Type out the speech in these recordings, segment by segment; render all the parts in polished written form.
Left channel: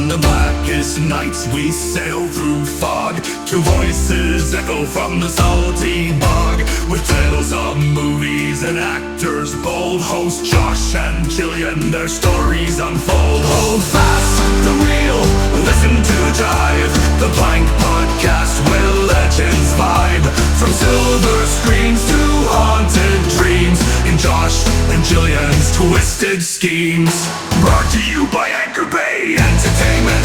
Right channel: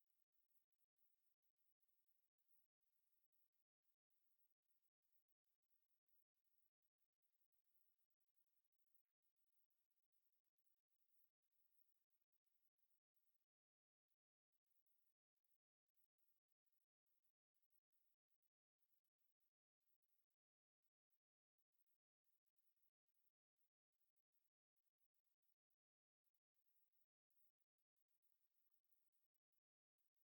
On the blackest nights we sail through fog, two voices echo from the salty bog, with tales of movies and actors bold. Host Josh and Jillian, their stories unfold. Hold fast the wheel, listen to Jive, the Blank Podcast where legends vibe. From silver screens to haunted dreams, in Josh and Jillian's twisted schemes. Brought to you by Anchor Bay Entertainment.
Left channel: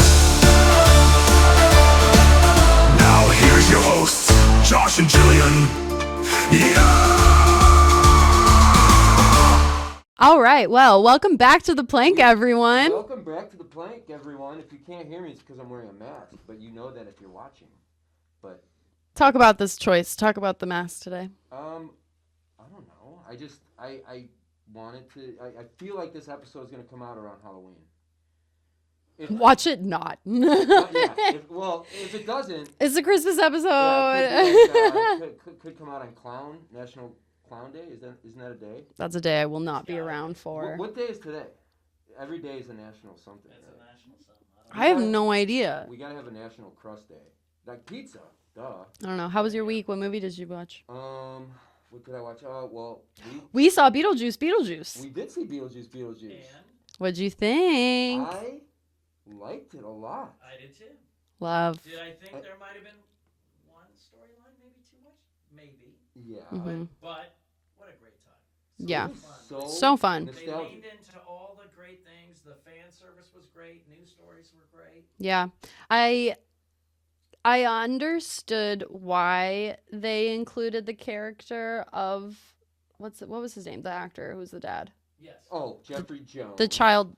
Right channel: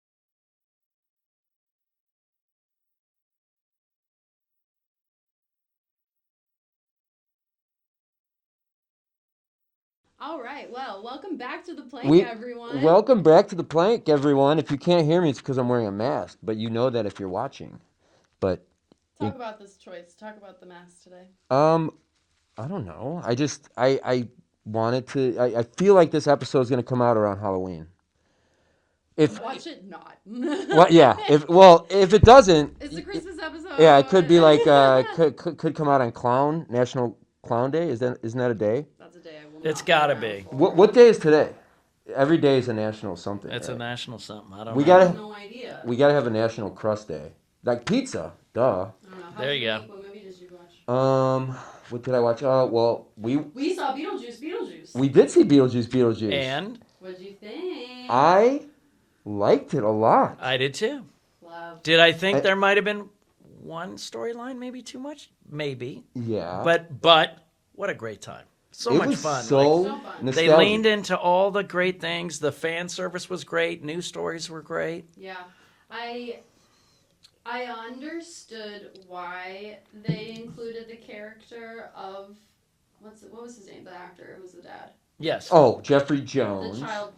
Now here's your hosts, Josh and Jillian. Yeah! All right, well, welcome back to The Plank, everyone. Welcome back to The Plank, everyone. If you can't hear me, it's because I'm wearing a mask, but you know that if you're watching. But Talk about this choice. Talk about the mask today. I don't know. I wanted to. I feel like this episode is going to come out around Halloween. Watch it not. Well, yeah. If it doesn't, It's a Christmas episode. yeah, it could be like could come out on National Clown Day. Isn't that a day? That's a day I will not. It's gotta around be. for. What day is today? Every day is a national something. It's right? a national something. I don't We I know. have gotta- no idea. We gotta have a National Crust Day, like pizza. Duh. I don't know. How was There your you go. week? What movie did you watch? What did I watch? Well, We saw Beetlejuice. we did see Beetlejuice. And What'd you think? I liked it a lot. I did too. Love. Did I think there might have been one storyline maybe too much? Maybe. Yeah. But what a great time. So It much was fun. So fun. They nostalgic. leaned into all the great things. The fan service was great. News stories were great. Yeah. I understood why they included the character of what was his name? The actor who was the dad. Yes. Oh, Jeffrey Jones. The child.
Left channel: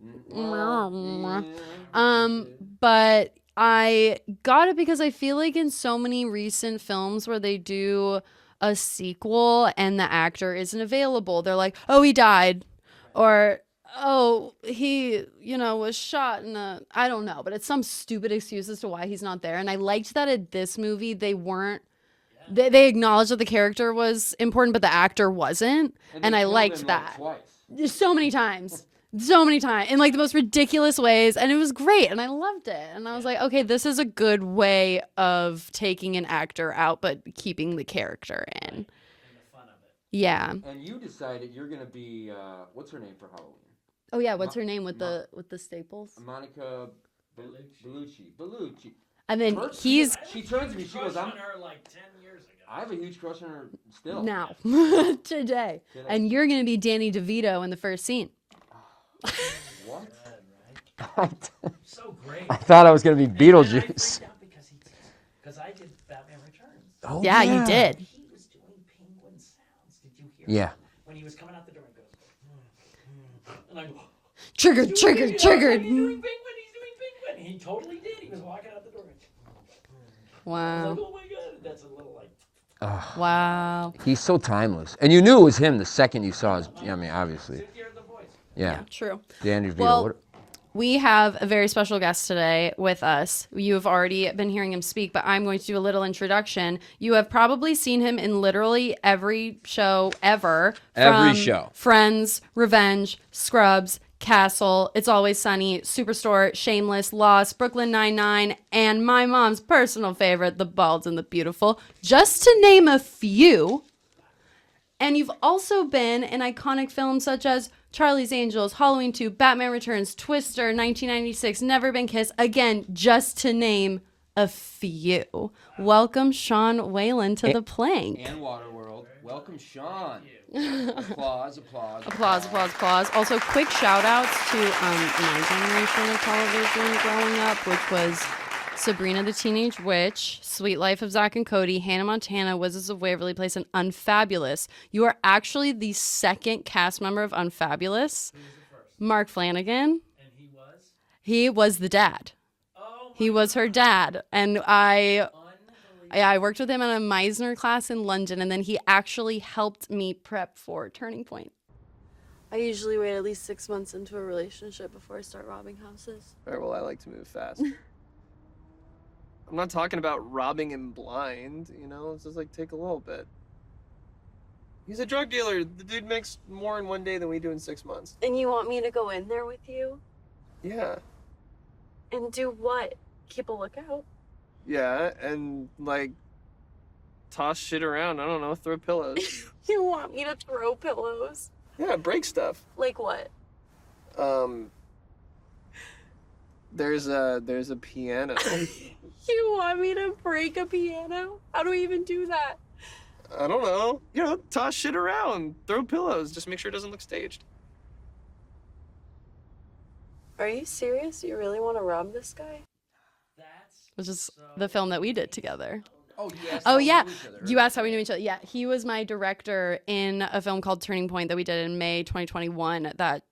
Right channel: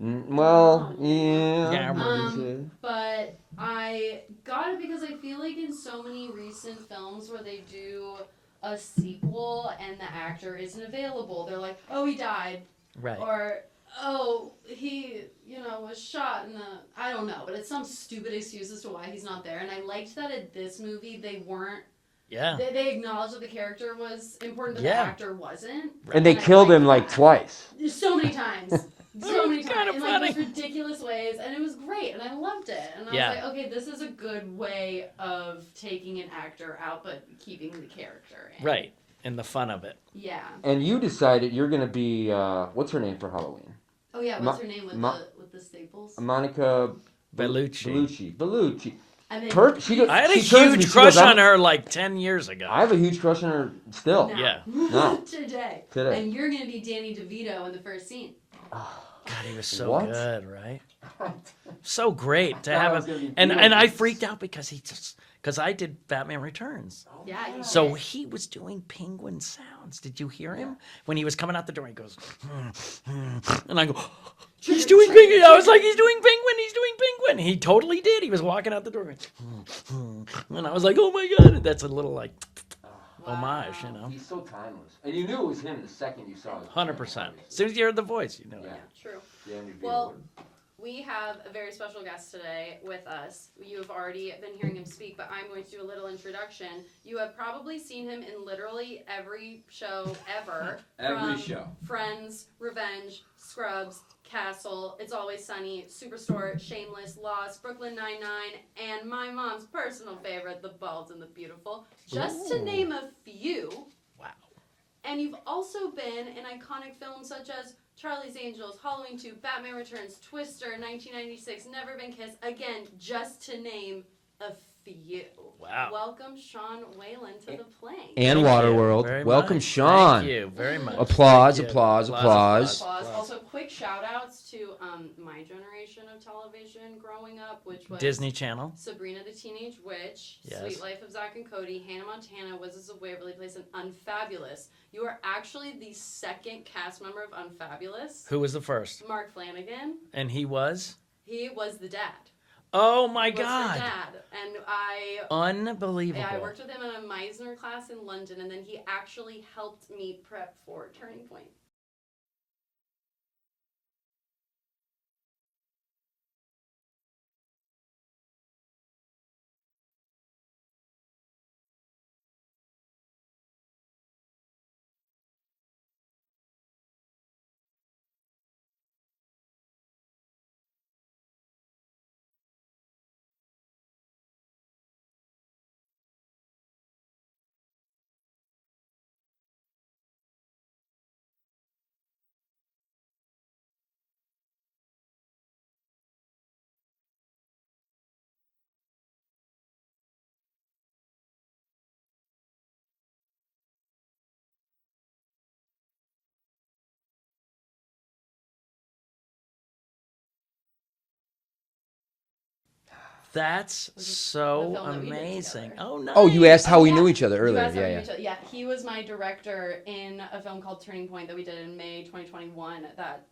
Well, Yeah. yeah. But I got it because I feel like in so many recent films where they do a sequel and the actor isn't available, they're like, oh, he died. Right. Or, oh, he, was shot in a, I don't know, but it's some stupid excuse as to why he's not there. And I liked that in this movie, they weren't, Yeah. they acknowledged that the character was important, but the actor wasn't. And they I killed liked him like that. twice. So many times. So many times. In like the most ridiculous ways. And it was great. And I loved it. And I was Yeah. like, okay, this is a good way of taking an actor out, but keeping the character in. Right. And the fun of it. Yeah. And you decided you're gonna be what's her name for Halloween? Oh yeah, what's Ma- her name with Ma- the staples? Monica Bellucci. Bellucci. And then Her- she he's was- I had a She turns to me, huge she crush goes, "I'm-" on her like 10 years ago. I have a huge crush on her still. now. Yeah. No. Today. Today. And you're gonna be Danny DeVito in the first scene. He was so What? good, right? So great. I thought I was gonna be And I Beetlejuice. freaked out because I did Batman Returns. Oh, Yeah, you did. So he was doing penguin sounds. Did you hear Yeah. him? When he was coming out the door, he goes, and I go, Trigger, he's doing trigger, penguin. I was trigger. like, he's doing penguin. He's doing penguin. He totally did. He was walking out the door. And I was like, oh my God. That's a little like, Wow. homage, you know? He's so timeless. And you knew it was him the second you saw his. 100%. I mean, As obviously. soon as you heard the voice, you know? Yeah. True. Danny DeVito. Well, What- we have a very special guest today with us. You have already been hearing him speak, but I'm going to do a little introduction. You have probably seen him in literally every show ever. Every from show. Friends, Revenge, Scrubs, Castle, It's Always Sunny, Superstore, Shameless, Lost, Brooklyn Nine-Nine, and my mom's personal favorite, The Bald and the Beautiful, just to name a few. And you've also been in iconic films such as Charlie's Angels, Halloween 2, Batman Returns, Twister, 1996, Never Been Kissed. Again, just to name a few. Welcome, Sean Whalen, to The Plank. and Thank you Waterworld. very Welcome, much. Sean. Thank you very much. Applause, Thank you. applause, Applause, applause. applause. Also, quick shout outs to my generation of television growing up, which was Disney Channel. Sabrina the Teenage Witch, Yes. Sweet Life of Zack and Cody, Hannah Montana, Wizards of Waverly Place, and Unfabulous. You are actually the second cast member of Unfabulous. Who was the first? Mark Flanagan. And he was? He was the dad. Oh my God. He was her dad. And I Unbelievable. worked with him in a Meisner class in London, and then he actually helped me prep for Turning Point. I usually wait at least 6 months into a relationship before I start robbing houses. All right, well, I like to move fast. I'm not talking about robbing him blind, it's just like take a little bit. He's a drug dealer. The dude makes more in one day than we do in 6 months. And you want me to go in there with you? Yeah. And do what? Keep a lookout? Yeah, and like toss shit around. I don't know, throw pillows. You want me to throw pillows? Yeah, break stuff. Like what? There's a piano. You want me to break a piano? How do we even do that? I don't know. You know, toss shit around, throw pillows. Just make sure it doesn't look staged. Are you serious? You really want to rob this guy? That's This is so the film that we did amazing. together. Oh, nice. Oh, you asked how Oh, we yeah. knew each other earlier. You asked how we yeah, knew each other. Yeah, he was my director in a film called Turning Point that we did in May 2021 that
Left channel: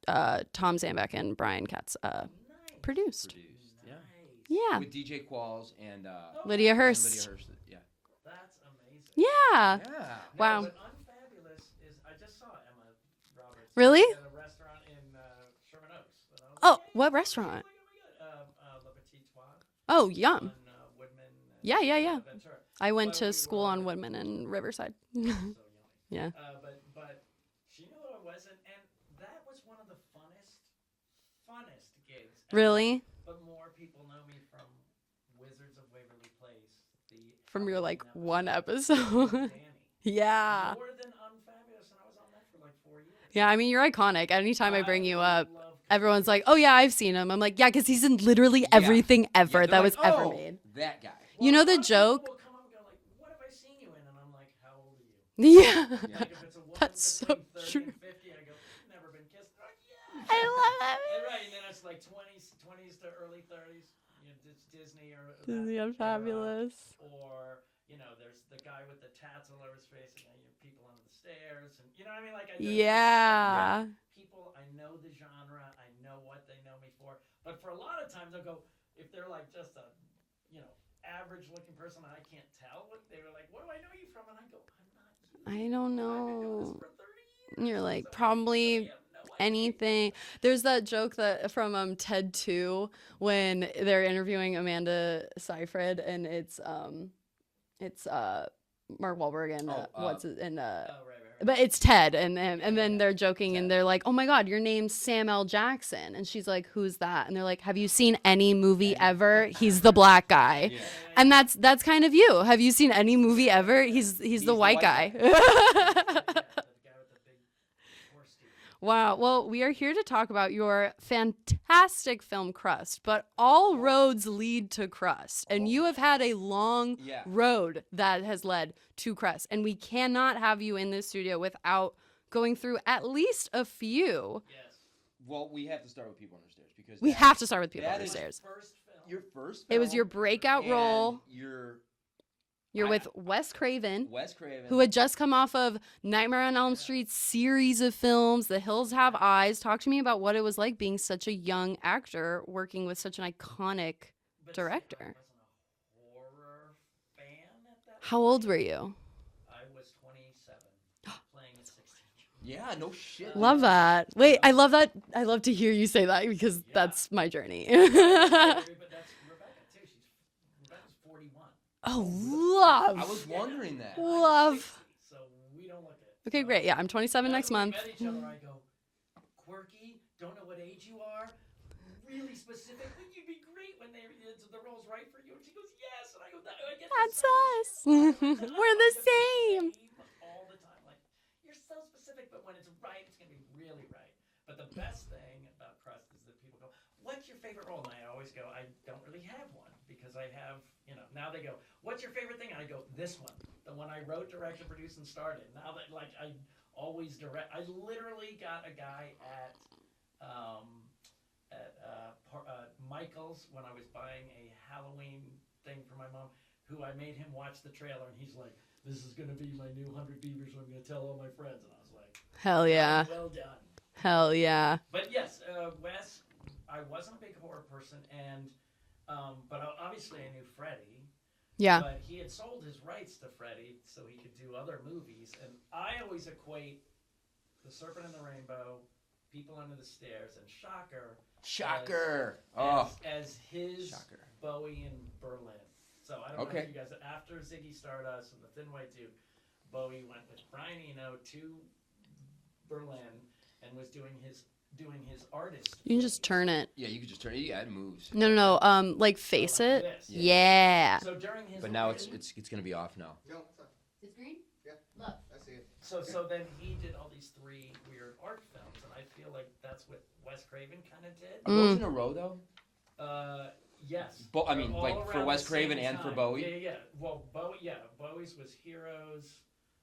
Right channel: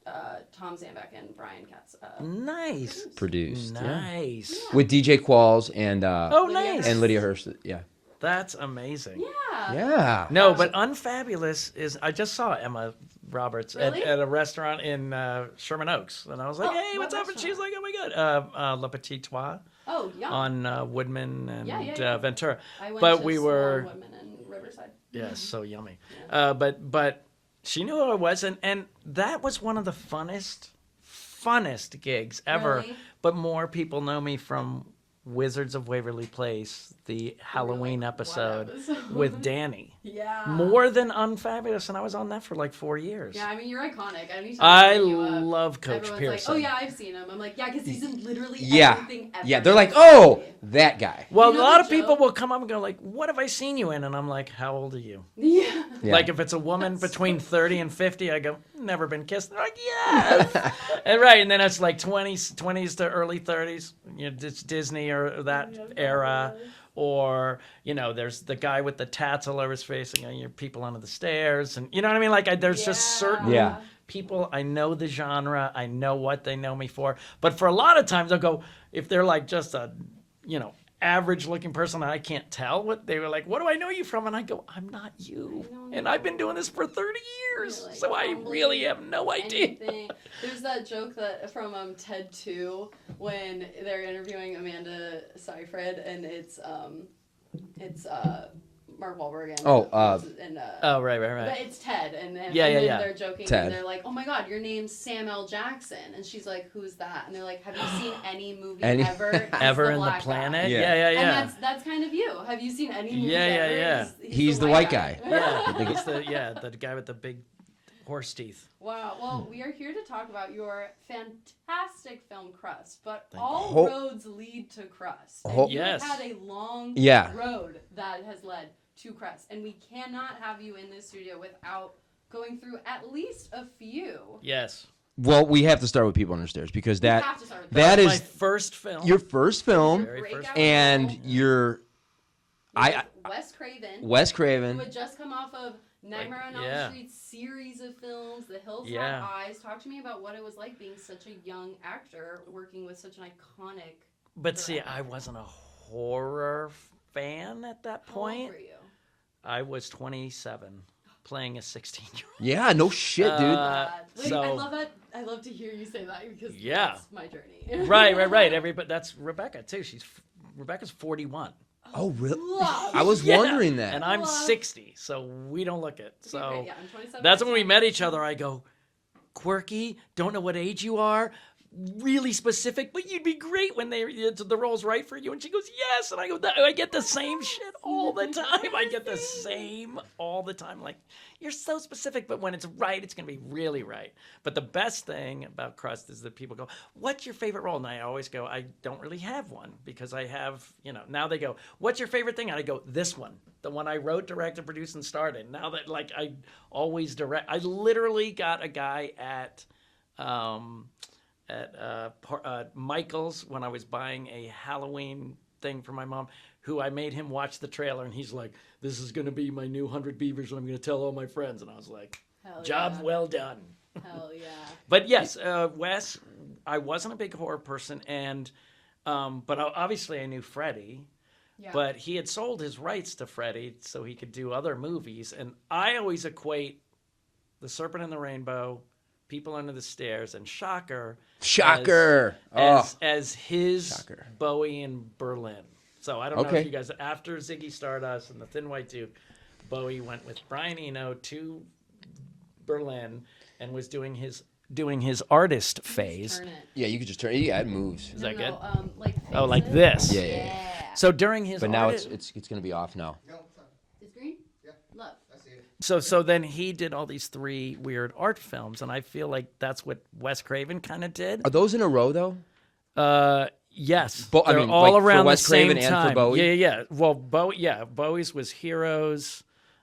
Tom Zambek and Brian Katz Nice. produced. yeah. Nice. Yeah. With DJ Qualls and Lydia nice. and Lydia Hurst. Yeah. That's amazing. Yeah. Yeah. No, Wow. but Unfabulous is. I just saw Emma Roberts Really? at a restaurant in Sherman Oaks, and I was like, Oh, "Hey, what what's up?" And she's restaurant? like, "Oh my god, Le Petit Trois Oh, yeah. on Woodman and Yeah. Ventura." I went but to we school were- on Woodman and Riverside. Yeah, so yummy. Yeah. But she knew who I was, and that was one of the funnest gigs ever. Really? But more people know me from Wizards of Waverly Place, the And you're Halloween like, what episode with Danny. Yeah. More than Unfabulous, and I was on that for like 4 years. Yeah, I mean, you're iconic. Anytime I I bring you up, love Coach everyone's like, Pearson. "Oh yeah, I've seen him." I'm like, "Yeah, because he's in literally Yeah. everything ever." Yeah. They're that like, was ever oh, made." that guy. Well, You know a lot the of people joke? will come up and go like, "What have I seen you in?" And I'm like, "How old are you?" Yeah. Yeah. Like if it's a woman That's between so 30 and 50, I go, "Never been kissed." They're like, "Yeah." And right, and then it's like 20s to early 30s. You know, it's Disney or that Yeah, era. fabulous. Or, you know, there's the guy with the tats all over his face and your people under the stairs. And you know what I mean? Like, there's just certain Yeah. people, I know the genre, I know what they know me for. But for a lot of times, I'll go, if they're like just a, you know, average looking person, I can't tell what they were like, what do I know you from? And I go, I'm not you. I don't And I've been doing this know. for 30 years. You're like, so I probably really have no idea. Anything. There's that joke that from TED 2 when they're interviewing Amanda Seyfried and it's Mark Wahlberg and Oh, Oh, right. but it's Ted and Yeah, yeah, then yeah. they're joking Ted. and they're like, "Oh my God, your name's Sam L. Jackson," and she's like, "Who's that?" And they're like, "Have you seen any movie Any- ever? He's Ever the in black planet? guy." Yeah. And that's kind of you. Have you seen any movie Yeah, yeah, ever? yeah. He's the white guy. the guy with the big horse teeth. Wow. Well, we are here to talk about your fantastic film Crust, but all Ho- roads lead to Crust. Ho- And you have Yes. had a long Yeah. road that has led to Crust. And we cannot have you in this studio without going through at least a few. Yes. Well, we have to start with People Under Stairs because We that have to start with that those. is My first film. your first It was film your Very breakout first. and role. you're With Wes Craven. Wes Craven. Who had just come off of Nightmare on Elm Yeah. Street series of films, The Hills Have Yeah. Eyes. Talk to me about what it was like being such a young actor working with such an iconic. But see, I director. wasn't a horror fan at that How point. old were you? I was 27, playing a 16-year-old. yeah, no shit, dude. Love that. Wait, I so- love that. I love to hear you say that because Yeah. that's my journey. Right. Everybody, that's Rebecca too. Rebecca's 41. Oh, really? love. I was Yeah. wondering that. And I'm Love. 60, so we don't look it. Okay, So great. Yeah, I'm 27. That's next when we month. met each other. I go, quirky, don't know what age you are, really specific, but you'd be great when the role's right for you. And she goes, yes. And I go, I get the That's same us. shit all the time. We're I the get the same. same all the time. Like, you're so specific, but when it's right, it's going to be really right. But the best thing about Crust is that people go, what's your favorite role? And I always go, I don't really have one because I have, now they go, what's your favorite thing? And I go, this one, the one I wrote, directed, produced, and started. Now that, like, I always direct, I literally got a guy at Michael's when I was buying a Halloween thing for my mom, who I made him watch the trailer, and he's like, this is going to be my new 100 Beavers, and I'm going to tell all my friends. And I was like, Hell job yeah. well done. Hell yeah. But yes, Wes, I wasn't a big horror person, and but obviously I knew Freddy. Yeah. But he had sold his rights to Freddy so he could do other movies, and I always equate The Serpent and the Rainbow, People Under the Stairs, and Shocker Shocker. as his Shocker. Bowie in Berlin. So I don't know Okay. if you guys, after Ziggy Stardust and the Thin White Duke, Bowie went with Brian Eno to Berlin and was doing his doing his artist You can phase. just turn it. Yeah, you could just turn. Yeah, it moves. No, no, no. Like face Oh, like it. this. Yeah, Yeah. So during his But now artist- it's gonna be off now. So then he did all these 3 weird art films, and I feel like that's what Wes Craven kind of did. Are those in a row though? Yes, I they're mean, all like, for around Wes the same Craven and for time. Bowie? Yeah. Well, Bowie's was Heroes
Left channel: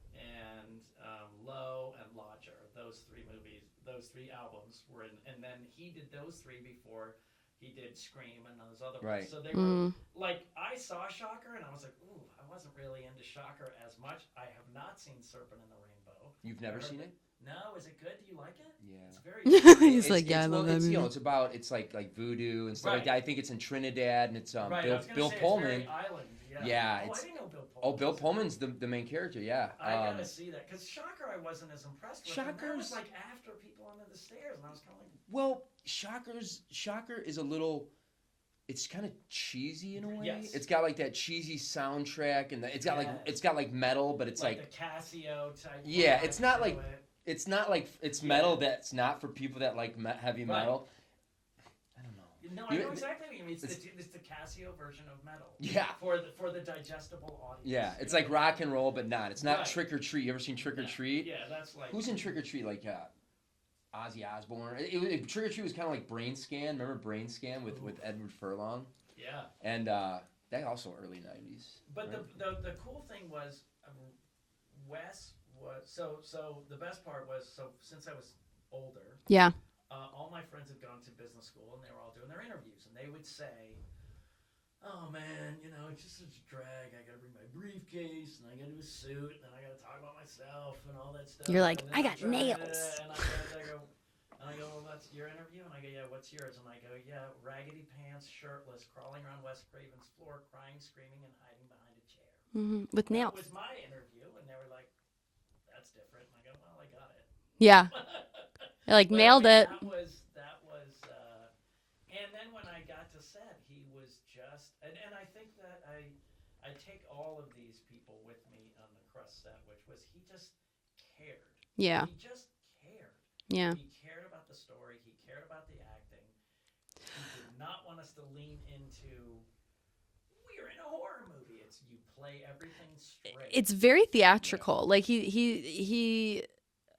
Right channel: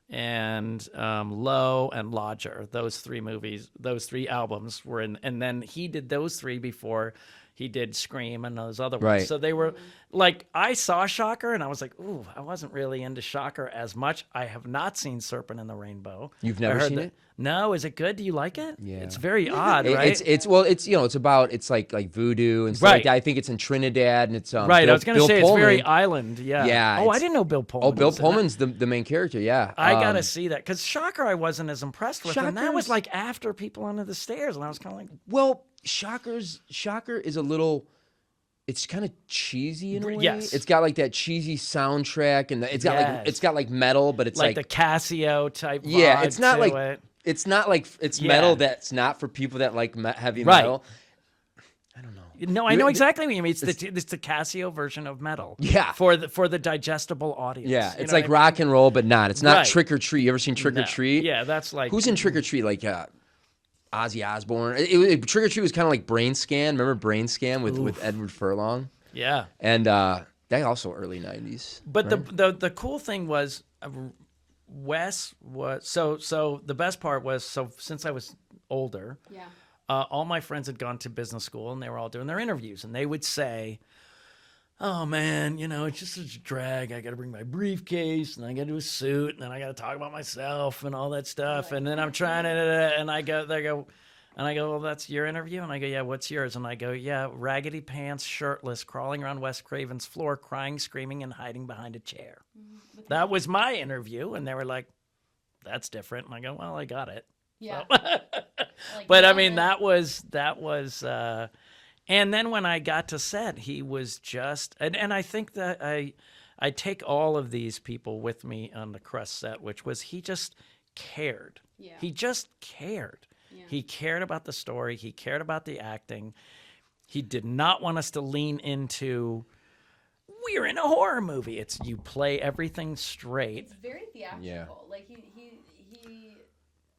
and Low and Lodger. Those 3 movies, those 3 albums were in, and then he did those 3 before he did Scream and those other ones. Right. So they were like, I saw Shocker and I was like, ooh, I wasn't really into Shocker as much. I have not seen Serpent in the Rainbow. You've I never heard seen that- it? No, is it good? Do you like it? Yeah. It's very odd, right? It's well, it's it's about it's like voodoo and stuff like Right. that. I think it's in Trinidad and it's Right, Bill, I was going to Bill say Pullman. it's very island. Yeah. Yeah, Oh, I it's- didn't know Bill Pullman. Oh, Bill was in that. Pullman's the main character. Yeah, I gotta see that because Shocker I wasn't as impressed with, and that was Shocker's- like after People Under the Stairs, and I was kind of like, Well, Shocker is a little. It's kind of cheesy in a way. Yes. It's got like that cheesy soundtrack, and it's got Yes. it's got like metal, but it's like the Casio type. yeah, vibe it's not to like it. it's not like it's Yeah. metal that's not for people that like heavy Right. metal. I don't know. No, I know exactly what you mean. It's the Casio version of metal. Yeah. For the digestible audience. Yeah, You it's know like what I mean? rock and roll, but not. It's not Right. Trick or Treat. You ever seen Trick or No. Treat? Yeah, that's like Who's in Trick or Treat? Like Ozzy Osbourne. Trick or Treat was kind of like Brain Scan. Remember Brain Scan with Edward Furlong? Yeah. And that also early '90s. But the cool thing was, Wes was so the best part was since I was older, Yeah. all my friends had gone to business school and they were all doing their interviews, and they would say, "Oh man, it's just such a drag. I got to bring my briefcase and I got to do a suit and then I got to talk about myself and all that stuff." You're like, and then "I I'm got trying nails." to, and I go, "Well, that's your interview." And I go, "Yeah, what's yours?" And I go, "Yeah, raggedy pants, shirtless, crawling around Wes Craven's floor, crying, screaming, and hiding behind a chair." With That nails. was my interview, and they were like, "That's different." And I go, "Well, I got it." Yeah. Like But I nailed mean, it. that was. And then when I got to set, he was just, and I think that I take all of these people with me on the Crust set, which was he just cared. Yeah. He just cared. Yeah. He cared about the story. He cared about the acting. He did not want us to lean into, we're in a horror movie. It's you play everything straight. It's very theatrical. Like he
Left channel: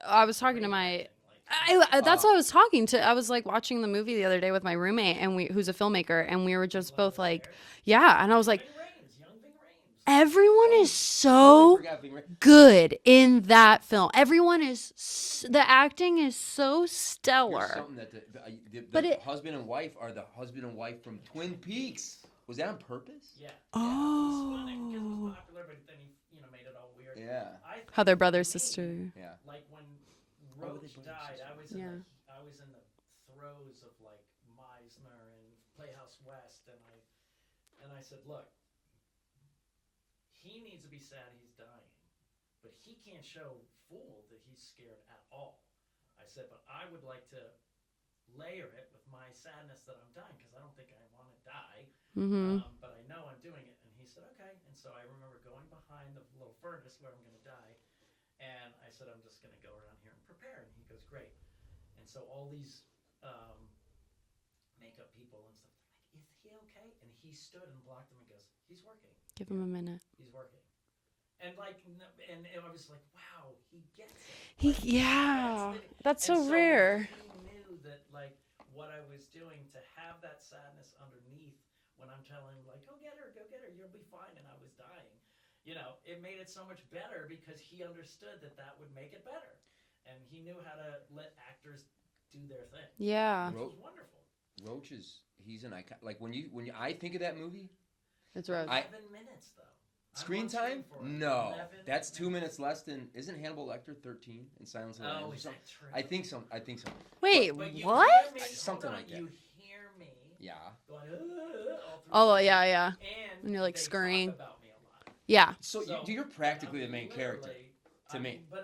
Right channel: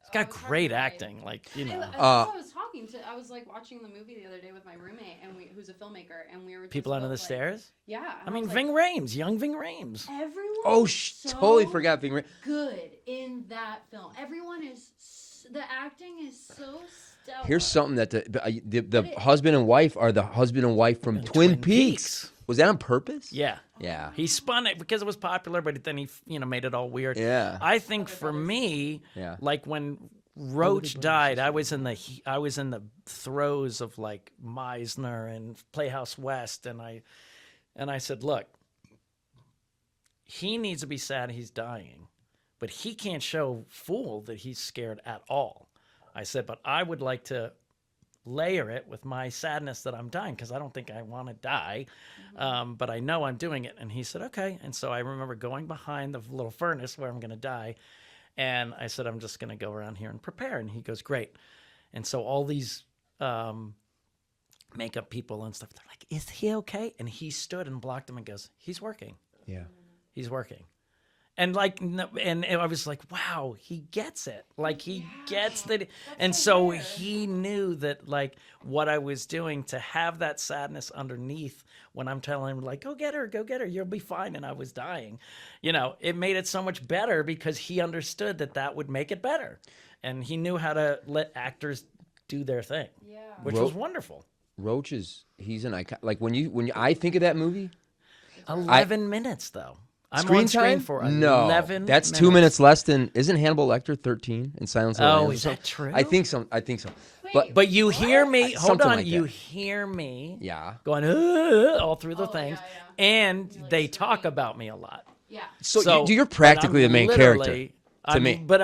I Got was talking great to my acting. Like that's you know, what I was talking to. I was like watching the movie the other day with my roommate, and who's a filmmaker, and we were just People Under both the like, Stairs? yeah. And I was like, Ving Rhames, young Ving Rhames. everyone Oh, is so totally forgot Bing. good in that film. Everyone is the acting is so stellar. Here's something that the But it- husband and wife are the husband and wife from Twin Peaks. Was that on purpose? Yeah. Yeah. He spun it because it was popular, but then he made it all weird. Yeah. I think How they're for brother, me, sister. Yeah. like when Roach died, I was in the throes of like Meisner and Playhouse West, and I said, look, he needs to be sad he's dying, but he can't show Fool that he's scared at all. I said, but I would like to layer it with my sadness that I'm dying, because I don't think I want to die, but I know I'm doing it. And he said, okay. And so I remember going behind the little furnace where I'm going to die, and I said, I'm just going to go around here and prepare. And he goes, great. And so all these makeup people and stuff, they're like, is he okay? And he stood and blocked him and goes, he's working. Give him a minute. He's working. And like, and I was like, wow, he gets it. Like he gets that. That's and so so rare. he knew that like what I was doing, to have that sadness underneath when I'm telling him like, go get her, you'll be fine. And I was dying, it made it so much better because he understood that would make it better. And he knew how to let actors do their thing, Yeah. which was wonderful. Roach he's an icon. Like when I think of that movie, 11 minutes though. I'm screen on screen time for no, 11 that's 2 minutes less than. Isn't Hannibal Lecter 13 in Silence of the Oh, Lambs? is that true? I think so. Wait, But you what? hear me, hold Something on, like you that. hear me Yeah. going all through the Oh, thing. yeah. And you're like, they talk scream. about me a lot. Yeah. So, you're but practically I'm the main character literally- to me. But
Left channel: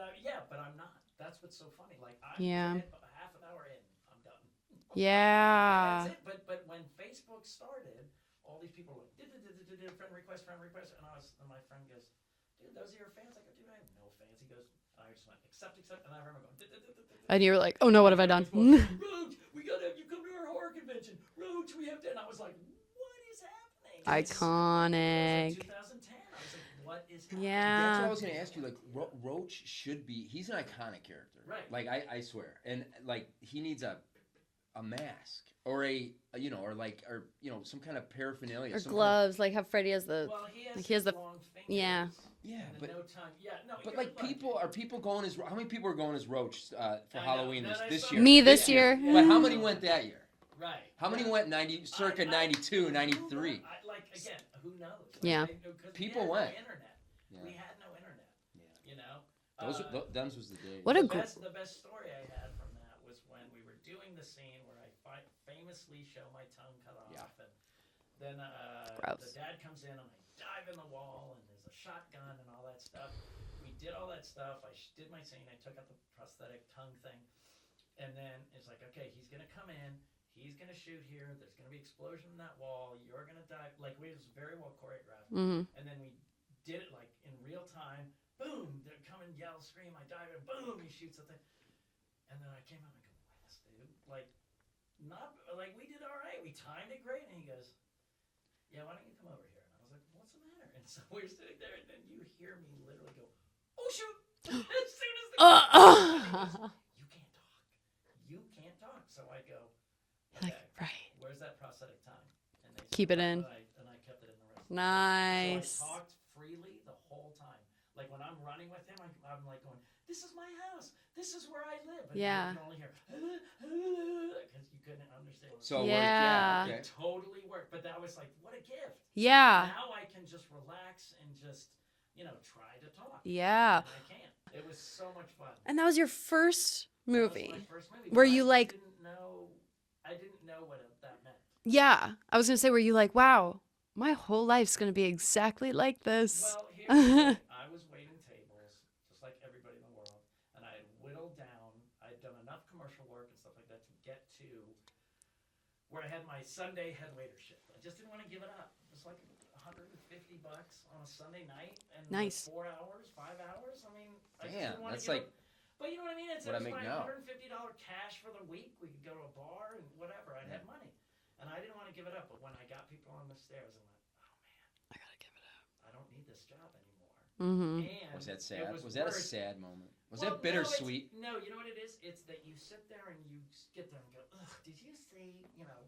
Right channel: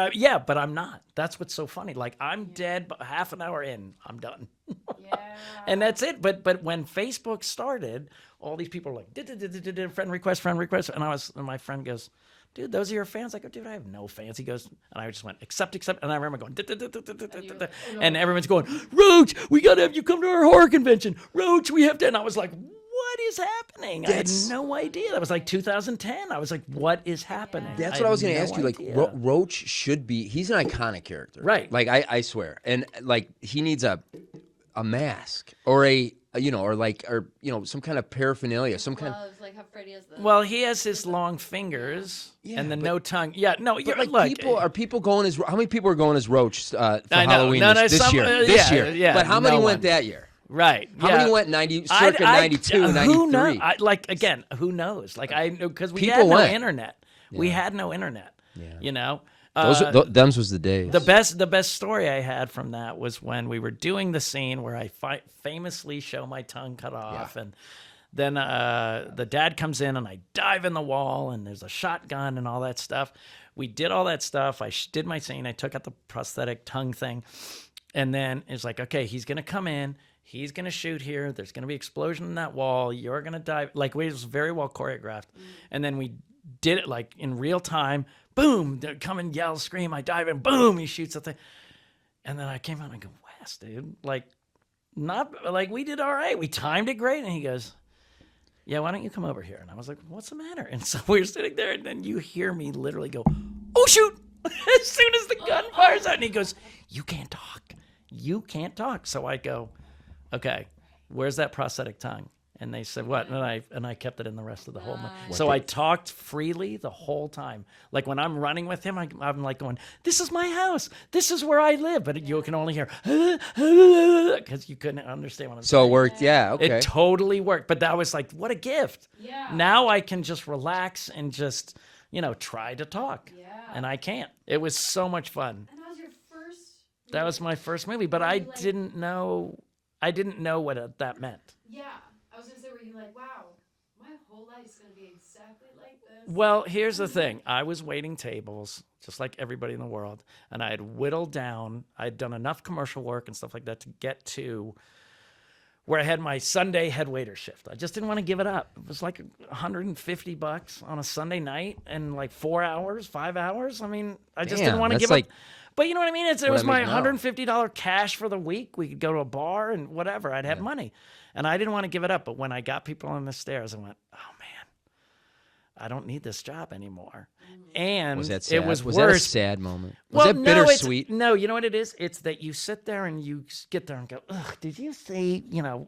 I'm not. That's what's so funny. Like I'm Yeah. dead, but half an hour in, I'm done. Yeah. And that's it. But when Facebook started, all these people were like, friend request. And my friend goes, dude, those are your fans. I go, dude, I have no fans. He goes, and I just went, accept. And I remember going, And you were like, oh no, what and have I everyone's done? going, Roach, we got to have you come to our horror convention. Roach, we have to. And I was like, what is happening? I had no idea. That was like iconic. 2010. I was like, what is happening? Yeah. That's I what I was had going to no ask you. Like, idea. Roach should be. He's an iconic character, Right. Like I swear, and like he needs a mask or some kind of paraphernalia, some kind. Gloves, like how Freddie has the. Well, he has He his has the- long fingers Yeah, and the but- no tongue. Yeah, no, But you're like look, are people going as how many people are going as Roach for I know. Halloween No, this some- year? Me This this year, year. Yeah, but how many no went one. that year? Right. How yeah. many went circa 92, 93? Who knows? Again, who knows? Like Yeah. I know because we People had no went. internet. We had no internet. You know. Them's was the day. The best story I had from that was when we were doing the scene where I famously show my tongue cut off, and then the dad comes in and I dive in the wall and there's a shotgun and all that stuff. We did all that stuff. I did my scene. I took out the prosthetic tongue thing, and then it's like, okay, he's gonna come in. He's gonna shoot here. There's gonna be explosion in that wall. You're gonna dive. Like, it was very well choreographed, and then we did it like in real time. Boom! They come and yell, scream. I dive in. Boom! He shoots the thing, and then I came out and I go, Wes, dude, like, not like we did all right. We timed it great, and he goes, yeah, why don't you come over here? And I was like, what's the matter? And so we were sitting there, and then you hear me literally go, oh shoot! As soon as the gun fires out, and he goes, you can't talk. You can't talk. So I go, okay, where's that prosthetic tongue? And they said, Keep it what? in. And I kept it in the rest of the whole night. So I Nice. talked freely the whole time. Like when I'm running with him, I'm like going, this is my house. This is where I live. But you Yeah. can only hear, because you couldn't understand what I'm So it saying. worked. Yeah. Yeah. Okay. It totally worked. But that was like, what a gift. Yeah. Now I can just relax and just, try to talk. Yeah. And I can't. It was so much fun. And that was your first movie. That was my first movie, but Were I you like- didn't know what that meant. Yeah. I was going to say, were you like, wow, my whole life's going to be exactly like this? Well, here's the thing. I was waiting tables, just like everybody in the world, and I had whittled down. I'd done enough commercial work and stuff like that to get to where I had my Sunday head waiter shift. I just didn't want to give it up. It was like $150 on a Sunday night and like Nice. 4 hours, 5 hours. I mean, I just Damn, didn't want to that's give like up. But you know what I mean? It what was I my make now. $150 cash for the week. We could go to a bar and whatever. I'd have money. And I didn't want to give it up. But when I got people on the stairs, I went, oh, man, I don't need this job anymore. And Was that sad? it was was worse. that a sad moment? Was that No, bittersweet? No, you know what it is? It's that you sit there and you get there and go, ugh, did you see,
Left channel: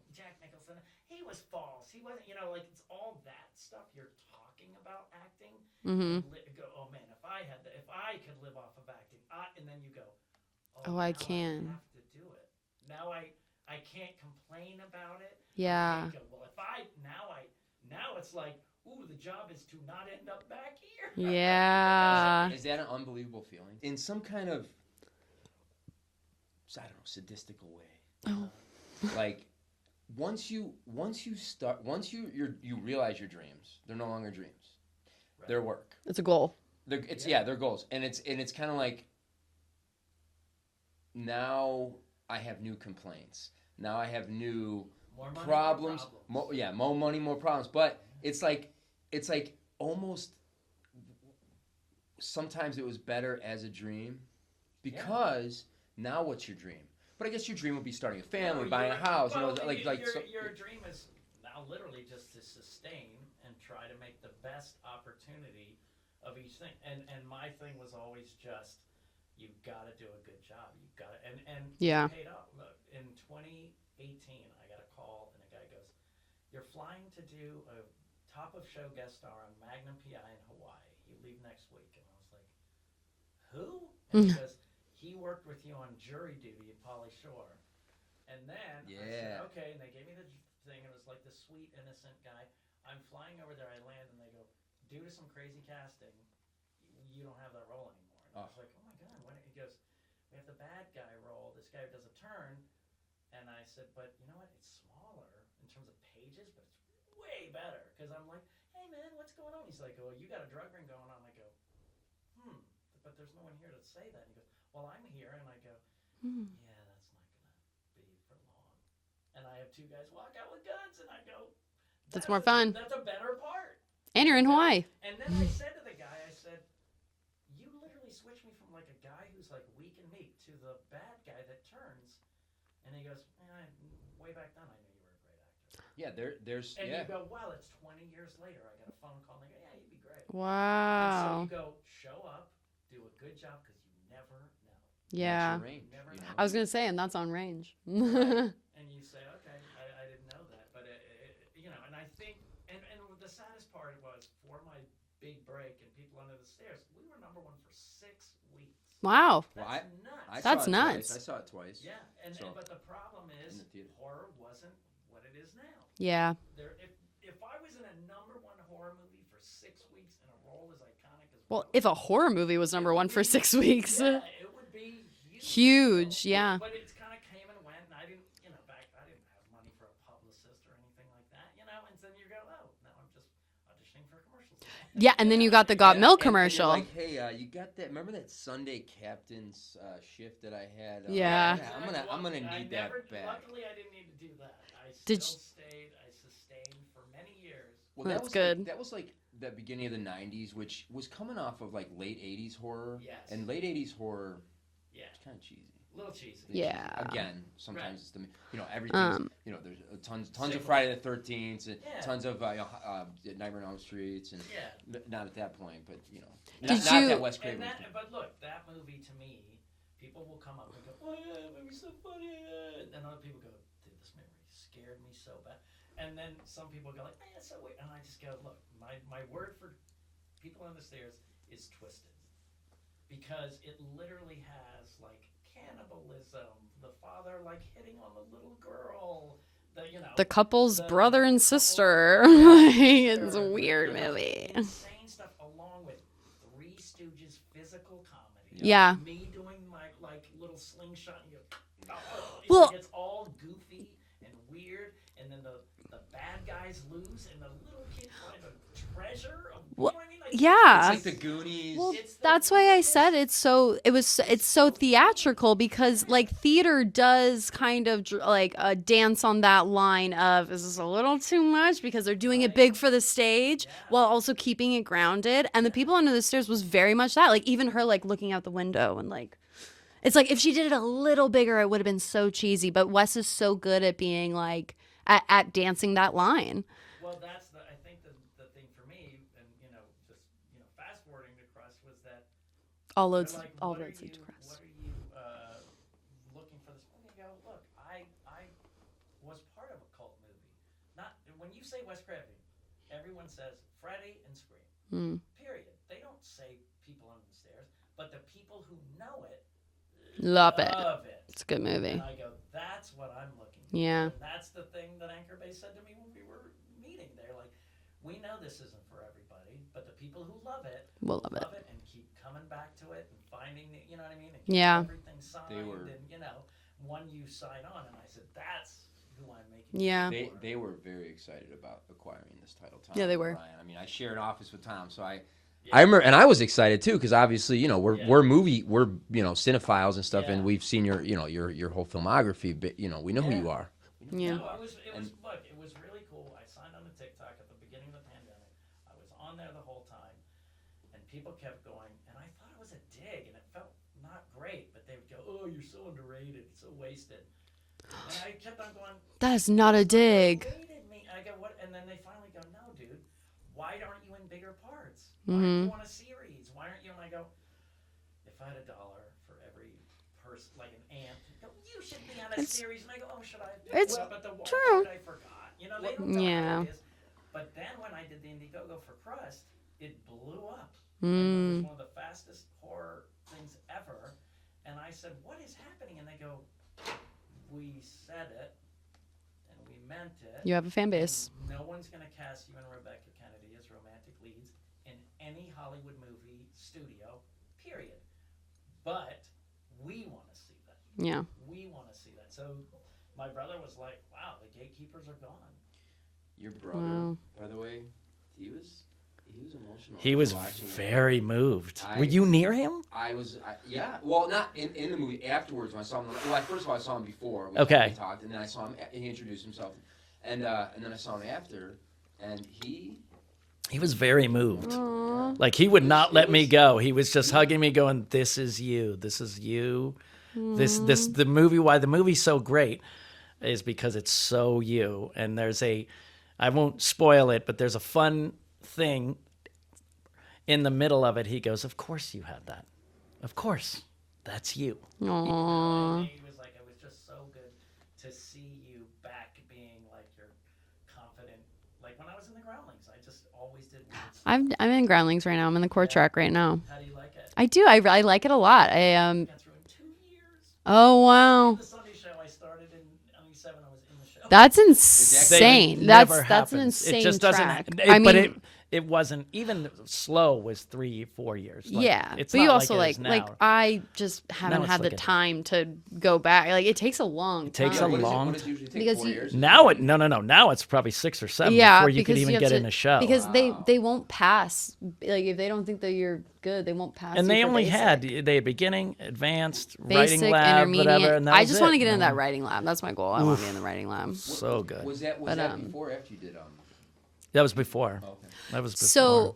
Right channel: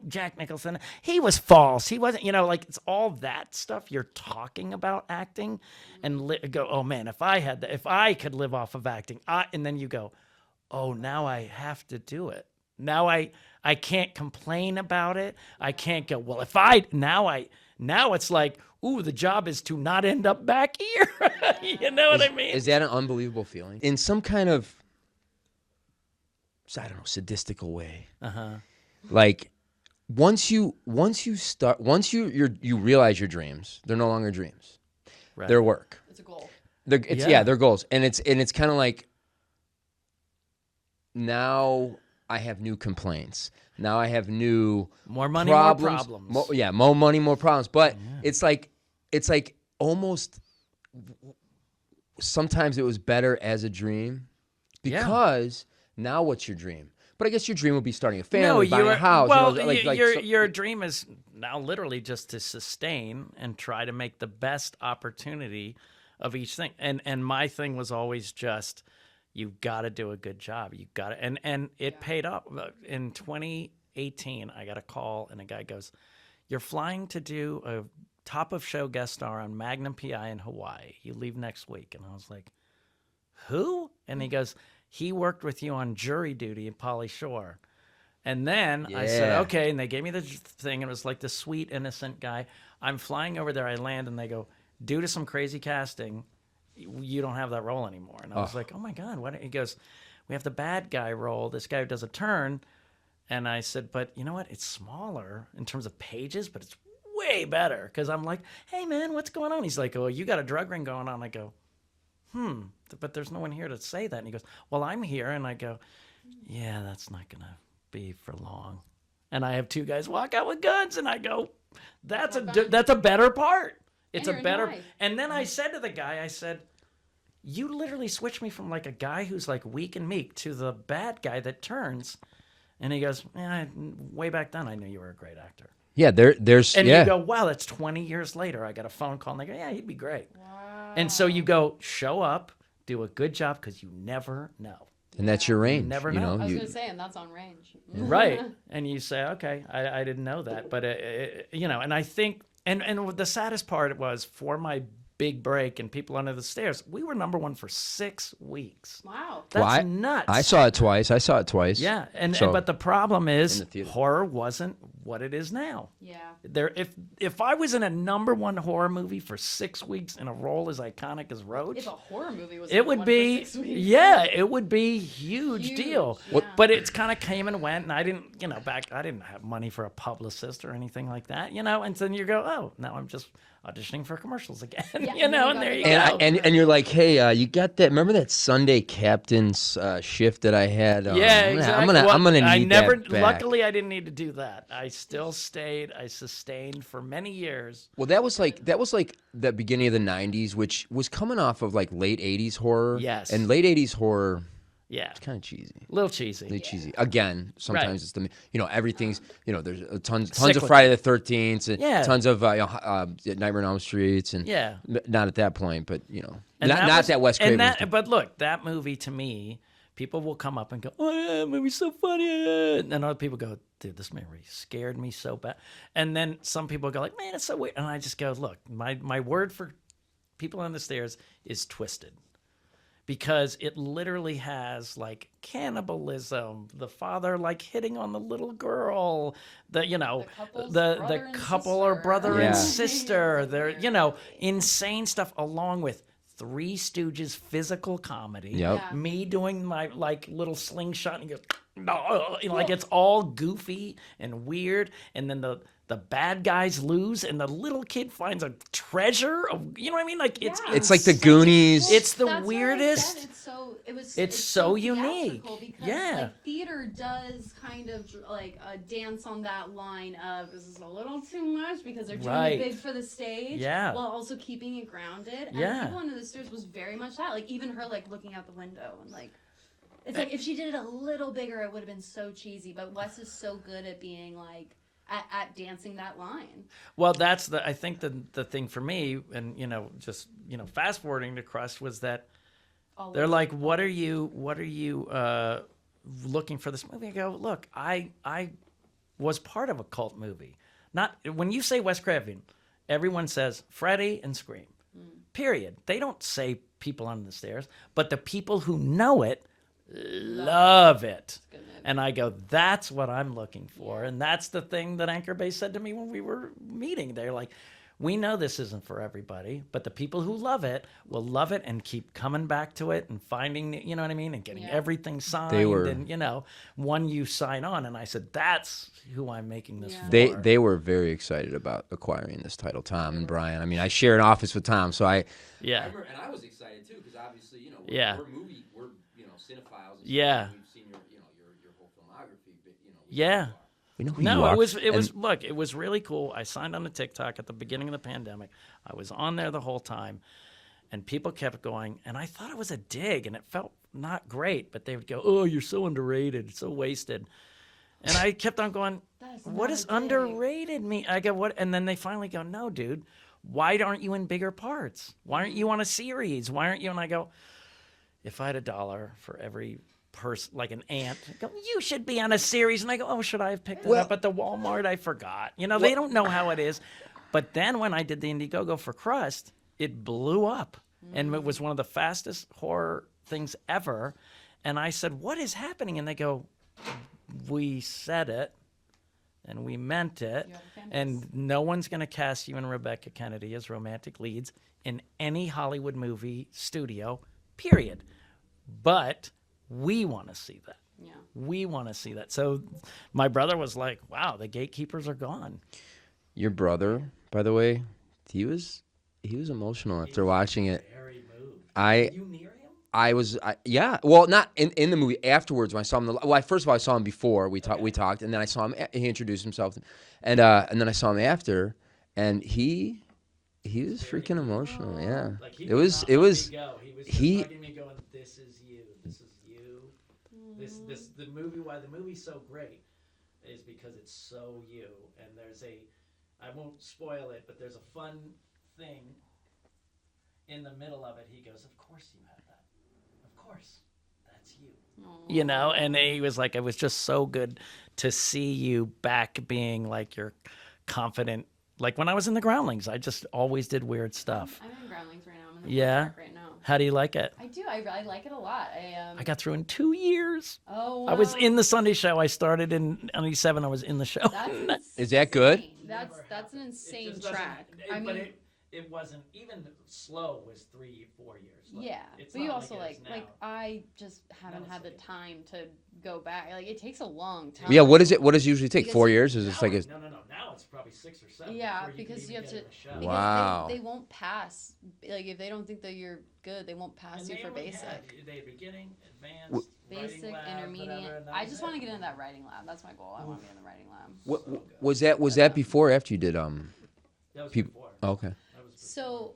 Jack Nicholson? He was false. He wasn't, like it's all that stuff you're talking about acting and go, oh man, if I could live off of acting, and then you go, Oh, I now I can't. have to do it. Now I can't complain about it. I Yeah. can't go, well, now it's like, ooh, the job is to not end up back here. you know what I Yeah. mean? Is that an unbelievable feeling? In some kind of, I don't know, sadistical way. Uh-huh. Like once you realize your dreams, they're no longer dreams. Right. They're work. it's a goal. They're goals. And it's kind of like now I have new complaints. Now I have new More money, problems. more problems. More money, more problems. But it's like almost sometimes it was better as a dream because now what's your dream? But I guess your dream would be starting a family, buying a house. Well, so- your dream is now literally just to sustain and try to make the best opportunity of each thing. And my thing was always just, you got to do a good job. You got to, and it Yeah. paid off. In 2018, I got a call and a guy goes, "You're flying to do a top of show guest star on Magnum PI in Hawaii. You leave next week." And I was like, "Who?" And he goes, "He worked with you on Jury Duty at Pauly Shore." And then I said, Yeah. okay. And they gave me the thing. And it was like the sweet, innocent guy. I'm flying over there. I land and they go, due to some crazy casting, you don't have that role anymore. And I was like, oh my God. What? He goes, we have the bad guy role. This guy who does a turn. And I said, but you know what? It's smaller in terms of pages, but it's way better. Because I'm like, hey, man, what's going on? He's like, oh, you got a drug ring going on. I go, but there's no one here to say that. And he goes, well, I'm here. And I go, yeah, that's not going to be for long. And I have two guys walk out with guns. And I go, more fun. that's a better part. And you're in Hawaii. And then I said to the guy, I said, you literally switched me from like a guy who's like weak and meek to the bad guy that turns. And he goes, yeah, way back then I knew you were a great actor. Yeah, there's And yeah. you go, wow, that's 20 years later. I got a phone call and they go, yeah, he'd be great. Wow. And so you go, show up, do a good job because you never know. And that's your range. never you know. know. I was You- going to say, and that's on range. Right. And you say, okay, I didn't know that. But, you know, and I think, and the saddest part was for my big break and People Under the Stairs, we were #1 for 6 weeks. Wow. That's Well, I- nuts. I saw it That's twice. nuts. I saw it twice. Yeah, So- but the problem is the theater. horror wasn't what it is now. Yeah. If I was in a #1 horror movie for 6 weeks in a role as iconic as Roach, If a horror movie was it number would one be for 6 weeks. Yeah, it would be huge deal. Huge, yeah. But it's kind of came and went, and I didn't, I didn't have money for a publicist or anything like that, And then you go, oh, now I'm just auditioning for commercials again. Yeah, and then you got there the you God go. Milk and you're commercial. like, hey, you got that? Remember that Sunday Captain's shift that I had? Yeah, I'm exactly. gonna need I never. that back. Luckily, I didn't need to do that. I still you- stayed. I sustained for many years. Well, That's that was good. like the beginning of the '90s, which was coming off of like late '80s horror. Yes. And late '80s horror, Yeah, it's kind of cheesy. little cheesy. Really Yeah. cheesy. Again, sometimes it's the everything's there's tons of Cyclical. Friday the 13th and Yeah. tons of Nightmare on Elm Streets and Yeah. not at that point, but And not that Wes Craven. was- But look, that movie to me, people will come up and go, "Oh yeah, that movie's so funny," and then other people go, "Dude, this movie scared me so bad." And then some people go like, "Man, it's so weird," and I just go, "Look, my word for People on the Stairs is twisted." Because it literally has like cannibalism, the father like hitting on the little girl, The couple's the brother and couple or sister. brother and Like, sister, it's the- weird, really. insane stuff, along with Three Stooges physical comedy. Yep. Yeah. Me doing my like little slingshot and you go, no, Well- like it's all goofy and weird, and then the bad guys lose, and the little kid finds a treasure. You know what I mean? Like Yeah. It's like the Goonies. It's the That's weirdest. why I said it's so It's so so unique. theatrical because Yeah. like theater does kind of like dance on that line of is this a little too much because they're doing Right. it big for the stage Yeah. while also keeping it grounded, and the Yeah. People Under the Stairs was very much that, like even her like looking out the window and like it's like if she did it a little bigger it would have been so cheesy, but Wes is so good at being like at dancing that line. Well, that's I think the thing for me, and just fast forwarding to Crust, was that they're like, what are you looking for this movie? I go, look, I was part of a cult movie. Not when you say Wes Craven, everyone says Freddy and Scream. Period. They don't say People Under the Stairs, but the people who know it love it. It's a good movie. And I go, that's what I'm looking for. Yeah. And that's the thing that Anchor Bay said to me when we were meeting. They're like, we know this isn't for everybody, but the people who love it will love it and keep coming back to it and finding, you know what I mean? And getting Yeah. everything signed. They were- And, when you sign on. And I said, that's who I'm making this Yeah. for. They were very excited about acquiring this title, Tom they and were. Brian. I mean, I share an office with Tom, so I Yeah. remember, and I was excited too because obviously, we're Yeah. we're cinephiles and stuff, Yeah. and we've seen your whole filmography, but we know Yeah. who you are. We know who you No, are. it was And look, it was really cool. I signed on to TikTok at the beginning of the pandemic. I was on there the whole time, and people kept going, and I thought it was a dig, and it felt not great, but they would go, "Oh, you're so underrated, so wasted," and I kept on going, That is "What not does a dig. Underrated me? I go, "What?" And then they finally go, "No, dude, why aren't you in bigger parts? Why aren't Mm-hmm. you on a series? Why aren't you?" And I go, "If I had $1 for every person, like an ant, I go, you should be on a series." And I go, "Oh, should I have picked this up at the Walmart? I forgot." They don't know how it Yeah. is. But then when I did the Indiegogo for Crust, it blew up. And it was one of the fastest horror things ever. And I said, "What is happening?" And they go, "We said it. And we meant it. You have a fan base. And no one's going to cast you and Rebecca Kennedy as romantic leads in any Hollywood movie studio, period. But we want to see that. Yeah. We want to see that." So my brother was like, "Wow, the gatekeepers are gone." your brother, by the way, he was emotional He after was watching it. very moved. I- Were you near him? Yeah. Well, not in the movie. Afterwards, when I saw him, first of all, I saw him before we Okay. talked, and then I saw him. He introduced himself, and then I saw him after, and he He was very freaking moved. emotional. Yeah. Like he It would was- not it let was- me go. He was just he- hugging me, going, "This is you. This is you. This the movie. Why the movie's so great is because it's so you." And I won't spoil it, but there's a fun thing in the middle of it. He goes, "Of course you had that. Of course, that's you." You know. And he was like, "It was just so good to see you back being like your confident." Like when I was in the Groundlings, I just always did weird stuff. I'm in Groundlings right now. I'm in the core Yeah. track right now. How do you like it? I do. I like it a lot. I got through in 2 years. Oh wow. I was in the Sunday show. I started in 97. I was in the show. That's that insane. good? That's Never that's an happens. insane It just track. doesn't. I but mean, it wasn't even slow. Was 3-4 years. Like, yeah, it's but you not also like it is like now. I just haven't it's had the like a- time to go back. Like it takes a long time. takes Yeah. a What is it? long- What does it usually take? Because 4 you- years? Is now like it no. Now it's probably 6 or 7 Yeah, before you could because even have get to- in a show. because Wow. they won't pass. Like if they don't think that you're good, they won't pass. and you they for only basic. had beginning, advanced, Basic, writing lab, intermediate. whatever. And that I was just it. want to get into that writing lab. That's my goal. I want to be in the writing lab. So good. Was that before or after you did That was before. Oh, okay. That was before. So,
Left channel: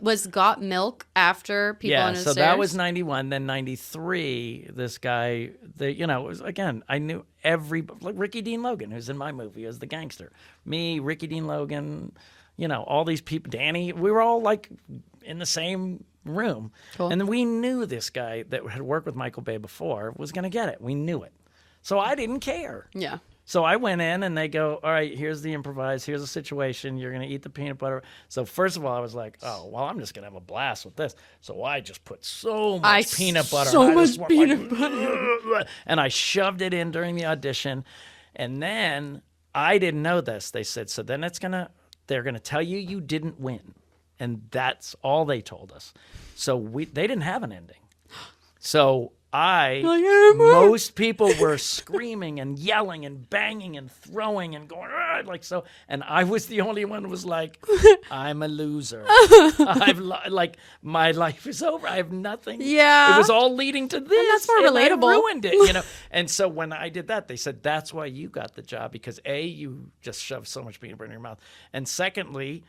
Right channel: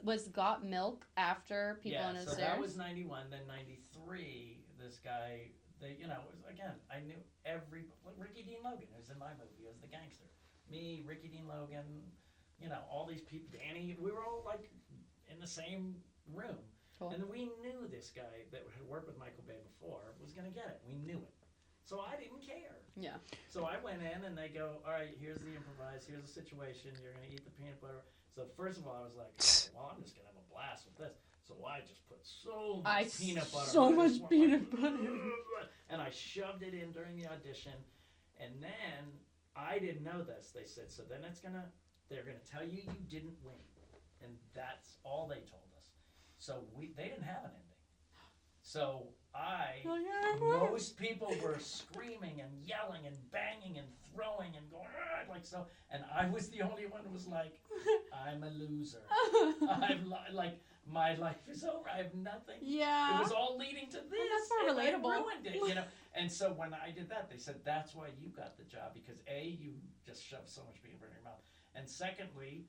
was Got Milk after People on the so Stairs? that was 91. Then 93, this guy, it was, again, I knew like Ricky Dean Logan, who's in my movie as the gangster. Me, Ricky Dean Logan, all these people, Danny, we were all like in the same room. Cool. And we knew this guy that had worked with Michael Bay before was going to get it. We knew it. So I didn't care. Yeah. So I went in and they go, all right, here's the improvise. Here's the situation. You're going to eat the peanut butter. So first of all, I was like, oh, well, I'm just going to have a blast with this. So I just put so much peanut butter. So and I much just went peanut butter. And I shoved it in during the audition. And then I didn't know this. They said, so then they're going to tell you you didn't win. And that's all they told us. So they didn't have an ending. So most people were screaming and yelling and banging and throwing and going like so, and I was the only one who was like, I'm a loser. My life is over. I have nothing. Yeah. it was all leading to this. that's more and I relatable. ruined it, And so when I did that, they said that's why you got the job because A, you just shoved so much peanut butter in your mouth, and secondly,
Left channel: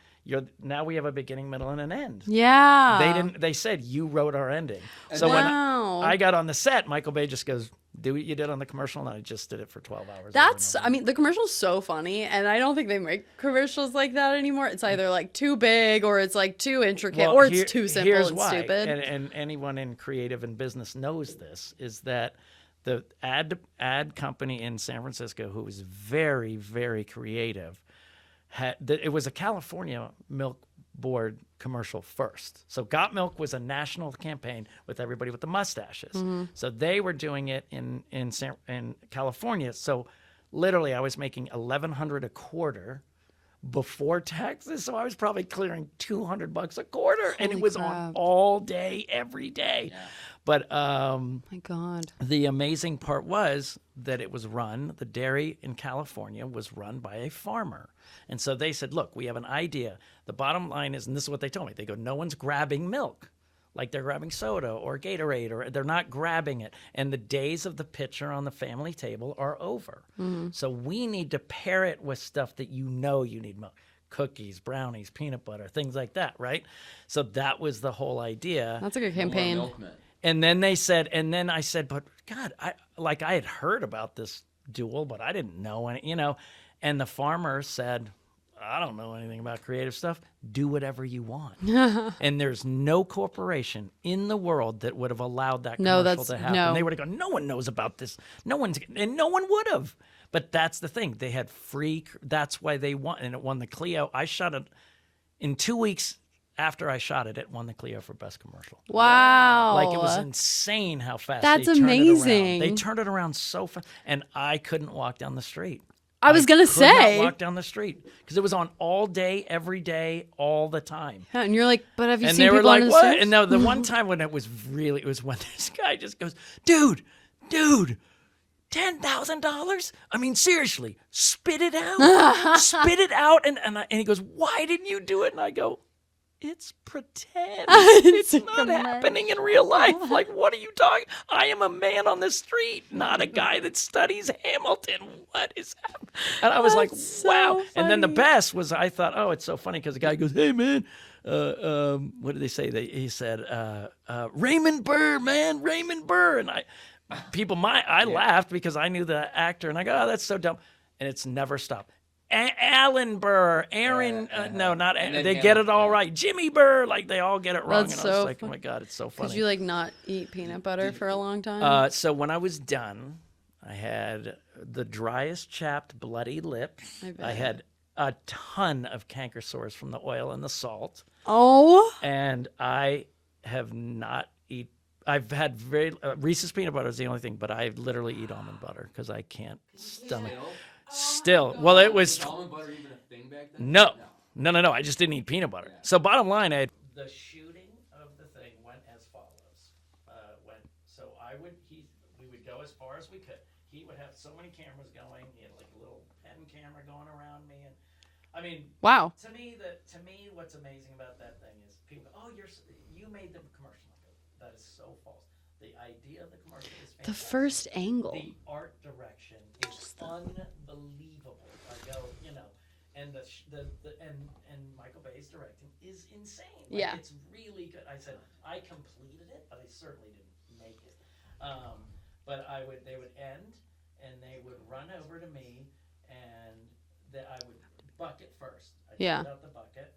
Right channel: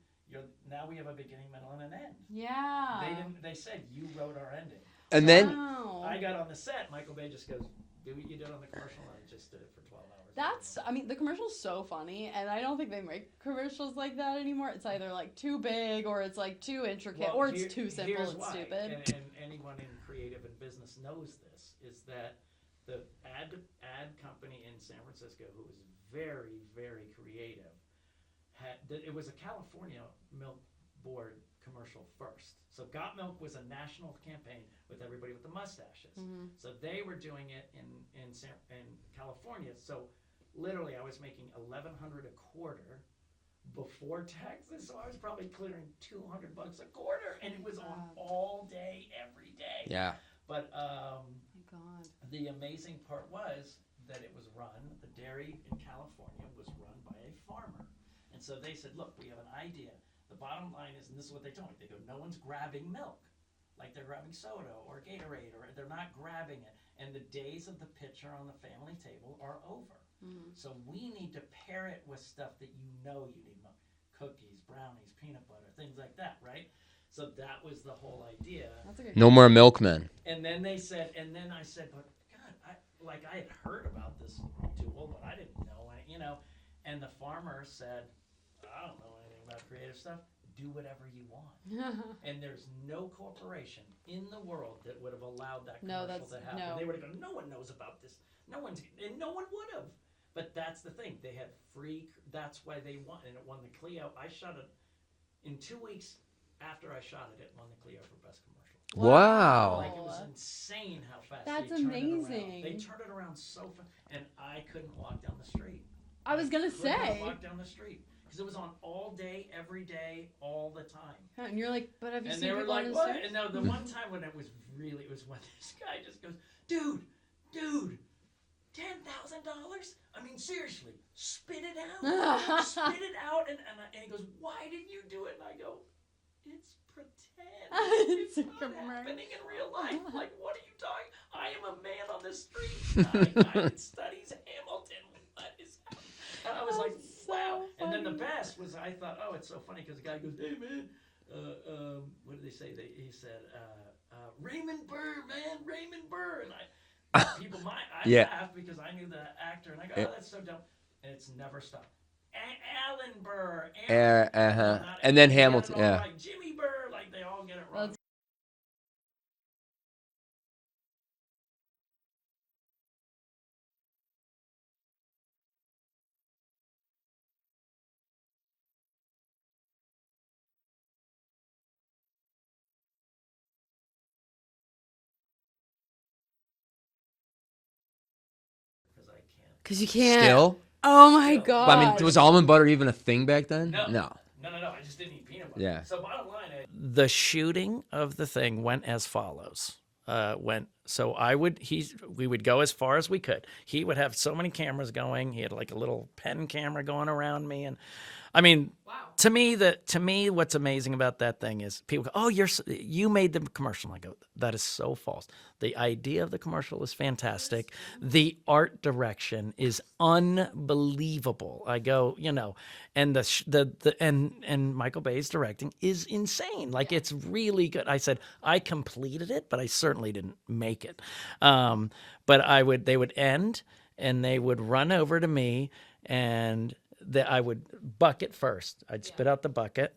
now we have a beginning, middle, and an end. Yeah. They said you wrote our ending. And So then- when Wow. I got on the set, Michael Bay just goes, do what you did on the commercial, and I just did it for 12 hours. The commercial's so funny, and I don't think they make commercials like that anymore. It's either like too big, or it's like too intricate, or it's too simple here's and why, stupid. And anyone in creative and business knows this, is that the ad company in San Francisco, who was very, very creative, it was a California Milk Board commercial first. So Got Milk was a national campaign with everybody with the mustaches. So they were doing it in California. So literally I was making $1,100 a quarter before taxes. So I was probably clearing $200 a quarter, and it was on crap. all day, every day. Yeah. But My God. the amazing part was that it was the dairy in California was run by a farmer. And so they said, look, we have an idea. The bottom line is, and this is what they told me, they go, no one's grabbing milk like they're grabbing soda or Gatorade, or they're not grabbing it. And the days of the pitcher on the family table are over. So we need to pair it with stuff that you need milk. Cookies, brownies, peanut butter, things like that, right? So that was the whole idea. That's a good No more campaign. milkmen. And then I said, but God, I had heard about this duel, but I didn't know any, And the farmer said, I don't know anything about creative stuff. Do whatever you want. And there's no corporation in the world that would have allowed that commercial to happen. no. They would have gone, no one knows about this. No one would have. But that's the thing. They had that's why they won. And it won the Clio. I shot it in 2 weeks. After I shot it, it won the Clio for Best Commercial. Wow. Like, it was insane how fast That's they turned it around. amazing. They turned it around so fast, and I couldn't walk down the street. I was gonna Could say. not walk down the street because it was on all day, every day, all the time. Yeah, and you're like, but have you And seen they were people like, on the "What?" stairs? And no, the one time when it was when this guy just goes, "Dude, $10,000? I mean, seriously, spit it out, spit it out." And he goes, "Why didn't you do it?" And I go, It's pretend. It's It's not happening in real life. Like, what are you talking? I am a man on the street, not a guy that studies Hamilton. What is happening? And I was like, That's so wow. And then the funny. best was, I thought, oh, it's so funny because the guy goes, hey, man. What did they say? He said, Raymond Burr, man, Raymond Burr. And I laughed because I knew the actor, and I go, oh, that's so dumb. And it's never stopped. Alan Burr, Aaron, no, not And and then they get it Hamilton, all yeah. right. Jimmy Burr, like they all get it wrong. That's And I was so like, oh fun- my God, it's so Did funny. you like not eat peanut butter for a long time? So when I was done, I had the driest chapped bloody lip. I bet. I had a ton of canker sores from the oil and the salt. Oh, And I have not I've had Reese's peanut butter is the only thing, but I literally eat almond butter because I can't. because you can't. Still? Oh my Still. god. Well, it Was almond butter even a thing back then? No. No. No. I just didn't eat peanut butter. Yeah. So bottom line, the shooting of the thing went as follows. We would go as far as we could. He would have so many cameras going. He had like a little pen camera going around me, and I mean, Wow. to me, what's amazing about that thing is people go, "Oh, you made the commercial." I go, "That is so false." The idea of the commercial is fantastic. first angle. The art direction is unbelievable. I go, and and Michael Bay's directing is insane. Like Yeah. it's really good. I said I completed it, but I certainly didn't make it. But they would end, and they would run over to me, and I would bucket first. I'd Yeah. spit out the bucket.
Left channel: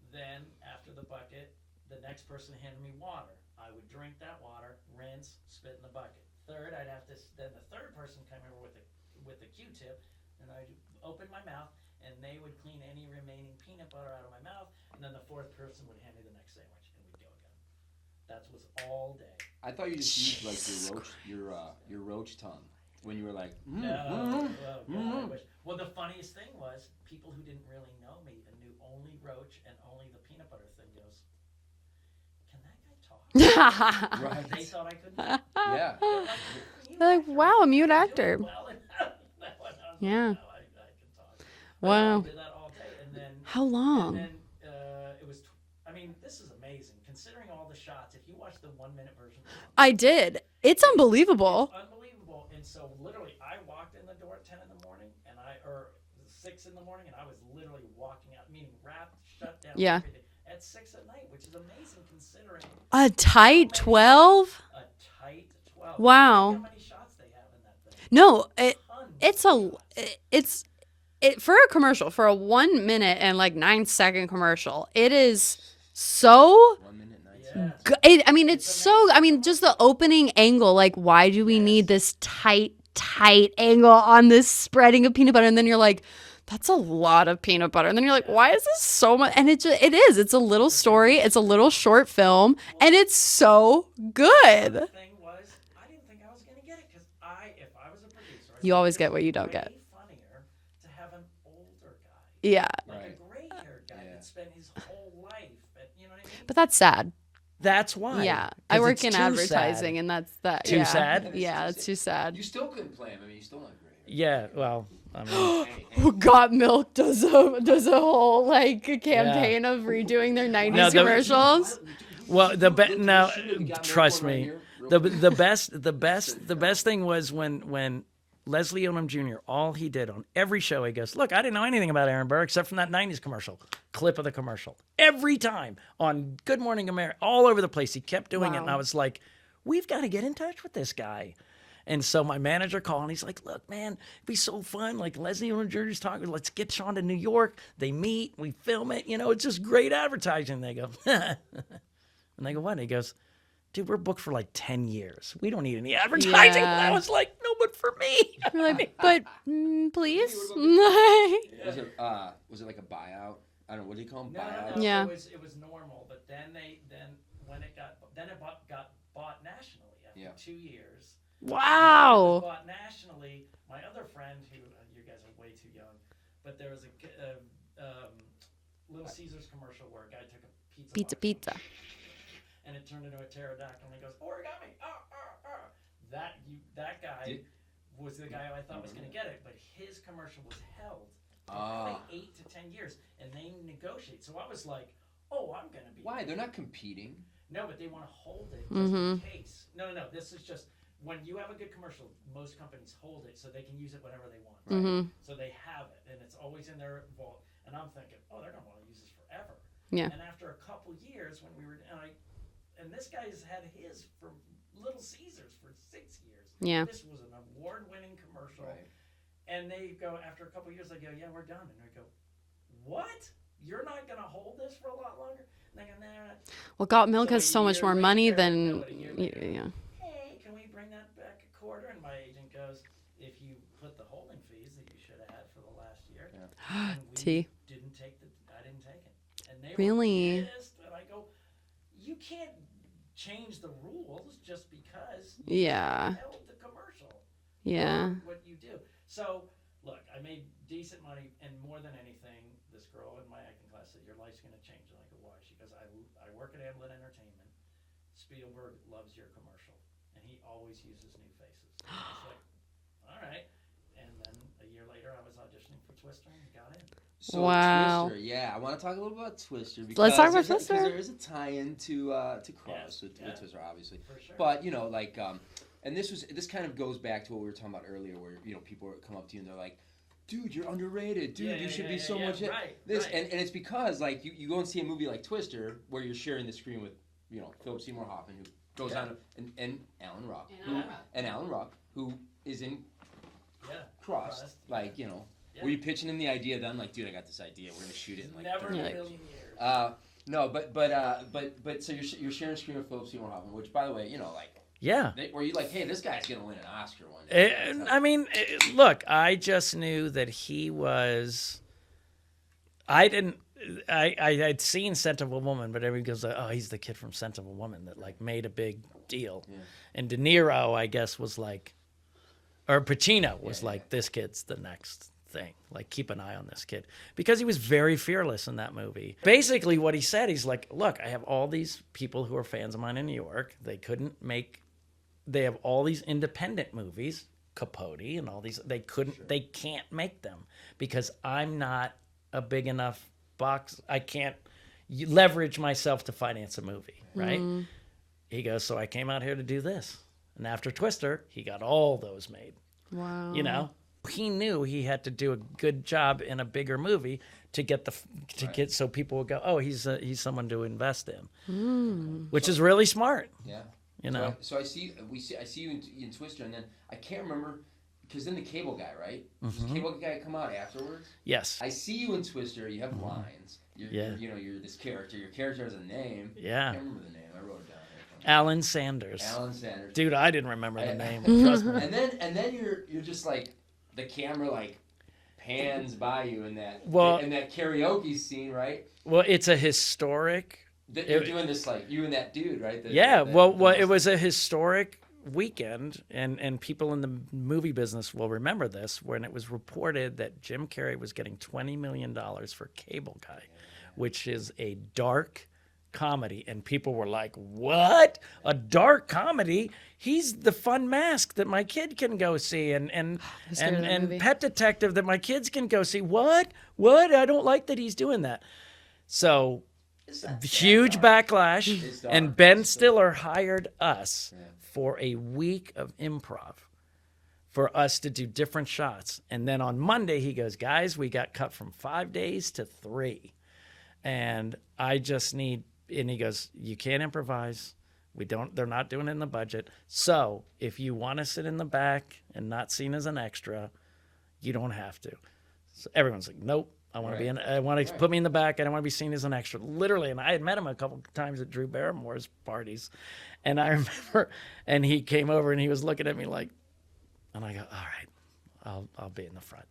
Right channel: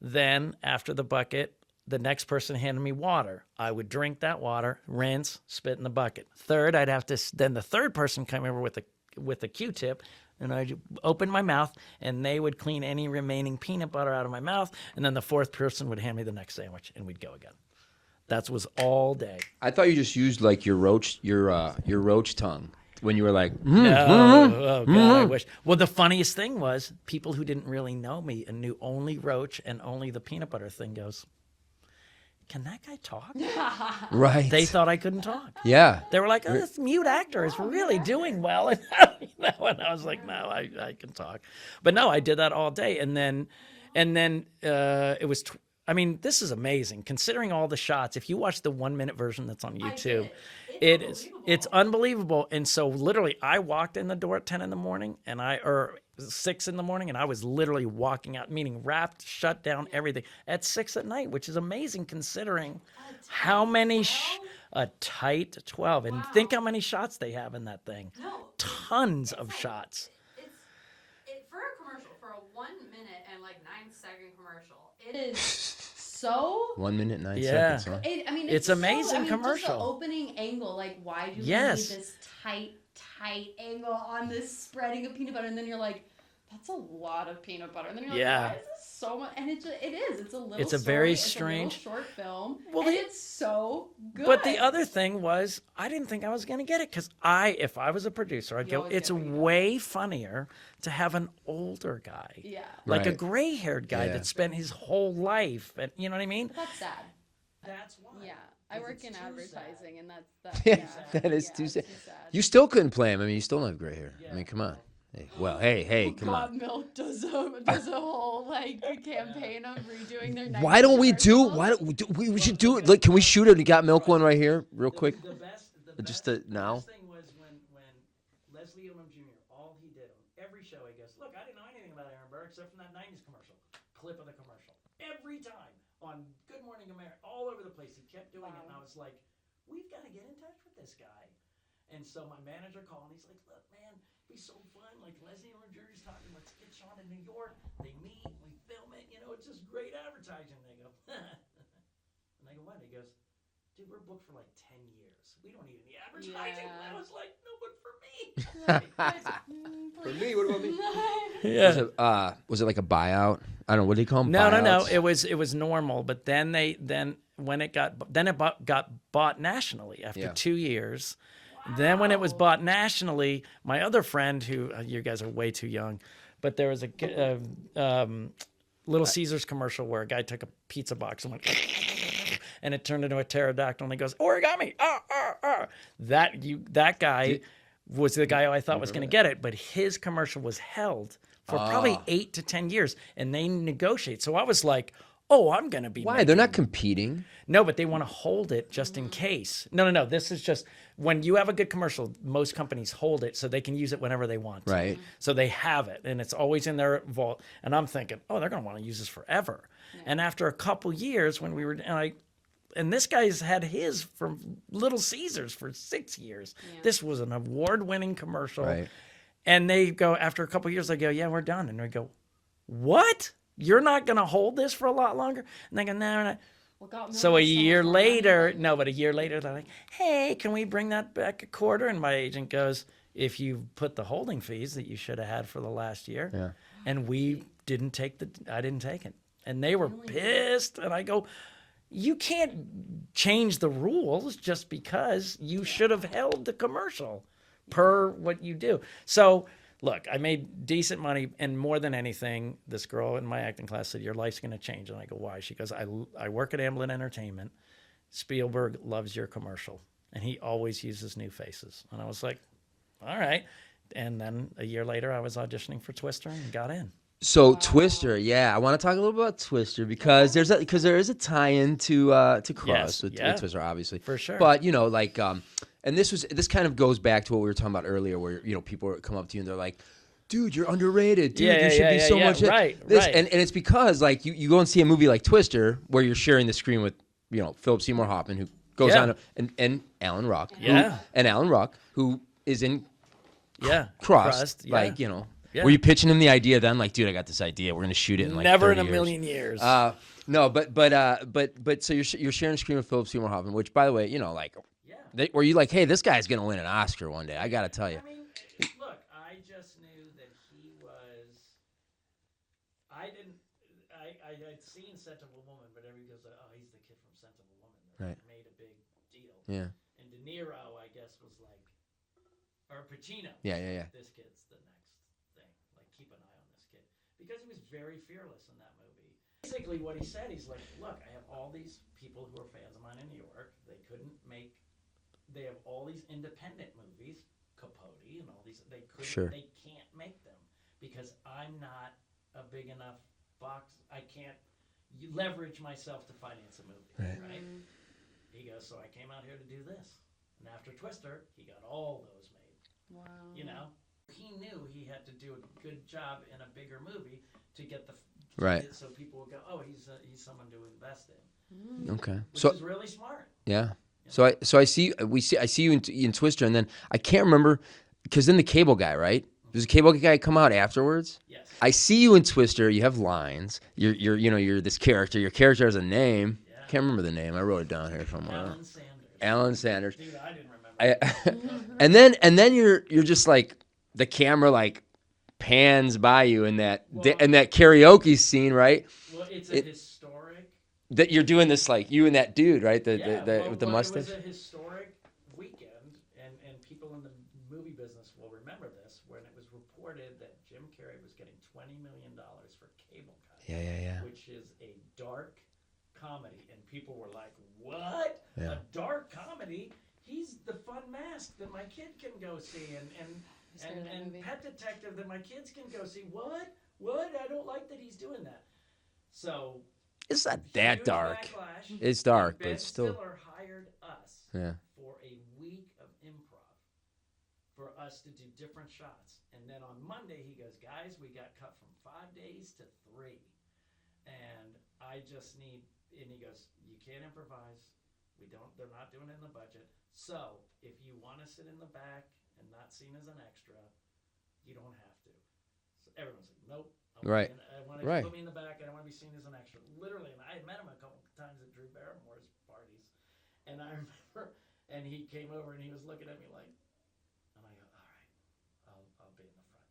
Then after the bucket, the next person handed me water. I would drink that water, rinse, spit in the bucket. Third, I'd have to. Then the third person come over with a Q-tip, and I'd open my mouth, and they would clean any remaining peanut butter out of my mouth. And then the fourth person would hand me the next sandwich, and we'd go again. That was all day. I thought you just used like your roach tongue when you were like, Oh, God, I wish. Well, the funniest thing was people who didn't really know me and knew only Roach and only the peanut butter thing goes, can that guy talk? right. They thought I couldn't talk. Yeah. They were like, oh, this mute actor wow, is a mute really actor. doing well. And I was like, Yeah. no, I can talk. But no, Wow. I did that all day. And then How long? And then it was this is amazing considering all the shots. If you watch the 1 minute version that's on YouTube. I did. It's It is- unbelievable. It's unbelievable. And so literally I walked in the door at 10 in the morning or 6 in the morning, and I was literally walking out, meaning wrapped, shut down, Yeah. everything at 6 at night, which is amazing considering A tight many 12? a tight 12. And Wow. think how many shots they have in that thing. No, Tons it's of a shots. it's for a commercial, for a 1 minute and like 9 second commercial. It is so 1 minute, 9 Yeah. seconds. I mean, it's It's so. I amazing mean, just the commercial. opening angle. Like, why do we Yes. need this tight angle on this spreading of peanut butter? And then you're like, that's a lot of peanut butter. And then you're like, Yeah. why is this so much? And it is. It's a little It's a story. very It's a little strange- short film, and it's so good. But the other thing was, I didn't think I was going to get it because if I was a producer, I'd You go, always it's get what you don't way funnier to have an older guy. Yeah, Like a Right. gray-haired guy Yeah. that spent his whole life, and you know what I mean? but that's sad. That's why. Yeah, I 'Cause work it's in too advertising, sad. and that's that. Too yeah. sad? That is Yeah, too it's sad. too sad. You still couldn't play him. I mean, you still don't have gray hair. Yeah, Like, come well, on. I mean, hey. Got Milk does a whole like campaign of redoing their 90s Why don't we do? commercials. Why don't we Well, should the do be- it? Look, can now, we shoot it? You got milk trust one right me, here, real the, quick. The best now. thing was when Leslie Odom Jr. all he did on every show, he goes, "Look, I didn't know anything about Aaron Burr except from that '90s commercial, clip of the commercial. Every time on Good Morning America, all over the place, he kept doing it, and I was like, we've got to get in touch with this guy." And so my manager called, and he's like, "Look, man, it'd be so fun. Like Leslie Odom Jr.'s talking. Let's get Sean to New York. They meet, we film it. You know, it's just great advertising." They go, and they go, "What?" And he goes, "Dude, we're booked for like 10 years. We don't need any advertising." And I Yeah. was like, "No, but for me." You're like, but please. Yeah. Was it like a buyout? I don't know. What do you call them? No. Yeah. It was normal, but then when it got bought nationally after Yeah. 2 years. Wow. Then when it was bought nationally, my other friend, who you guys are way too young, but there was a Little Caesars commercial where a guy took a pizza box and it turned into a pterodactyl, and he goes, "Origami!" That guy was the guy who I thought was going to get it, but his commercial was held for probably 8 to 10 years, and they negotiate. So I was like, oh, I'm gonna be. Why? They're not making-" competing. No, but they want to hold it just in case. No. This is just when you have a good commercial, most companies hold it so they can use it whenever they want. Right. So they have it, and it's always in their vault. And I'm thinking, oh, they're going to want to use this forever. Yeah. And after a couple years, when we were, and this guy's had his from Little Caesars for 6 years. Yeah. This was an award-winning commercial. Right. And they go, after a couple years, they go, yeah, we're done. And we go, what? You're not going to hold this for a lot longer? And they go, no, we're not. Well, Got Milk So a has so much year more money later, than no, but a year later, they're Yeah. like, hey, can we bring that back a quarter? And my agent goes, if you put the holding fees that you should have had for the last year, Yeah. and we Tea. I didn't take it. And they were Really? pissed. And I go, you can't change the rules just because you should have Yeah. held the commercial Yeah. per what you do. So look, I made decent money, and more than anything, this girl in my acting class said, your life's going to change. And I go, why? She goes, I work at Amblin Entertainment. Spielberg loves your commercial, and he always uses new faces. And I was like, all right. And then a year later, I was auditioning for Twister and got in. So Wow. Twister, yeah, I want to talk a little about Twister talk because about there's Twister. because there is a tie-in to Cross Yes, with yeah. Twister, obviously, For sure. But like, and this kind of goes back to what we were talking about earlier, where people come up to you and they're like, "Dude, you're underrated. Dude, Yeah, you should yeah, be yeah, so yeah, much." right, this, right. And it's because like you go and see a movie like Twister where you're sharing the screen with Philip Seymour Hoffman, who goes Yeah. on, and Alan Ruck, Yeah. and Alan Ruck, who is in Yeah. Crossed, yeah. like Yeah. Were you pitching him the idea then? Like, dude, I got this idea. We're gonna shoot it in like Never 30 in a years. million years. No, but so you're sharing a screen with Philip Seymour Hoffman, which, by the way, like, yeah. were you like, hey, this guy's gonna win an Oscar one day? I gotta tell you. I mean, look, I just knew that he was. I had seen Scent of a Woman, but everybody goes, oh, he's the kid from Scent of a Woman that like made a big deal. Yeah. And De Niro, I guess, was like, or Pacino was Yeah, like, yeah. this kid's the next thing. Like, keep an eye on this kid, because he was very fearless in that movie. Basically, what he said, he's like, look, I have all these people who are fans of mine in New York. They have all these independent movies, Capote and all these. They can't make them because I'm not a big enough box. I can't leverage myself to finance a movie, right? He goes, so I came out here to do this. And after Twister, he got all those made. Wow. He knew he had to do a good job in a bigger movie to get Right. so people would go, oh, he's someone to invest in, Okay. which is really smart. Yeah. You So know? I see you in Twister, and then I can't remember because then the Cable Guy, right? Does the Cable Guy come out afterwards? Yes. I see you in Twister. You have lines. You're this character. Your character has a name. Yeah. Can't remember the name. I wrote it down here somewhere. Alan Sanders. Alan Sanders. Dude, I didn't remember the name. Trust me. And then you're just like the camera like pans by you in that karaoke scene, right? Well, it's a historic. That you're doing this like you and that dude, right? Well, with the it was mustache? a historic weekend, and people in the movie business will remember this, when it was reported that Jim Carrey was getting $20 million for Cable Guy, which is a dark comedy, and people were like, what? A dark comedy? He's the fun Mask that my kid can go see, and scared of that movie. Pet Detective that my kids can go see. What? I don't like that he's doing that. So It's not that huge dark. backlash. It's dark, And Ben but still. Stiller hired us Yeah. for a week of improv for us to do different shots. And then on Monday, he goes, guys, we got cut from 5 days to 3. And I just need, and he goes, you can't improvise. They're not doing it in the budget. So if you want to sit in the back and not seen as an extra, you don't have to. So everyone's like, nope. I want to Right. be in, I want to Right. put me in the back. I don't want to be seen as an extra. Literally, and I had met him a couple times at Drew Barrymore's parties, and I remember, and he came over and he was looking at me like, and I go, all right, I'll be in the front.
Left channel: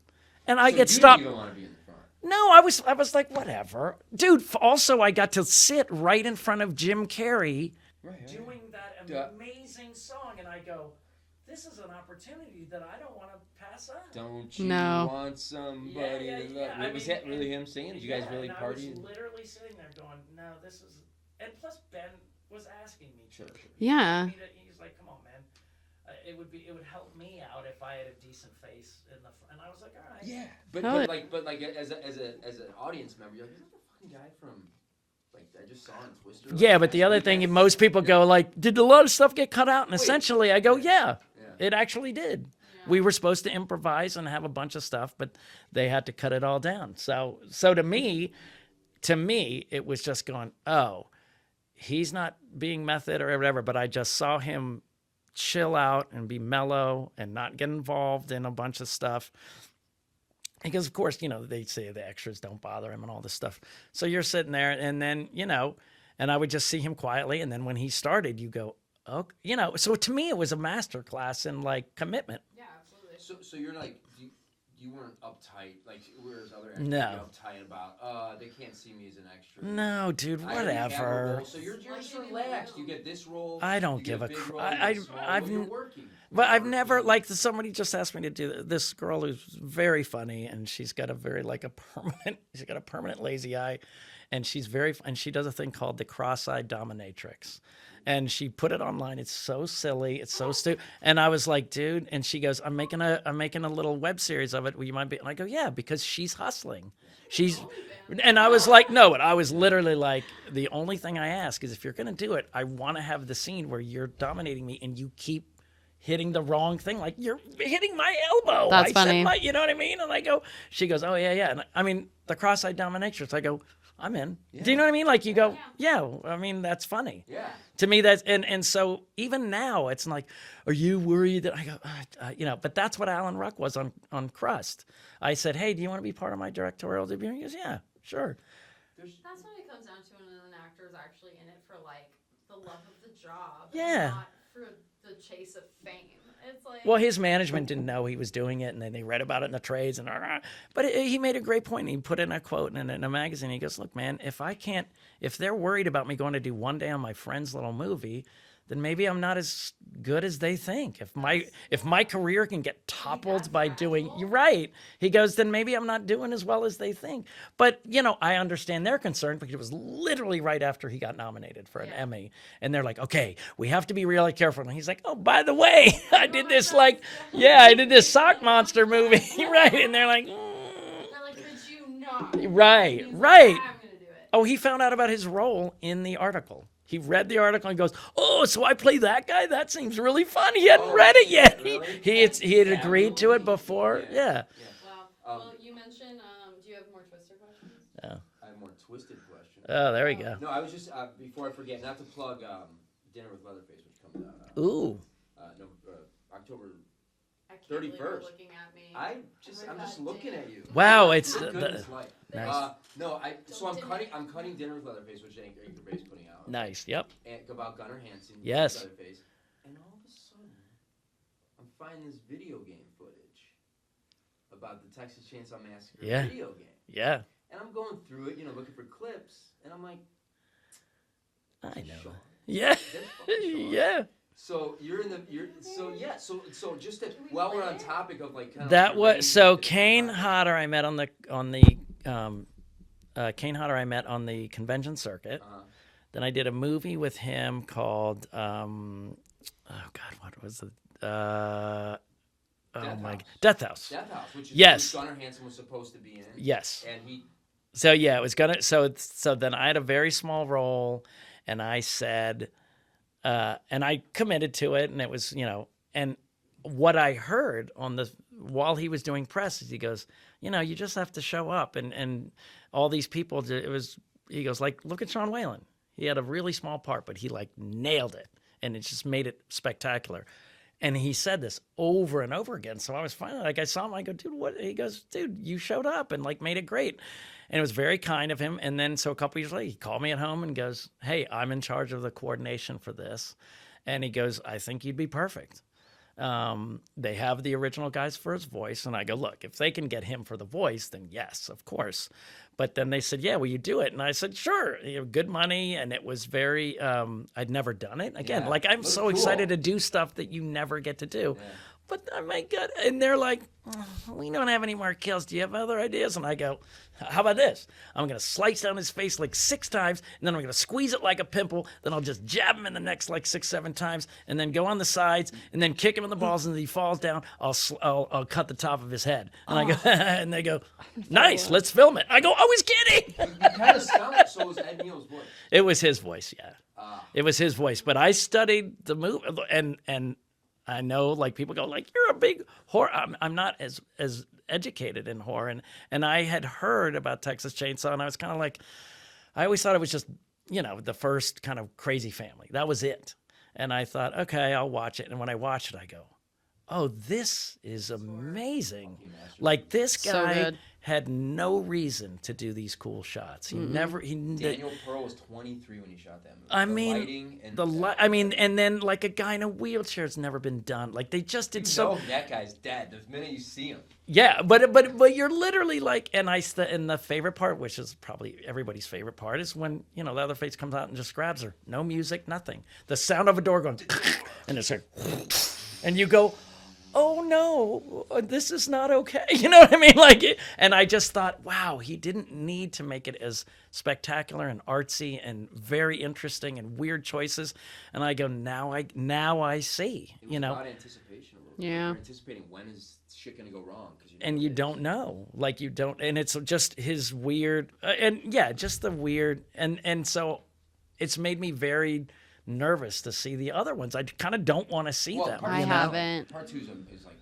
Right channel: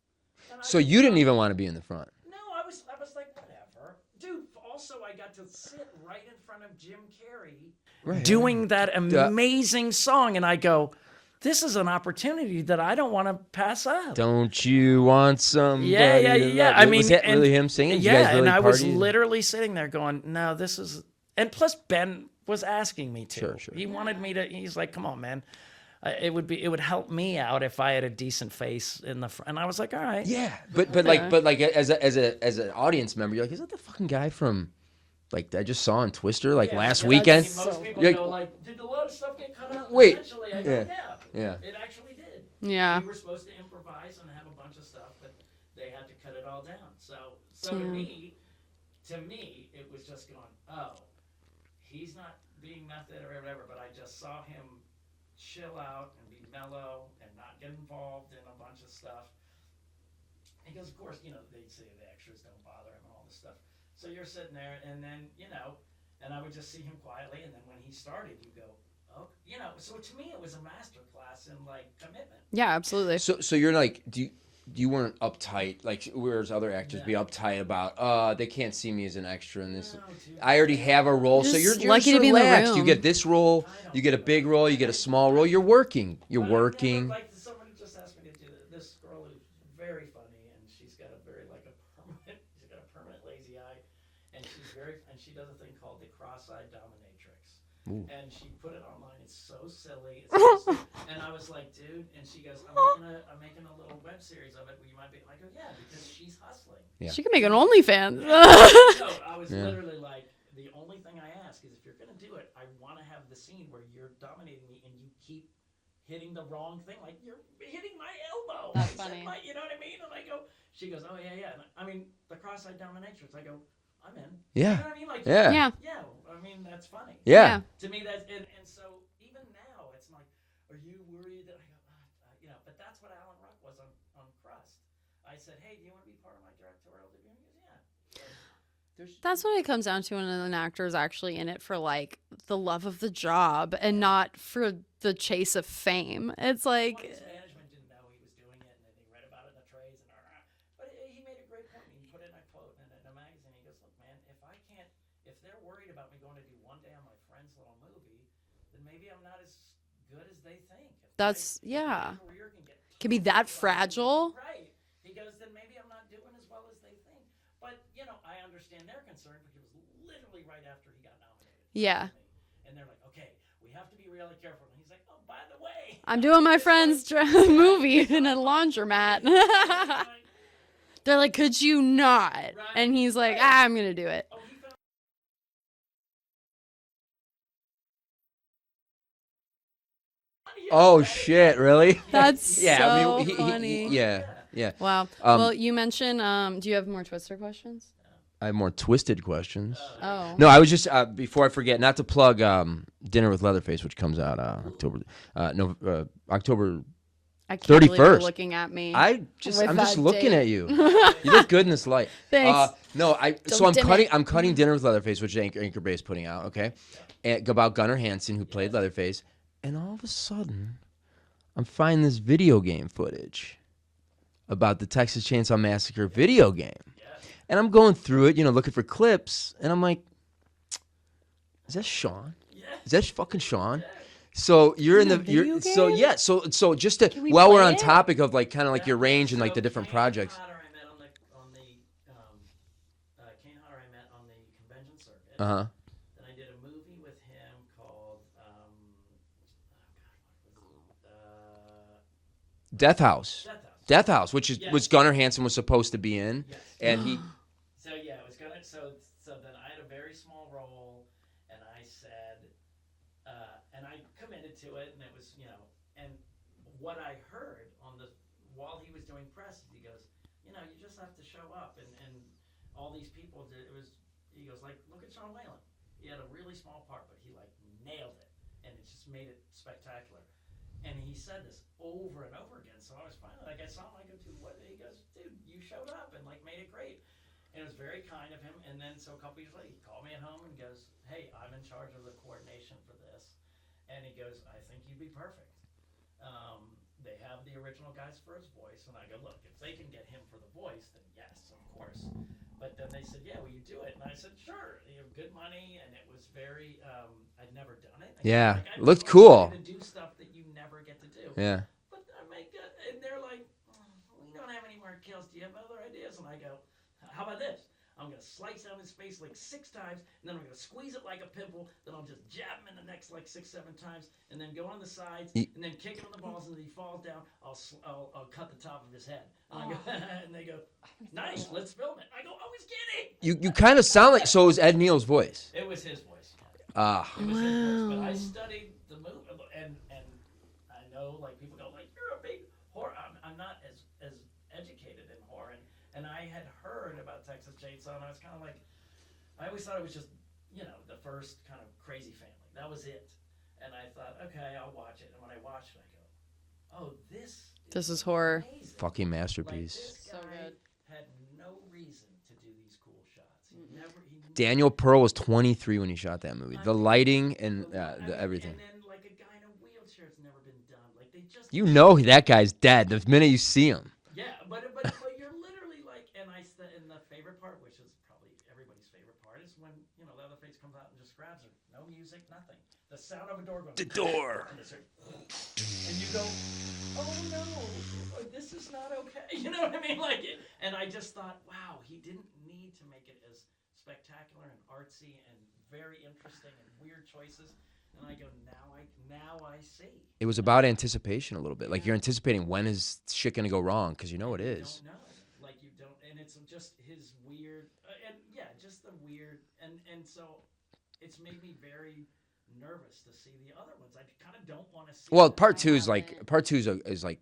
And I So get you stopped. didn't even want to be in the front. No, I was like, whatever, dude. Also, I got to sit right in front of Jim Carrey doing that amazing song, and I go, this is an opportunity that I don't want to pass up. Don't you No. want somebody? Yeah. to love I you? mean, was that and- really him singing? Did you Yeah, guys really and I was party? literally sitting there going, no, this is, and plus Ben was asking me to. Sure. He Yeah. wanted me to. He's like, come on, man. It would help me out if I had a decent face in the front. And I was like, all right. Yeah, but Oh, but yeah. like as an audience member, you're like, is that the fucking guy from like I just saw on Twister like yeah, but last the other weekend. thing, most people Yeah. go like, "Did a lot of stuff get cut out?" And Wait. essentially, I go, Yeah. "Yeah, Yeah. it actually did." Yeah. We were supposed to improvise and have a bunch of stuff, but they had to cut it all down. So to me, it was just going, "Oh, he's not being method or whatever," but I just saw him chill out and be mellow and not get involved in a bunch of stuff. Because, of course, they say the extras don't bother him and all this stuff. So you're sitting there, and then, and I would just see him quietly. And then when he started, you go, oh, so to me, it was a master class in like commitment. Yeah, absolutely. So you're like, you weren't uptight like whereas other actors be No. uptight about they can't see me as an extra in this. No, dude. I already have a whatever. role, so Just you're lucky just to be in the relaxed. You room. get this role, I don't you get a give a big role, you get a I- small role. I've- You're working. You're But working. I've never like somebody just asked me to do this girl who's very funny and she's got a very she's got a permanent lazy eye, and she does a thing called the cross-eyed dominatrix. And she put it online. It's so silly. It's so stupid. And I was like, dude. And she goes, I'm making a little web series of it. Will you mind? And I go, yeah, because she's hustling. She could make an OnlyFans. And I was like, no. But I was literally like, the only thing I ask is if you're gonna do it, I want to have the scene where you're dominating me and you keep hitting the wrong thing, like you're hitting my elbow. That's I funny. Said you know what I mean? And I go, she goes, oh yeah. And I mean, the cross-eyed dominatrix. I go, I'm in. Yeah. Do you know what I mean? Like you Yeah. go, Yeah. yeah. I mean, that's funny. yeah. To me, that's and so even now, it's like, are you worried that I go, But that's what Alan Ruck was on Crust. I said, hey, do you want to be part of my directorial debut? And he goes, yeah, sure. That's what it comes down to when an actor is actually in it for like the love of the job Yeah. and not for the chase of fame. It's like, Well, his management didn't know he was doing it, and then they read about it in the trades. But he made a great point. He put in a quote in a magazine. He goes, "Look, man, if they're worried about me going to do one day on my friend's little movie, then maybe I'm not as good as they think. If my yeah. career can get Could be toppled that by doing fragile? you're right," he goes, "then maybe I'm not doing as well as they think." But I understand their concern because it was literally right after he got nominated for Yeah. an Emmy, and they're like, "Okay, we have to be really careful." And he's like, "Oh, by the way, I'm I doing did my this friend's I did movie this in a sock monster movie," laundromat. right? And they're like, they're like, could you not? Right, And he's like, right. I'm going to do it. "Oh, he found out about his role in the article." He read the article and goes, "Oh, so I play that guy? That seems really fun." He hadn't Oh, read it shit, yet. really? He had That's agreed to it so funny. before. Yeah. Wow. Um, well, you mentioned, do you have more Twister questions? I have more twisted questions. Oh, there we Oh. go. No, I was just before I forget, not to plug Dinner with Leatherface, which comes out October. I can't believe you're 31st. looking at me. I'm With just that looking date. at you. Wow, it's You look good in this light. Thanks. No, so I'm dim cutting Dinner with Leatherface, which Anchor Bay is putting out. Okay, Nice. Yep. and about Gunnar Hansen, who played Yes. Leatherface, and all of a sudden, I'm finding this video game footage about the Texas Chainsaw Massacre Yeah. video game, Yeah. and I'm going through it, looking for clips, and I'm like, is that Sean? Yeah. Is that fucking Sean? Yeah. So you're in the video so game? yeah so just to we while we're play on it? topic of like kind of like your range so and like the different Kane projects. Hodder I met on the Kane Hodder I met on the convention circuit. Uh-huh. Then I did a movie with him called what was it? Death House. Death House. Death House, which is Yes. which Gunnar Hansen was supposed to be in. Yes. And he So yeah, it was gonna. So then I had a very small role, and I said, and I committed to it, and it was and what I heard while he was doing press is he goes, you just have to show up, and all these people. He goes like, look at Sean Whalen. He had a really small part, but he like nailed it, and it just made it spectacular. And he said this over and over again. So I was finally like, I saw him. I go, dude, what? He goes, dude, you showed up and like made it great. And it was very kind of him. And then so a couple years later, he called me at home and goes, hey, I'm in charge of the coordination for this. And he goes, I think you'd be perfect. They have the original guys for his voice. And I go, look, if they can get him for the voice, then yes, of course. But then they said, yeah, will you do it? And I said, sure. Good money. And it was very, I'd never done it. Again, Yeah, like I'm looked so cool. excited to do stuff that you never get to do. Yeah. But oh my God. And they're like, we don't have any more kills. Do you have other ideas? And I go, how about this? I'm going to slice down his face like 6 times, and then I'm going to squeeze it like a pimple. Then I'll just jab him in the neck like 6, 7 times, and then go on the sides, and then kick him in the balls, and if he falls down, I'll cut the top of his head. And I go, and they go, nice, let's film it. I go, was kidding. You kind of sound like, so it was Ed Neal's voice. It was his voice, yeah. Ah. It was his voice, but I studied the movie, and I know like people go like, "You're a big horror." I'm not as educated in horror, and I had heard about Texas Chainsaw, and I was kind of like, I always thought it was just the first kind of Crazy Family. That was it, and I thought, okay, I'll watch it. And when I watched it, I go, "Oh, this is horror. amazing, Fucking masterpiece. Like this So guy good. had no reason to do these cool shots. He never. Daniel Pearl was 23 when he shot that movie. I the mean, lighting and and everything. then like a guy in a wheelchair has never been done. Like they just you did know that guy's dead the minute you see him. yeah, but you're literally like, and the favorite part, which is probably everybody's favorite part, is when Leatherface comes out and just grabs her. No music, nothing. The sound of a door going, and it's like, and you go, oh no, this is not okay. You know what I mean? And I just thought, wow, he didn't need to make it as spectacular and artsy and very interesting and weird choices. And I go, now I see. It was about anticipation a little bit. Like Yeah. you're anticipating when is shit gonna go wrong because and it you is. don't know, like you don't, and it's just his weird, just the weird, and so it's made me very nervous to see the other ones. I kind of don't want to see. Well, them. part I two is like haven't.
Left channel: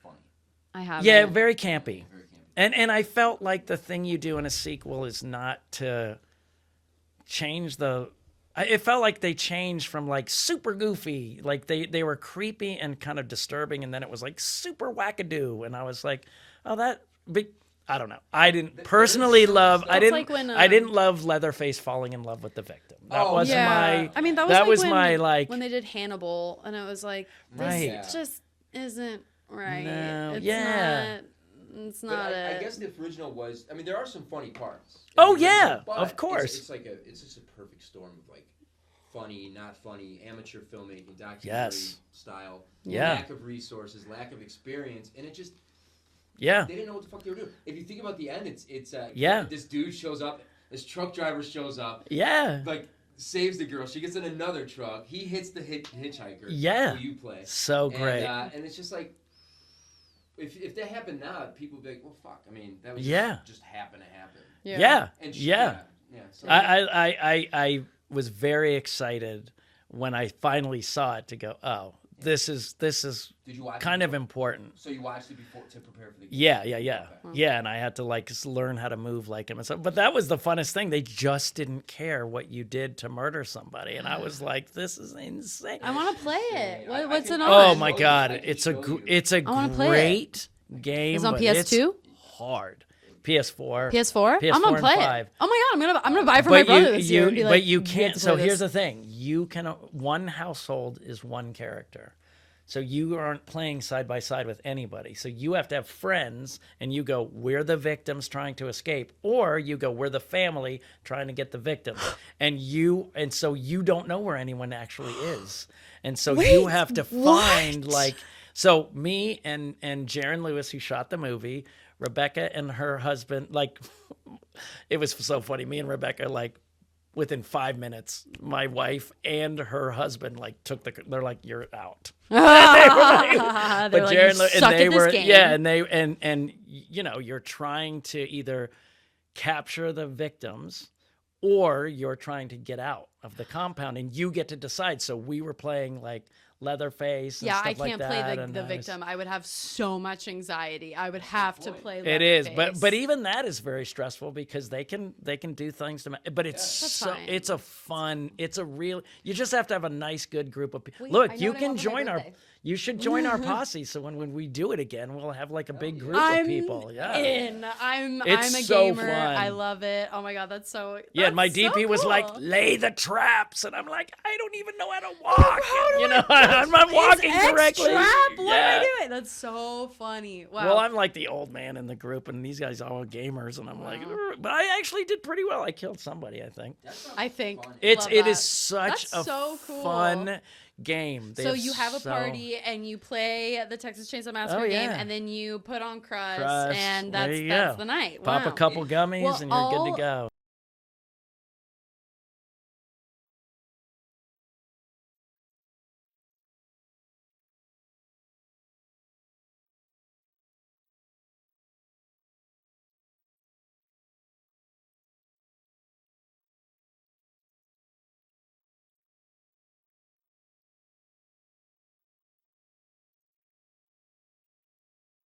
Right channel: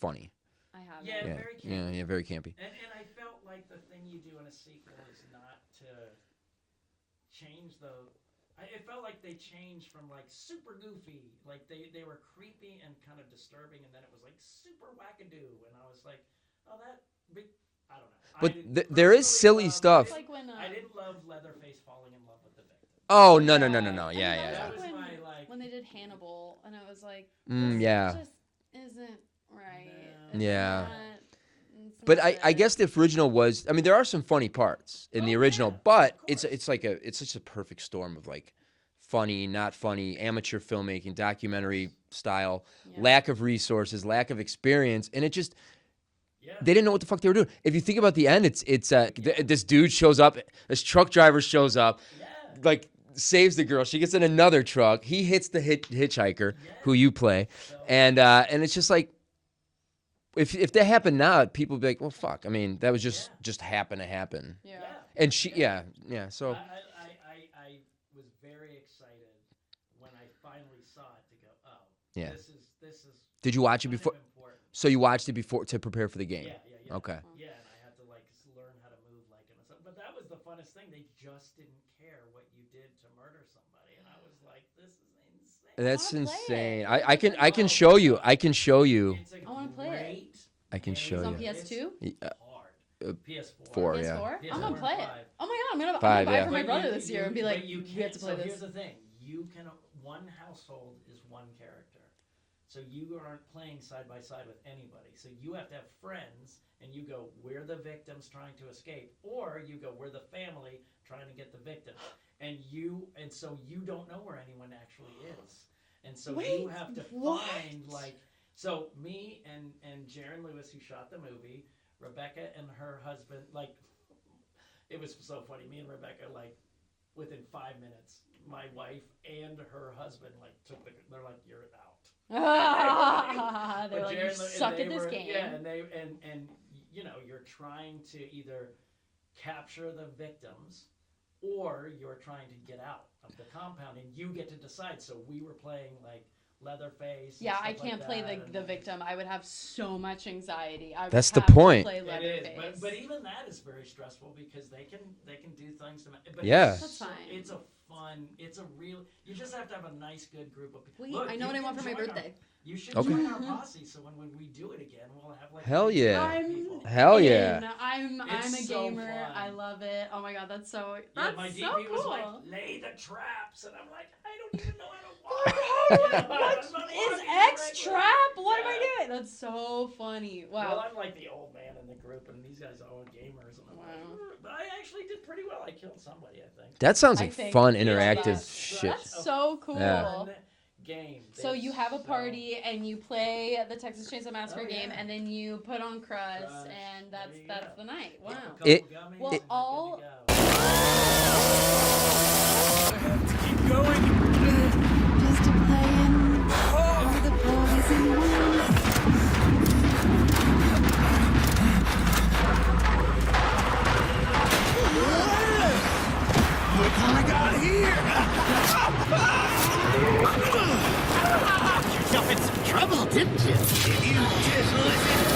funny. I have. yeah, very campy. Yeah, very campy. And I felt like the thing you do in a sequel is not to change the. It felt like they changed from like super goofy, like they were creepy and kind of disturbing, and then it was like super wackadoo, and I was like, oh I don't know. I didn't there is personally silly love. stuff. I It's didn't. like when, I didn't love Leatherface falling in love with the victim. That Oh, wasn't no, no, no, my- no, no. I mean, Yeah, that was, that like was when, my like. when they did Hannibal, and it was like, Mm, this yeah. just isn't right. No, It's yeah. not, it's But not I it. guess the original was. I mean, there are some funny parts in Oh, the original, yeah, but of course. it's such a perfect storm of like funny, not funny, amateur filmmaking, documentary Yes. style, Yeah. lack of resources, lack of experience, and it just Yeah. they didn't know what the fuck they were doing. If you think about the end, it's Yeah. this dude shows up, this truck driver shows up, Yeah. like saves the girl. She gets in another truck. He hits the hitchhiker, Yeah. who you play, So and great. and it's just like. If that happened now, people would be like, "Well, fuck." I mean, that was just happen to happen. Yeah. And yeah. So I was very excited when I finally saw it to go, oh, Yeah. this is did you watch kind it of before? important. So you watched it before to prepare for the game? Yeah. Okay. Yeah, and I had to like learn how to move like him and stuff. But that was the funnest thing. They just didn't care what you did to murder somebody, and I was like, "This is insane." I That's wanna play it. insane. What- I what's can it I on? can Oh my show you. God, I can it's show a, you. It's a wanna play it. great I can show game. you. It's on but PS2? It's hard. PS4. PS4? PS4 I'm gonna and play 5. it. Oh my god, I'm gonna Five, buy it yeah. for my But brother you, this year. Be like, you "We have can't. to So play here's this." the thing: you can. One household is one character, so you aren't playing side by side with anybody. So you have to have friends, and you go, "We're the victims trying to escape," or you go, "We're the family trying to get the victims," and so you don't know where anyone actually is, and so you have to find like. So me and Jaron Lewis, who shot the movie, Rebecca and her husband, like, it was so funny. Me and Rebecca, like, within 5 minutes, my wife and her husband, like, they're like, "You're out." They're But like, Jaron "You Lewis, suck and they at were, this game." yeah, and they, and, you're trying to either capture the victims or you're trying to get out of the compound, and you get to decide. So we were playing, like, Leatherface and Yeah, stuff I like can't that. play and the I was- victim. I would have so much anxiety. I would That's the have to point. play It is, Leatherface. but even that is very stressful because they can do things to. But Yeah. it's That's so fine. it's a fun. It's a real. You just have to have a nice, good group of people. Wait, Look, I know you what I can want for my join our. birthday. You should join our posse. So when we do it again, we'll have like Hell a big yeah. group of I'm people. Hell yeah. in. I'm It's a so gamer. fun. I love it. Oh my god, that's so. Yeah, and my that's DP so was like, cool. "Lay the traps," and I'm like, "I don't even know how to walk." You know, I'm not walking It's correctly. X-Trap? What am I Yeah. doing? That's so funny. Wow. Well, I'm like the old man in the group, and these guys are all gamers, and I'm like, "Ugh." But I actually did pretty well. I killed somebody, I think. That sounds I like think fun It interactive. is shit. such That's a so cool. fun game. They So you have a so- party and you play the Texas Chainsaw Massacre Oh, game, yeah. and then you put on Crust, Crust. and There that's you that's go. the night. Pop wow. a couple It- gummies, Well, and you're good to go. Keep going. Just playing all the boys in one. trouble, didn't you? If you just listen.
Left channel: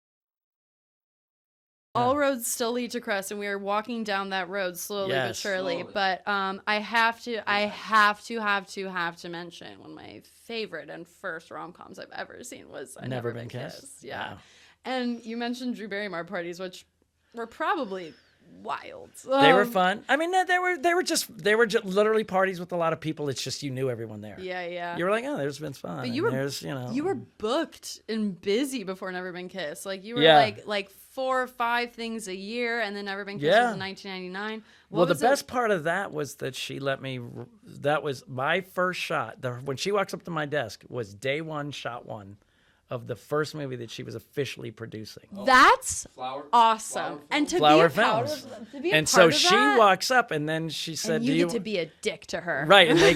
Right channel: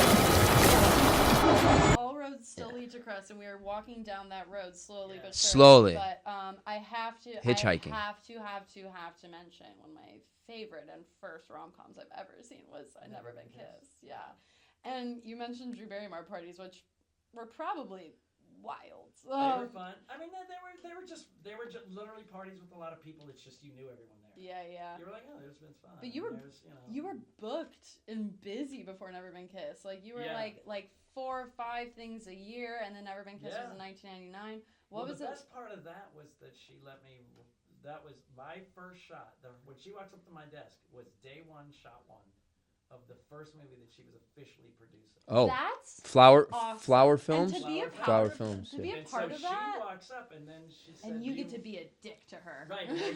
All roads still lead to Crest, and we are walking down that road slowly but Yes. surely. Slowly. But I have to Hitchhiking. have to mention one of my favorite and first rom-coms I've ever seen was Never Been Kissed. Yeah. Wow. And you mentioned Drew Barrymore parties, which were probably wild. They were fun. I mean, they were just literally parties with a lot of people. It's just you knew everyone there. Yeah, yeah. You were like, oh, there's been fun. But and you were- there's, you know. You were booked and busy before Never Been Kissed. Like you were Yeah. like 4 or 5 things a year, and then Never Been Kissed Yeah. was in 1999. Well, the was it- best part of that was that she let me. That was my first shot. When she walks up to my desk was day 1, shot 1 of the first movie that she was officially producing. Oh, That's flower awesome. flower film. And to Flower be a part film. of, to be a And part so of she that, walks up, and then she said, and "Do you you?" get to be a dick to her. Right, and they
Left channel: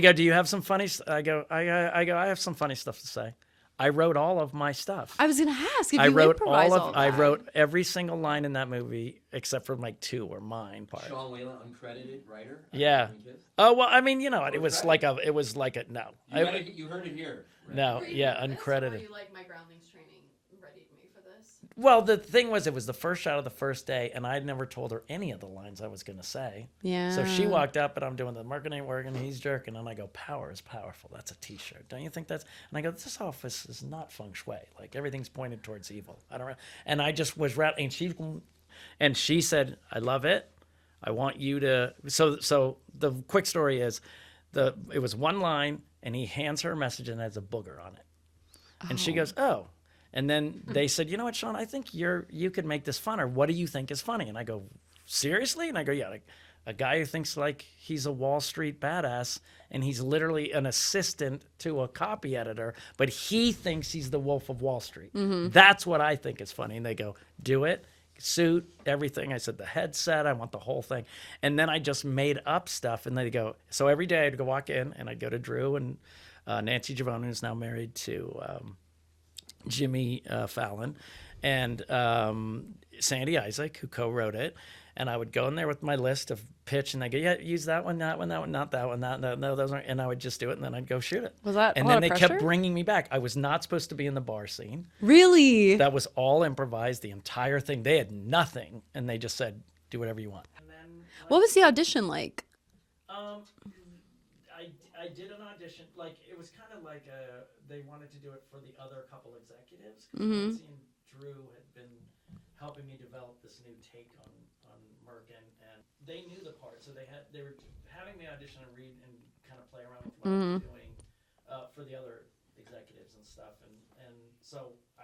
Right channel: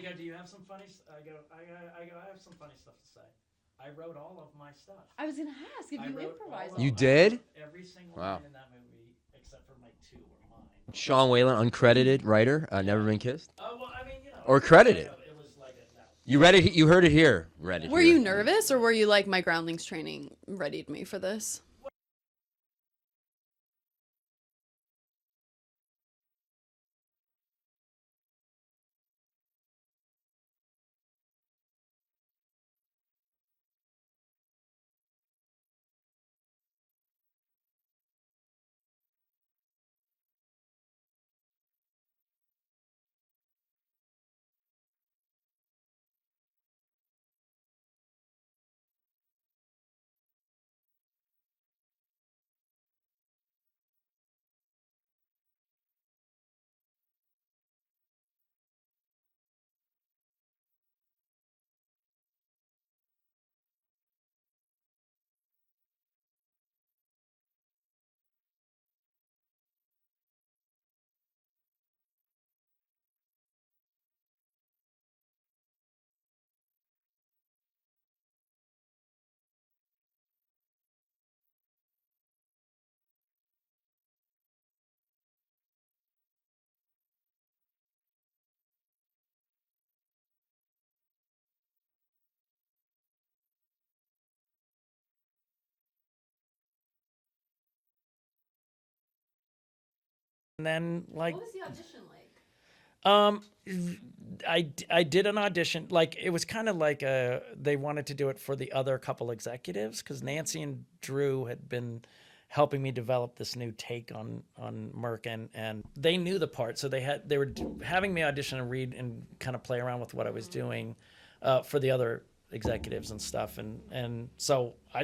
go, "Do you have some funny?" I go, I have some funny stuff to say. I wrote all of my stuff. I was gonna ask if I you wrote improvise all of. all You that. I did? wrote every single line in that movie except for like 2 were mine. part. Sean Whalen, uncredited writer. Yeah. Never Been Kissed. Oh well, I mean, you know, Or it was credited. it was like a no. You read it. You heard it here. Read No. it. Were you Yeah, nervous, or were uncredited. you like, my groundlings training readied me for this? Well, the thing was, it was the first shot of the first day, and I'd never told her any of the lines I was going to say. Yeah. So she walked up, and I'm doing the marketing work, and he's jerking, and I go, "Power is powerful." That's a T-shirt. Don't you think that's? And I go, "This office is not feng shui. Like everything's pointed towards evil." I don't know. And I just was rattling. And she said, "I love it. I want you to." So the quick story is, it was one line, and he hands her a message, and it has a booger on it. And she goes, "Oh." And then they said, "You know what, Sean? I think you could make this funner. What do you think is funny?" And I go, "Seriously?" And I go, "Yeah, like a guy who thinks like he's a Wall Street badass, and he's literally an assistant to a copy editor, but he thinks he's the Wolf of Wall Street. That's what I think is funny." And they go, "Do it." Suit, everything. I said the headset, I want the whole thing. And then I just made up stuff, and they go, so every day I'd go walk in, and I'd go to Drew and Nancy Giovanni, who's now married to Jimmy Fallon, and Sandy Isaac, who co-wrote it. And I would go in there with my list of pitch, and they go, "Yeah, use that one, not that one, no, those aren't." And I would just do it, and then I'd go shoot it. Was that And a then lot they of kept pressure? bringing me back. I was not supposed to be in the bar scene. Really? That was all improvised, the entire thing. They had nothing, and they just said, "Do whatever you want." And then, like, What was the audition like? I did an audition. Like, it was kind of like they wanted to do it for the other couple executives, because Nancy and Drew had been helping me develop this new take on Merck, and they knew the part, so they were having me audition and read and kind of play around with what I was doing for the other executives and stuff, and so I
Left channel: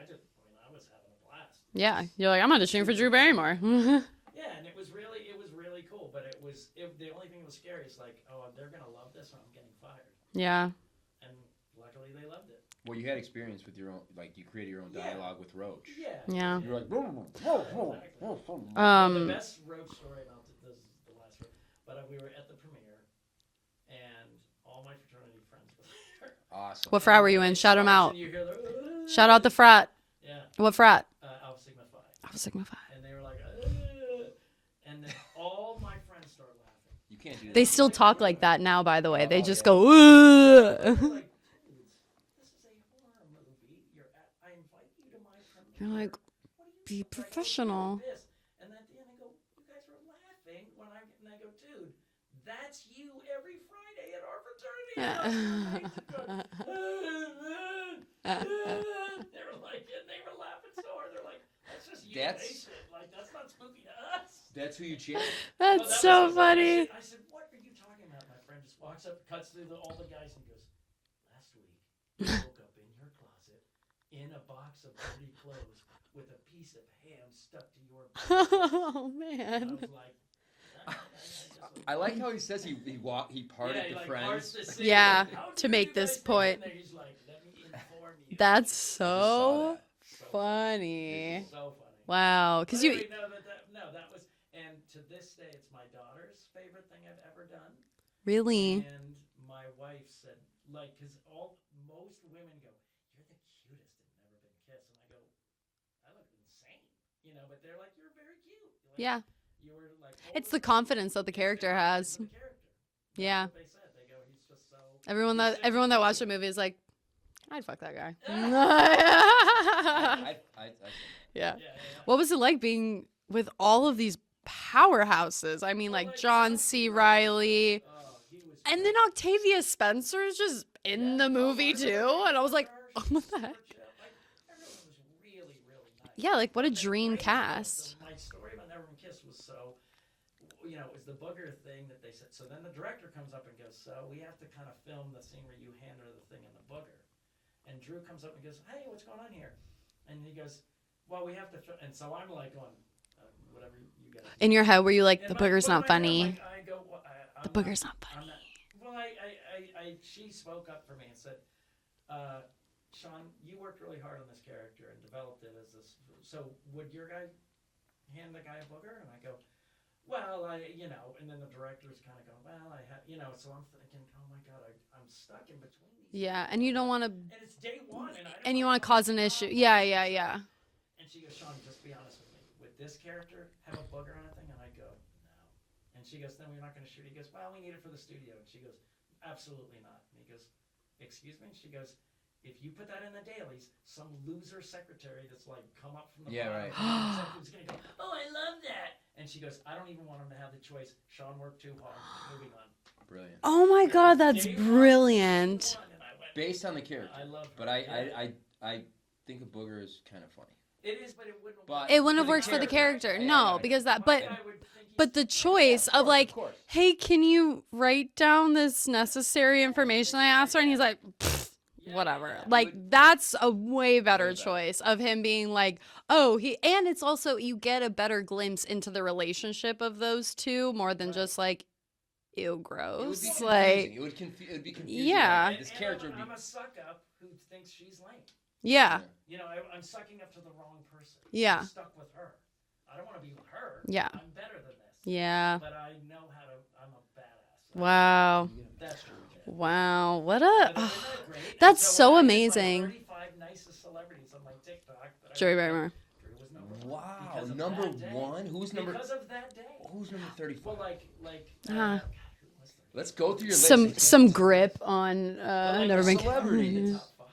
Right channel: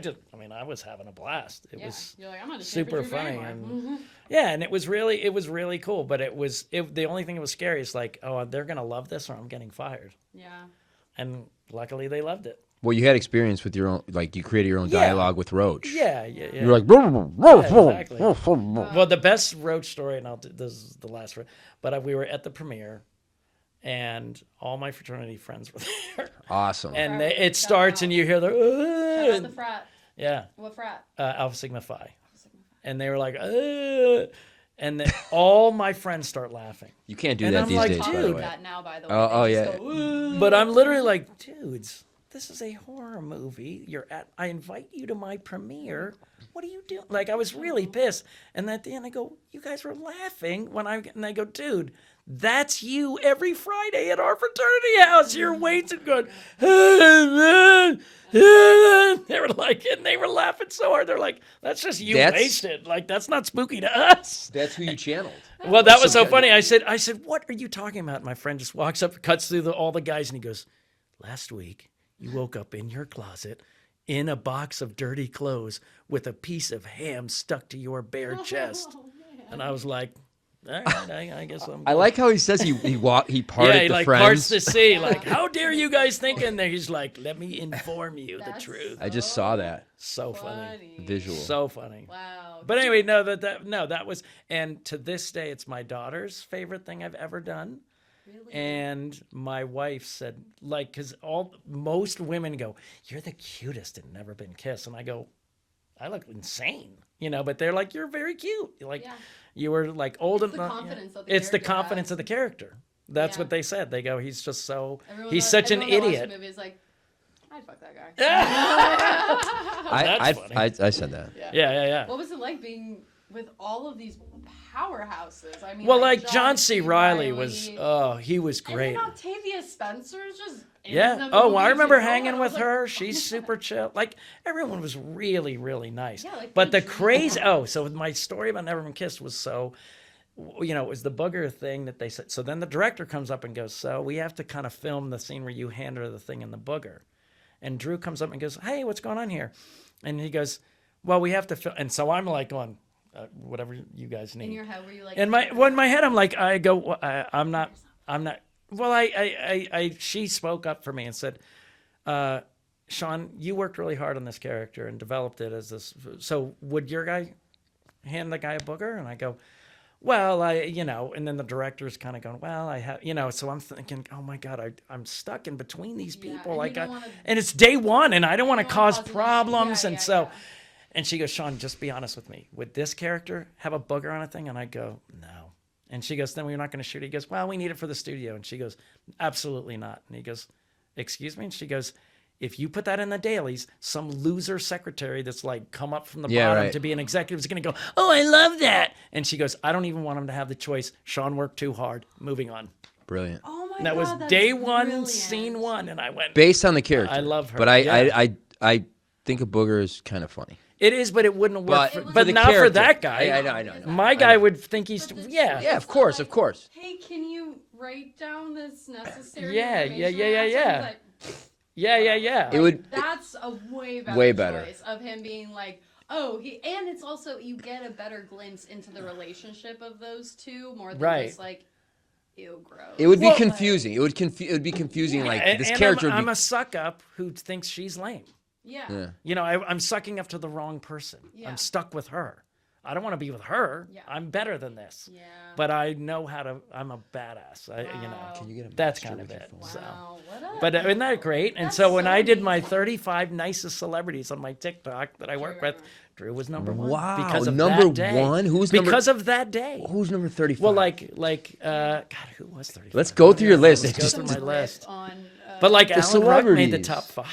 was having a blast. It Yeah, was you're like, I'm auditioning for super Drew funny, Barrymore. and- yeah, and it was really cool, but the only thing that was scary is like, oh, they're gonna love this or I'm getting fired, Yeah. and luckily they loved it. Well, you had experience with your own. Like you created your own Yeah. dialogue with Roach. Yeah. You're like. Exactly. Well, the best Roach story, and this is the last one, but we were at the premiere, and all my fraternity friends were there. Awesome. What And frat were you in? It Shout 'em starts, out. and you hear the Shout out the frat. yeah, What frat? Alpha Sigma Phi, Alpha Sigma Phi. and they were like, and then all my friends start laughing. You can't do And that They these still days. talk by the like way. that now, by the way. Oh, They oh, just yeah. go, ooh. But I'm literally like, dudes, this is a horror movie. I invite you to my premiere. What are you doing? Like, I was really professional. pissed. And at the end, I go, you guys were laughing and I go, dude, that's you every Friday at our fraternity house. You're waiting, going, they were like, and they were laughing so hard. They're like, that's just you That's- wasted. Like, that's not spooky to us. That's who you channeled. Well, that was so funny. I funny. said, what are you talking about? My friend just walks up, cuts through all the guys, and he goes, last week you woke up in your closet in a box of dirty clothes with a piece of ham stuck to your bare chest. Oh, man. And I was like, all right, I guess I'm I good." like how he says he parted yeah, he the like friends. parts the sea. Yeah, Like, how to dare make you guys this think in point. there? He's like, let me inform you That's the truth. so I just saw that. So funny. funny. Visual. So funny. Wow. But 'Cause you- anyway, that was, and to this day, it's my daughter's favorite thing I've ever done. Really? And my wife said, like, because most women go, "You're the cutest and Never Been Kissed," and I go, "I look insane," but they're like, "You're very cute." Like, Yeah. you were like old It's the enough. confidence that the It's the character confidence has. of the character. That's Yeah. what they said. They go, "He's just so. Everyone he's that, such everyone an that idiot." watched the movie is like, I'd fuck that guy. I said that. Yeah. What was it like being with all of these powerhouses? I mean, Well, like John C. Riley was, he was and great. then Octavia Spencer's just in Yeah. the movie. Oh, I remember too, hanging and I was with like, her. She's super chill. Like everyone was really, really nice. Yeah, like, but what a the dream crazy. cast. So my story about Never Been Kissed was so, it was the booger thing that they said. So then the director comes up and goes, "So we have to kind of film the scene where you hand her the thing in the booger," and Drew comes up and goes, "Hey, what's going on here?" And he goes, "Well, we have to film." And so I'm like going, whatever you guys need. in your head, were you like, In the my, booger's well, in not my head, I'm funny? like, I go, well, I'm not, booger's not I'm not. Well, she spoke up for me and said, Sean, you worked really hard on this character and developed it as this. So would your guy hand the guy a booger? And I go, well, and then the director's kind of going, well, I have, so I'm thinking, oh my God, I'm stuck in between these Yeah, people. and like you don't wanna- and it's day one and I don't want to cause an issue. problems. Yeah. And she goes, Sean, just be honest with me. Would this character have a booger on a thing? And I go, no. And she goes, then we're not going to shoot it. He goes, well, we need it for the studio. And she goes, absolutely not. And he goes, excuse me? And she goes, if you put that in the dailies, some loser secretary that's like come up from the bottom to be an executive is going to go, oh, I love that. And she goes, I don't even want him to have the choice. Sean worked too hard. Moving on. Brilliant. Oh my That God, was that's day one, brilliant. scene one. And I went, Based on the character. I love her. But Yeah. I think a booger is kind of funny. it is, but it wouldn't work. But- It wouldn't but work not for for the that character. guy. No, I know. because that My but- guy would think he's. But the yeah, choice of course, like, of course. hey, can you write down this necessary Yeah, information yeah, I asked her? And yeah. he's like, "Pfft, Yeah, whatever." yeah. Like would- that's a way better Way better. choice of him being like, oh, and it's also you get a better glimpse into the relationship of those two more than Right. just like, ew, gross. It would be Like, confusing. It would be confusing. Yeah. Like And- this and character would I'm be. a suck up who thinks she's lame. Yeah. I'm sucking up to the wrong person. Yeah. I'm stuck with her. I don't want to be with her. Yeah. I'm better than this. Yeah. But I know how to. I'm a badass. Wow. That's kind of it. Wow. What a. But isn't that great? And That's so when so I did my amazing. 35 nicest celebrities on my TikTok that I Joey worked Reimer. with, Drew was number one. Wow, Because of number that day. one? Who's number- because of that day. Who's number 35? Well, God, who was 35? Let's go through your some list. some my grip list. on. But like no. Emily Brooke made the celebrities. top 5.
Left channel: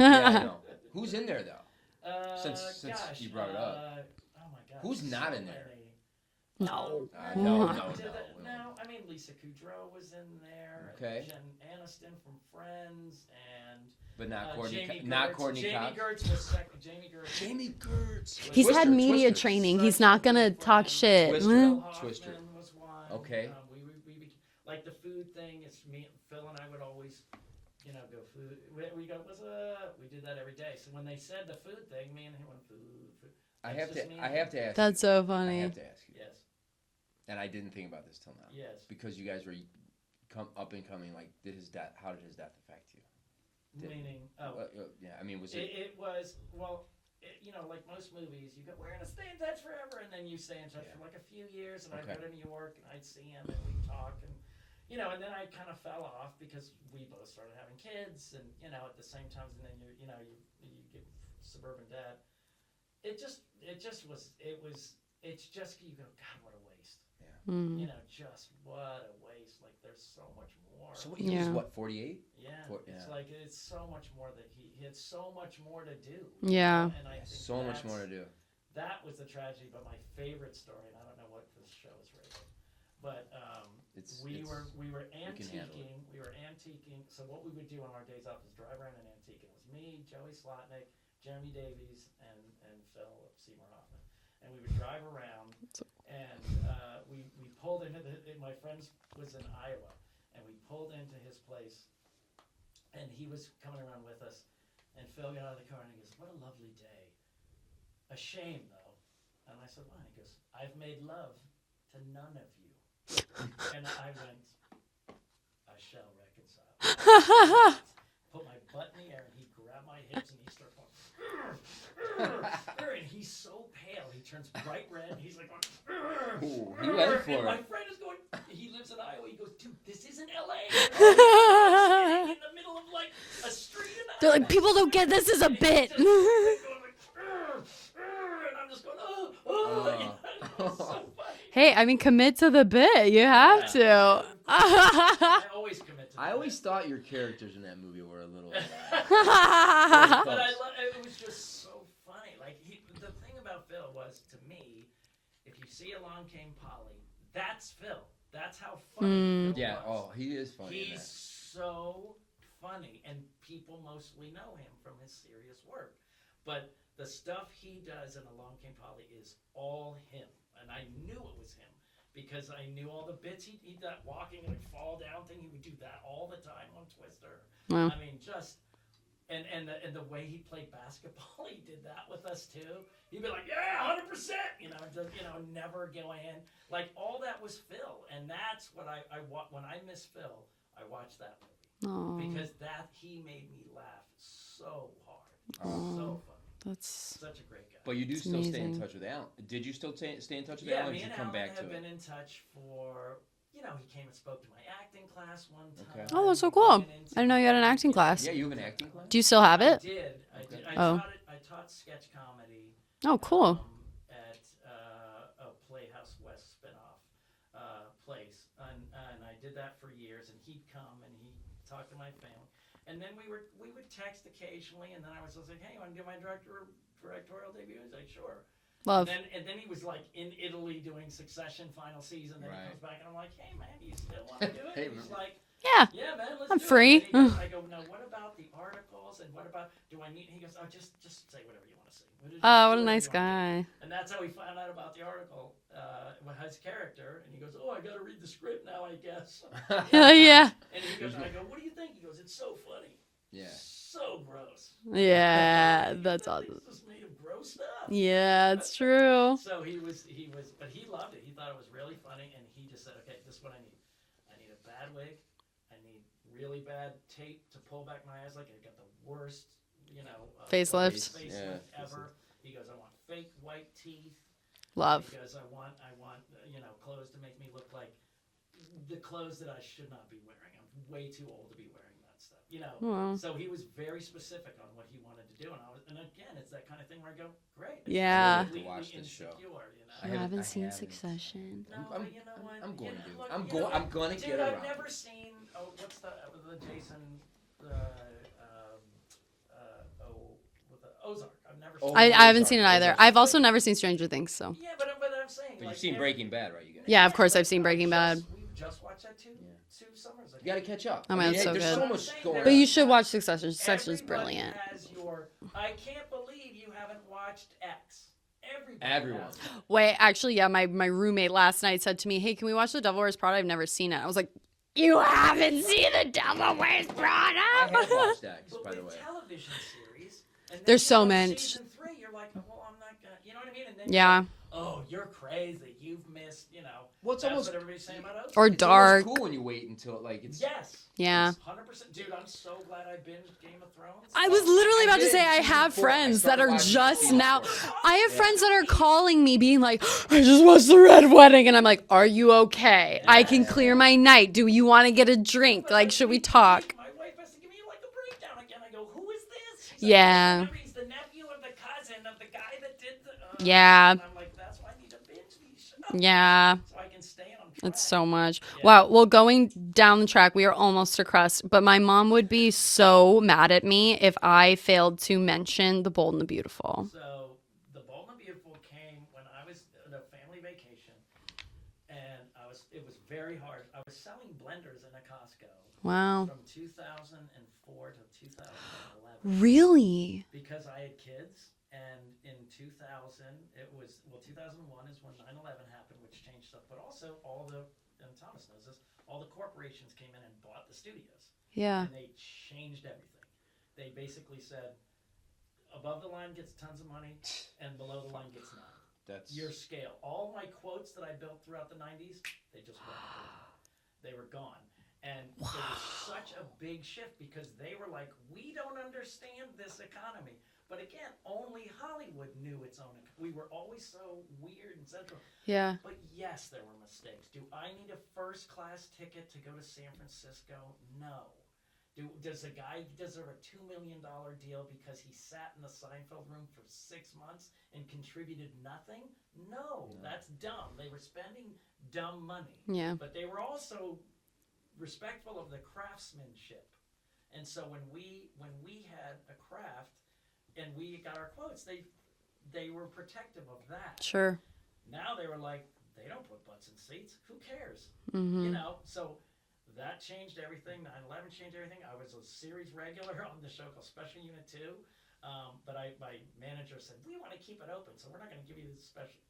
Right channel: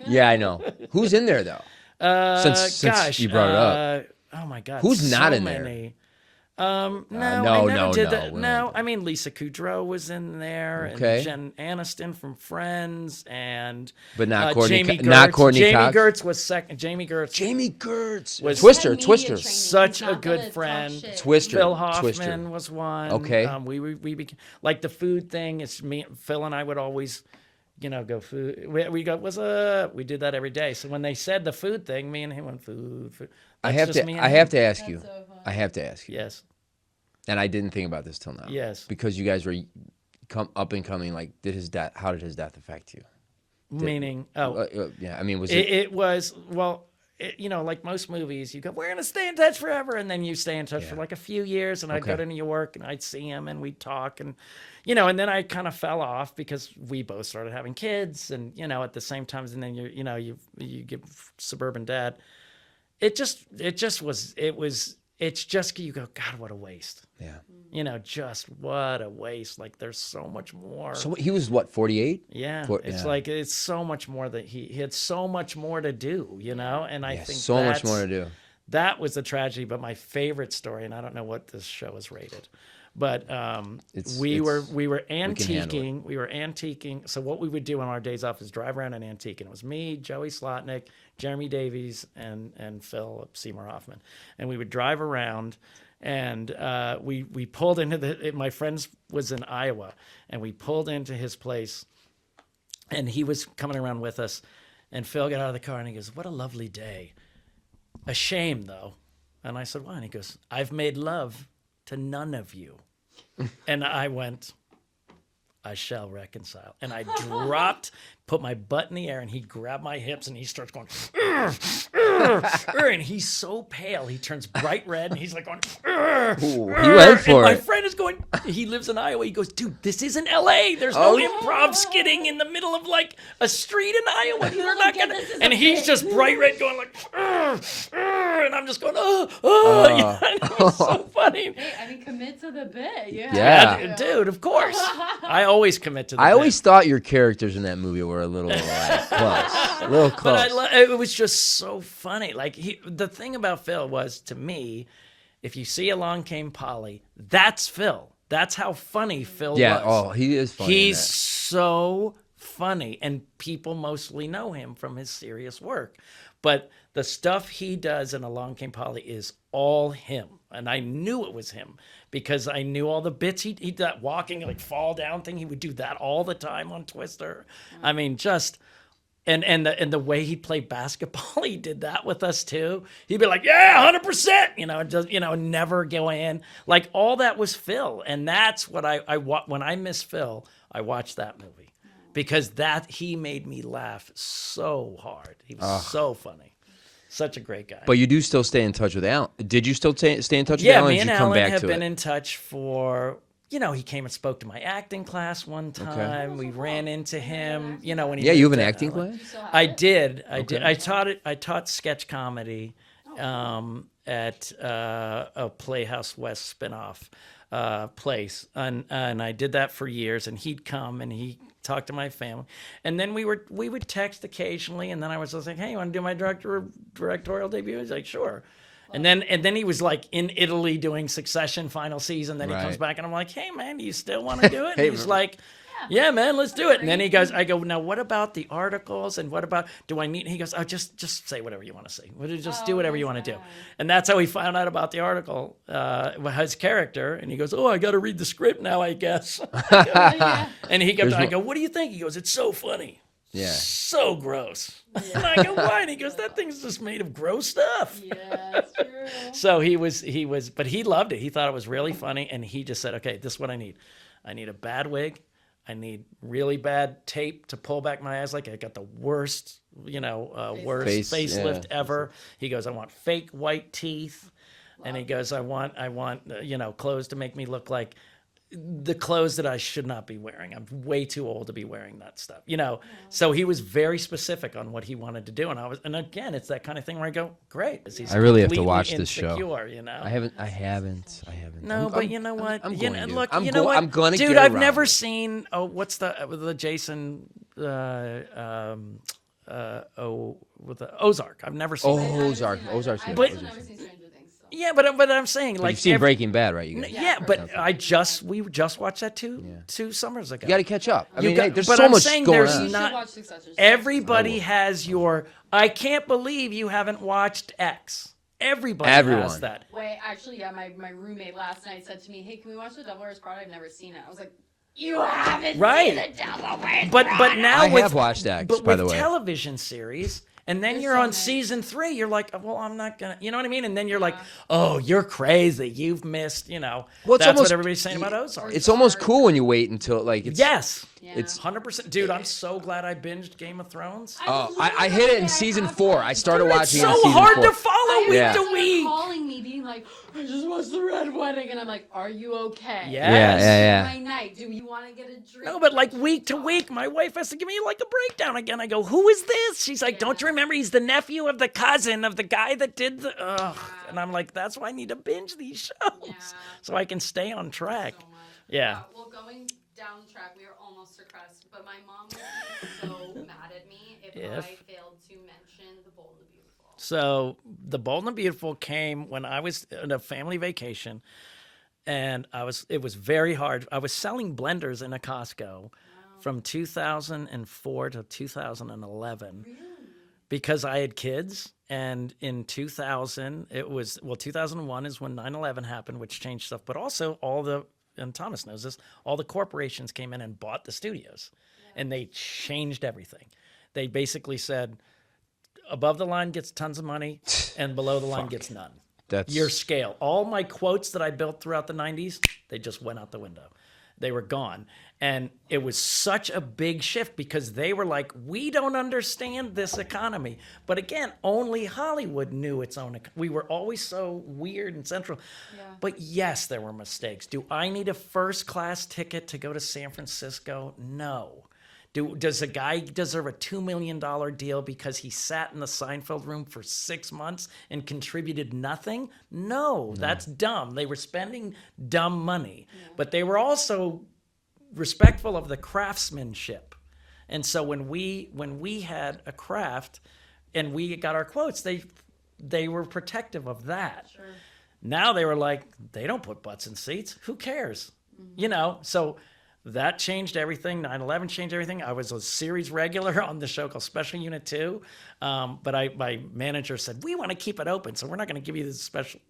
Yeah, I know. Who's in there though? Since Gosh, you brought it up. Oh my God. Who's not so in there? many. no, I never no, did no, that. we No, don't. I mean Lisa Kudrow was in there, Okay. and Jen Aniston from Friends, and But not Courtney. Jamie Not Gertz. Courtney Jamie Cox. Gertz was second. Jamie Gertz. Jamie Gertz. Was- He's Twister. had media Twister. training. Such He's not a good gonna talk friend. shit. Twister. Phil Twister. Hoffman was one. Okay. We became, like the food thing. It's me, Phil, and I would always, go food. We go, what's up? We did that every day. So when they said the food thing, me and him went food. I That's have just to. me and I him. have to ask you. That's so funny. I have to ask you. Yes. And I didn't think about this till now. Yes. Because you guys were up and coming. Like, how did his death affect you? Meaning, Yeah. I mean, was it was well. Like most movies, you go, we're gonna stay in touch forever, and then you stay in touch for like a few years. And I'd go Okay. to New York, and I'd see him, and we'd talk, and and then I kind of fell off because we both started having kids, and at the same time, and then you give suburban dad. It's just you go, God, what a waste. Yeah. Just what a waste. Like there's so much more. So he was what? 48. Yeah, Yeah. like it's so much more that he had so much more to do, you Yeah. know. And I think So much more to do. That was a tragedy. But my favorite story, and I don't know what this show is rated, but we were antiquing. We were antiquing. So what we would do on our days off is drive around and antique. And it was me, Joey Slotnick, Jeremy Davies, and Phil Seymour Hoffman. And we would drive around, and we pulled into my friend was in Iowa, and we pulled into his place, and he was coming around with us, and Phil got out of the car and he goes, "What a lovely day. A shame though." And I said, "Why?" And he goes, "I've made love to none of you." And I went, "I shall reconcile." And I dropped, put my butt in the air, and he grabbed my hips, and he starts going, "Urgh, urgh, urgh," and he's so pale, he turns bright red, and he's like going, "Urgh, Ooh, he urgh," went and for my it. friend is going, he lives in Iowa, he goes, "Dude, this isn't LA. There's no improv skidding in the middle of like a street in They're Iowa. like, people We're don't not get gonna-" this as a And he's bit. just bright red going like, "Urgh, urgh," and I'm just going, yeah, it was so funny. Hey, I mean, commit to the bit. You Yeah. have to. Dude, of course. I always commit to the I bit. always thought your characters in that movie were a little close. A little close. But it was just so funny. Like the thing about Phil was, to me, if you see Along Came Polly, that's Phil. That's how funny Phil Yeah. was. Oh, he is funny. in He's that. so funny, and people mostly know him from his serious work. But the stuff he does in Along Came Polly is all him, and I knew it was him because I knew all the bits he did, that walking like fall down thing. He would do that all the time on Twister. I mean, just. And the way he played basketball, he did that with us too. He'd be like, "Yeah, 100%," just never go in. Like all that was Phil, and that's what when I miss Phil, I watch that movie because he made me laugh so hard. He was so funny. Such a great guy. But you do still stay in touch with Alan. Did you still stay in touch with Yeah, Alan? me Or and did you come Alan back have to been it? in touch for. He came and spoke to my acting class one time. Oh, that's so We cool. ran into I didn't know you had an him, acting when class. he Yeah, you have moved an to acting LA. class? Do you still have I it? did. I Okay. did. I taught it. I taught sketch comedy. Oh, cool. At a Playhouse West spinoff place, and I did that for years. And he'd come and he talked to my family, and then we would text occasionally. And then I was just like, "Hey, you want to do my directorial debut?" He's like, "Sure." Love. And then he was like in Italy doing Succession final season. Then he comes Right. back and I'm like, "Hey man, do you still want to do it?" Hey, And he's like, Yeah. "Yeah, man, let's I'm do it." free. And then he goes, I go, "Now what about the articles and what about do I need?" He goes, "Oh, just say whatever you want to say. Just do whatever nice you want to do." guy. And that's how we found out about the article, his character. And he goes, "Oh, I got to read the script now, I guess." Yeah. And he goes, There's I no- go, "What do you think?" He goes, "It's so funny." Yeah. So gross. Yeah. And I go, "Why?" And he goes, That's "That awesome. thing's just made of gross stuff." Yeah, it's true. So he was, but he loved it. He thought it was really funny, and he just said, "Okay, this is what I need. I need a bad wig. I need really bad tape to pull back my eyes. Like I got the worst, Facelift. worst Face, facelift ever." He goes, "I want fake white teeth." Love. And he goes, I want, clothes to make me look like the clothes that I should not be wearing. I'm way too old to be wearing that stuff, So he was very specific on what he wanted to do, and again, it's that kind of thing where I go, "Great, this is Yeah. I really have to completely watch this show. insecure, I haven't. I haven't seen haven't. Succession. I haven't. No, I'm- but I'm- you know what? I'm You going know, to. look, I'm you know what? I'm gonna Dude, get I've around never it. seen. Oh, what's the Jason? With the Ozark. I've never seen. Oh, I haven't Ozark. seen it either. Ozark's I've also amazing. never seen Stranger Things, so. Yeah, but I'm saying But like you've seen every- Breaking Bad, right? You guys. Yeah, of course but I've seen I Breaking just Bad. we just watched that two summers ago. You got to catch up. Oh I my mean, God. there's But so I'm much saying going there's on. You should not- watch Succession. Everybody Succession's has your. I can't believe you haven't watched X. Everybody Everyone. has that. Wait, actually, yeah, my roommate last night said to me, "Hey, can we watch The Devil Wears Prada? I've never seen it." I was like, "You haven't Right. seen The Devil Wears But Prada?" now I with, have watched X, but by with the way. television series, and then There's you're so on many. season 3, you're like, "Well, I'm not gonna," you know what I mean? And then you're Yeah. like, "Oh, you're crazy. You've missed," Well, it's that's almost- what everybody's saying about Ozark. Or It's almost Dark. cool when you wait until like it's. Yes. Yeah. It's 100%. Dude, I'm so glad I binged Game of Thrones. I was literally I about hit to it say in I season have 4. I friends started that are watching it in so season hard 4. to follow. I have week friends to that are week. calling me, being like, "I just watched The Red Wedding," and I'm like, "Are you okay? Yeah. I Yeah, can yeah, clear yeah. my night. Do you want to get a No, drink? but like, should we week to talk?" week, my wife has to give me like a breakdown again. I go, "Who is this?" She's like, "Don't you Yeah. remember? He's the nephew of the cousin of the guy that did the." Yeah. And I'm like, "That's why I need to binge these shows." Yeah. So I can stay on track. It's so much. Yeah. Wow. Well, going down the track, we are almost to crust, but my mom would be so mad at me if I failed to mention The Bold and the Beautiful. So The Bold and the Beautiful came when I was on a family vacation, and it was very hard. I was selling blenders in a Costco Wow. from 2004 to 2011 Really? because I had kids. And in 2000, 2001 is when 9/11 happened, which changed stuff. But also and Thomas knows this, all the corporations came in and bought the studios. Yeah. And they changed everything. They basically said, above the line gets tons of money, and below the line gets none. That's Your scale. All my quotes that I built throughout the 90s, they just went out the window. They were gone. And it was such a big shift because they were like, "We don't understand this economy." But again, only Hollywood knew its own. We were always so weird and central. Yeah. But yes, there were mistakes. Do I need a first class ticket to go to San Francisco? No. Does a guy deserve a $2 million deal because he sat in the Seinfeld room for 6 months and contributed nothing? No, that's dumb. They were spending dumb money. Yeah. But they were also respectful of the craftsmanship. And so when we had a craft and we got our quotes, they were protective of that. Sure. Now they were like, they don't put butts in seats. Who cares? You know, so that changed everything. 9/11 changed everything. I was a series regular on the show called Special Unit 2. But my manager said, we want to keep it open, so we're not going to give you this special.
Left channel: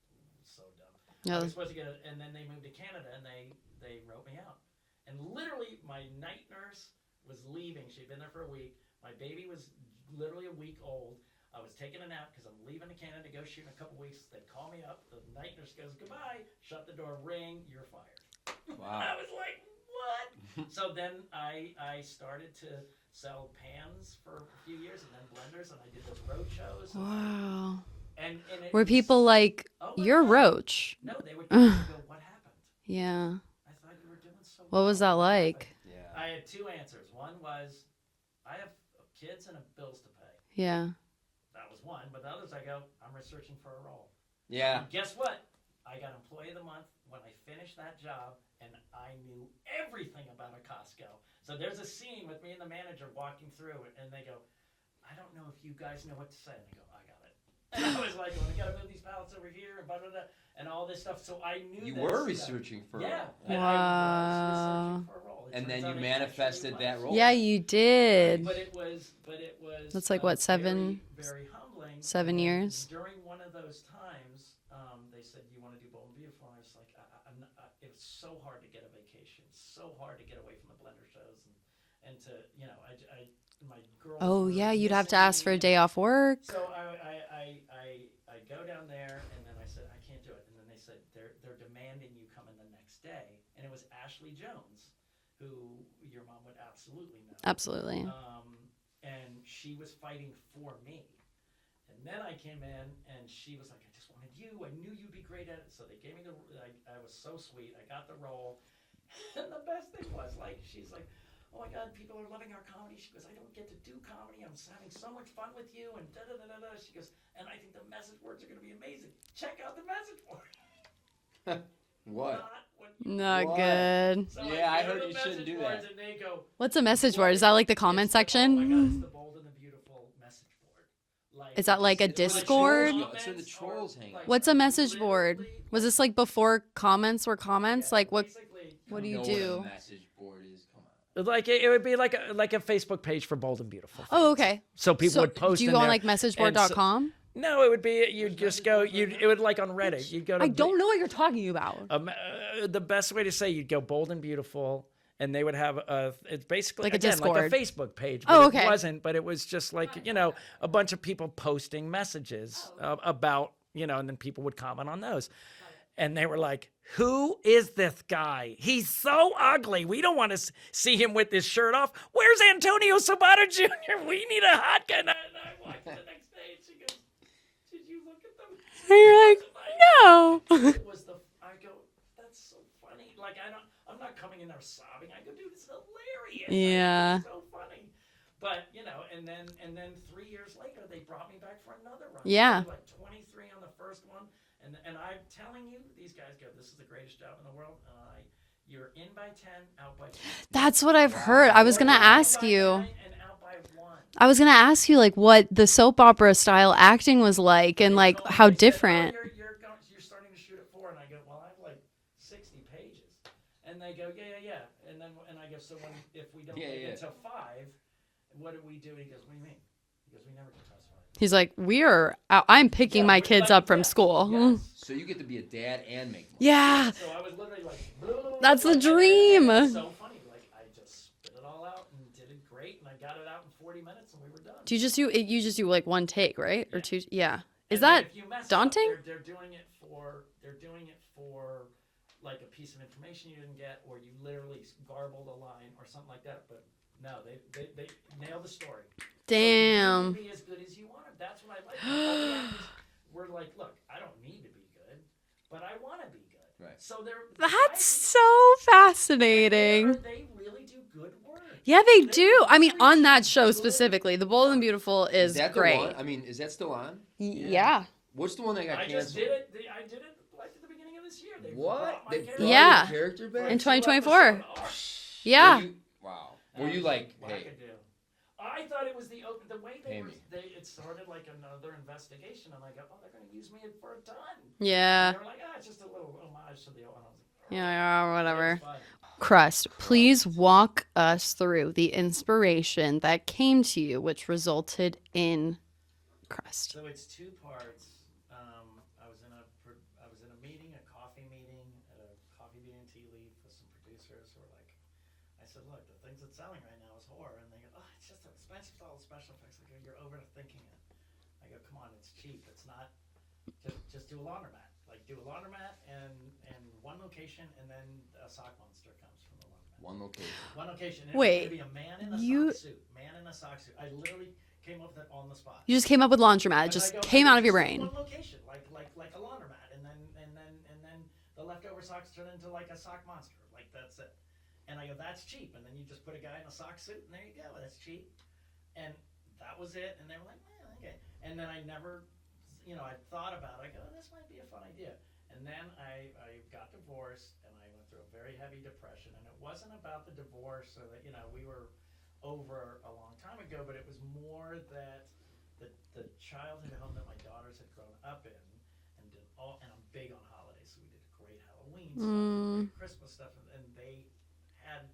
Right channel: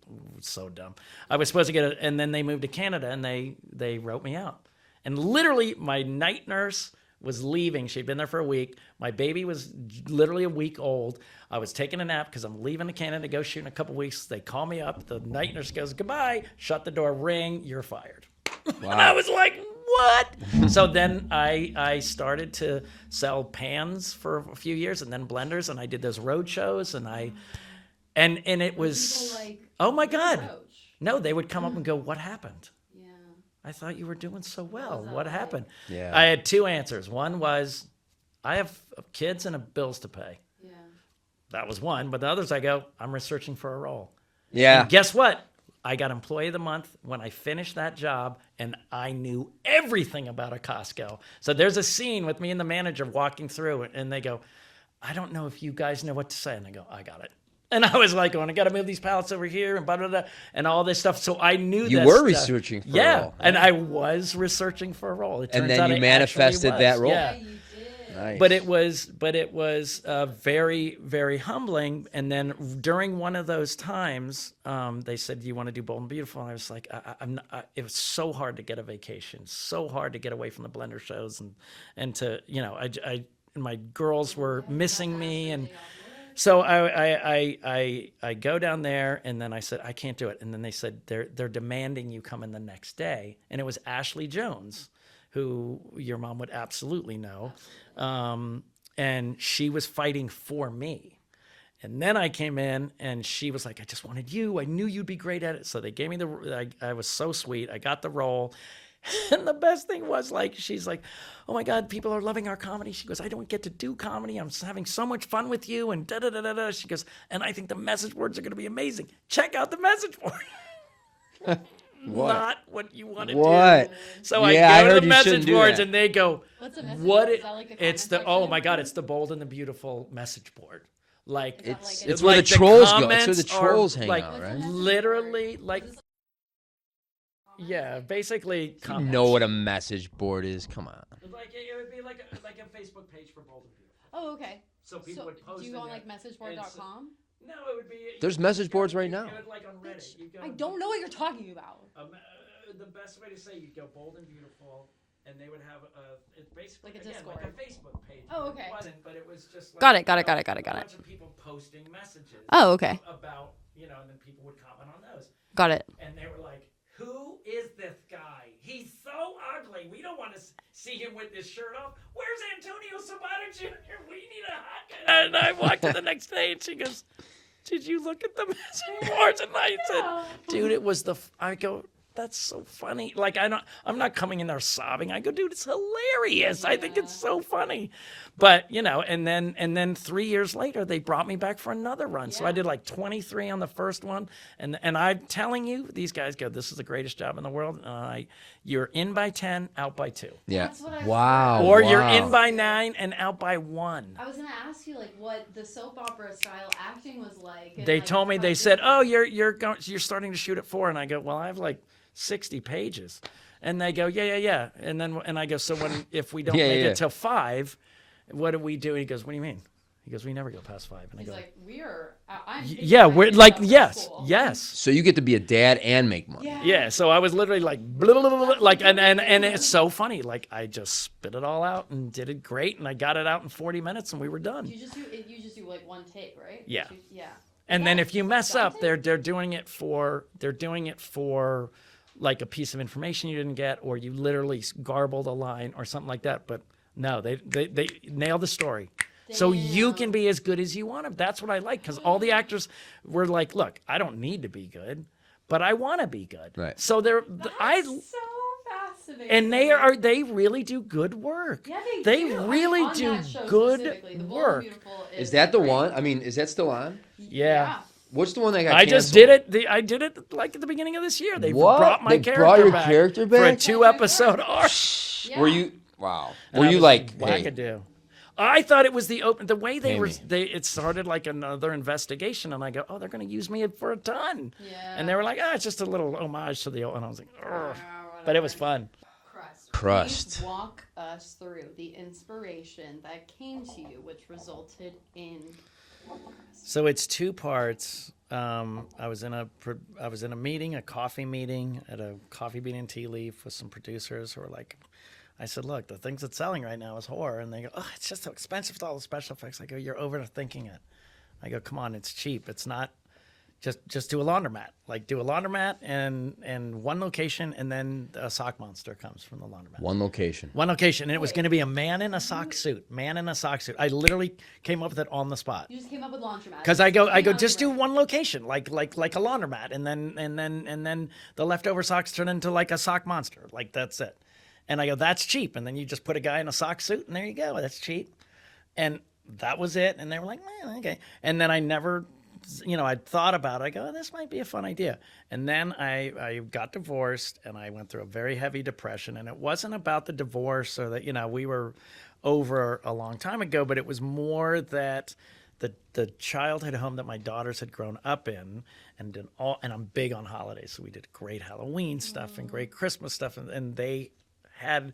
So dumb. I was supposed to get it. And then they moved to Canada and they wrote me out. And literally my night nurse was leaving. She'd been there for a week. My baby was literally a week old. I was taking a nap because I'm leaving to Canada to go shoot in a couple weeks. They call me up. The night nurse goes, goodbye. Shut the door. Ring. You're fired. Wow. And I was like, what? So then I started to sell pans for a few years and then blenders. And I did those road shows. And and it Were was. people like, oh my you're God. Roach? No, they would come up and go, what happened? Yeah. I thought you were doing so well. What was that like? happened? Yeah. I had two answers. One was, I have kids and bills to pay. Yeah. That was one. But the others, I go, I'm researching for a role. Yeah. And guess what? I got Employee of the Month when I finished that job, and I knew everything about a Costco. So there's a scene with me and the manager walking through, and they go, I don't know if you guys know what to say. And I go, I got it. And I was like, I got to move these pallets over here and blah, blah, blah, and all this stuff. So I knew You that were stuff. researching for a Yeah, role. and I was researching for a role. It And turns then out you I manifested actually that was. role. Yeah, you did. But it was That's like, what, very, 7 very humbling. 7 and then years? during one of those times, they said, do you want to do Bold and Beautiful? And I was like, I'm not, it was so hard to get a vacation, so hard to get away from the blender shows and to, you know, I my girls oh, were yeah, you'd missing have to ask me for a and- day off work. So I go down there, and then I said, I can't do it. And then they said, they're demanding you come in the next day. And it was Ashley Jones, who your mom would absolutely know. Absolutely. And she was fighting for me. And then I came in, and she was like, I just wanted you. I knew you'd be great at it. So they gave me I was so sweet. I got the role. And the best thing was, like, she's like, oh my God, people are loving our comedy. She goes, I don't get to do comedy. I'm having so much fun with you. And da da da da da. She goes, and I think the message boards are going to be amazing. Check out the message board. What? Not what you want to Not do. What? good. So Yeah, I I go to heard the you shouldn't message do boards, that. and they go, What's a message "What board? Is that like the it's comment section? Oh my God, it's the Bold and the Beautiful message board. Like, Is that like a it's where the Discord? trolls go. It's where the comments are, trolls hang like, out, What's a right? message board? Literally, like- Was this like before comments were comments? Yeah, like what? basically, You comments. know what a do? message board is? Come on. Like it would be like a Facebook page for Bold and Beautiful. Oh, okay. So people would post. Do you in go on there, like and so- messageboard.com? No, it would be. You'd There's just message go, boards right you'd- now. It would like on Reddit. You'd go to. I don't know what you're talking about. The best way to say you'd go Bold and Beautiful, and they would have it's basically Like a again, Discord. like a Facebook page. Oh, but okay. It wasn't, but it was just like Got it, you got it, know, got it, got it, a got bunch of people posting messages. Oh, okay. About and then people would comment on those, Got it. and they were like, "Who is this guy? He's so ugly. We don't want to see him with his shirt off. Where's Antonio Sabata Jr.? We need a hot guy." And I walked to the next day, and she goes, "Did you look at the message boards?" And I No. said, "Dude, it was I go, that's so funny. Like I'm not coming in there sobbing. I go, dude, it's hilarious. I think Yeah. it's so funny." But and then 3 years later they brought me back for another run. So Yeah. I did like 23 on the first one, and I'm telling you, these guys go, "This is the greatest job in the world." You're in by 10, out by 2, Yeah. That's what I've Wow. heard. I was or gonna you're ask in by you. 9 and out by 1. I was gonna ask you like what the soap opera style acting was like, and They like told me, how they said, different. "Oh, you're starting to shoot at 4," and I go, "Well, I have like 60 pages," and they go, "Yeah," and I go, "So if we don't Yeah, make yeah. it till 5, what do we do?" And he goes, "What do you mean?" He goes, "We never go past 5." And I He's go, like, I'm picking "Yeah, my we're kids like, up from yes, school. yes." So you get to be a dad and make money. Yeah. Yeah, so I was literally like, blah, blah, blah, blah, That's the like, and dream. it's so funny. Like I just spit it all out and did it great, and I got it out in 40 minutes, and we were done. Do you just do like one take, right? Yeah. Or two, yeah. Is And then that if you mess daunting? up, they're doing it for like a piece of information you didn't get, or you literally garbled a line or something like that. But no, they nailed the story. So you Damn. can be as good as you want to. That's what I like, because all the actors were like, "Look, I don't need to be good. but I want to be good. Right. So they're That's so fascinating. and they really do good work. Yeah, they do. I mean, really on do that show good specifically, The Bold and work. Beautiful is that the great. one? I mean, is that still on? Yeah. What's the one that got I just canceled? did it. I did it like at the beginning of this year. They What? brought my They character brought your back character for a back? 2-episode 2024. arc. Yeah. Were you, wow. And Were I you was like, hey, wackadoo? I thought it was the way they were. Amy. It started like another investigation, and I go, oh, they're going to use me for a ton. Yeah. And they were like, it's just a little homage to the old. And I was like, oh. Yeah, But whatever. it was fun. Crust, please walk us through the inspiration that came to you, which resulted in Crust. So it's 2 parts. I was in a meeting, a coffee meeting at a Coffee Bean and Tea Leaf with some producers who were like, I said, look, the things that's selling right now is horror. And they go, oh, it's just so expensive with all the special effects. I go, you're overthinking it. I go, come on, it's cheap. It's not, just do a laundromat. Like do a laundromat and one location, and then a sock monster comes from the laundromat. one location? One location. And it was Wait, going to be a man in a sock suit. Man in a sock suit. I literally came up with it on the spot. You just came up with laundromat. Because Just I go, came out of just your do brain. one location, like a laundromat, and then the leftover socks turn into like a sock monster, like that's it. And I go, that's cheap. And then you just put a guy in a sock suit, and there you go, that's cheap. And that was it. And they were like, okay. And then I never, I thought about it. I go, oh, this might be a fun idea. And then I got divorced, and I went through a very heavy depression. And it wasn't about the divorce or that, we were over a long time ago, but it was more that the childhood home that my daughters had grown up in, and I'm big on holidays, so we did great Halloween stuff and great Christmas stuff, and they had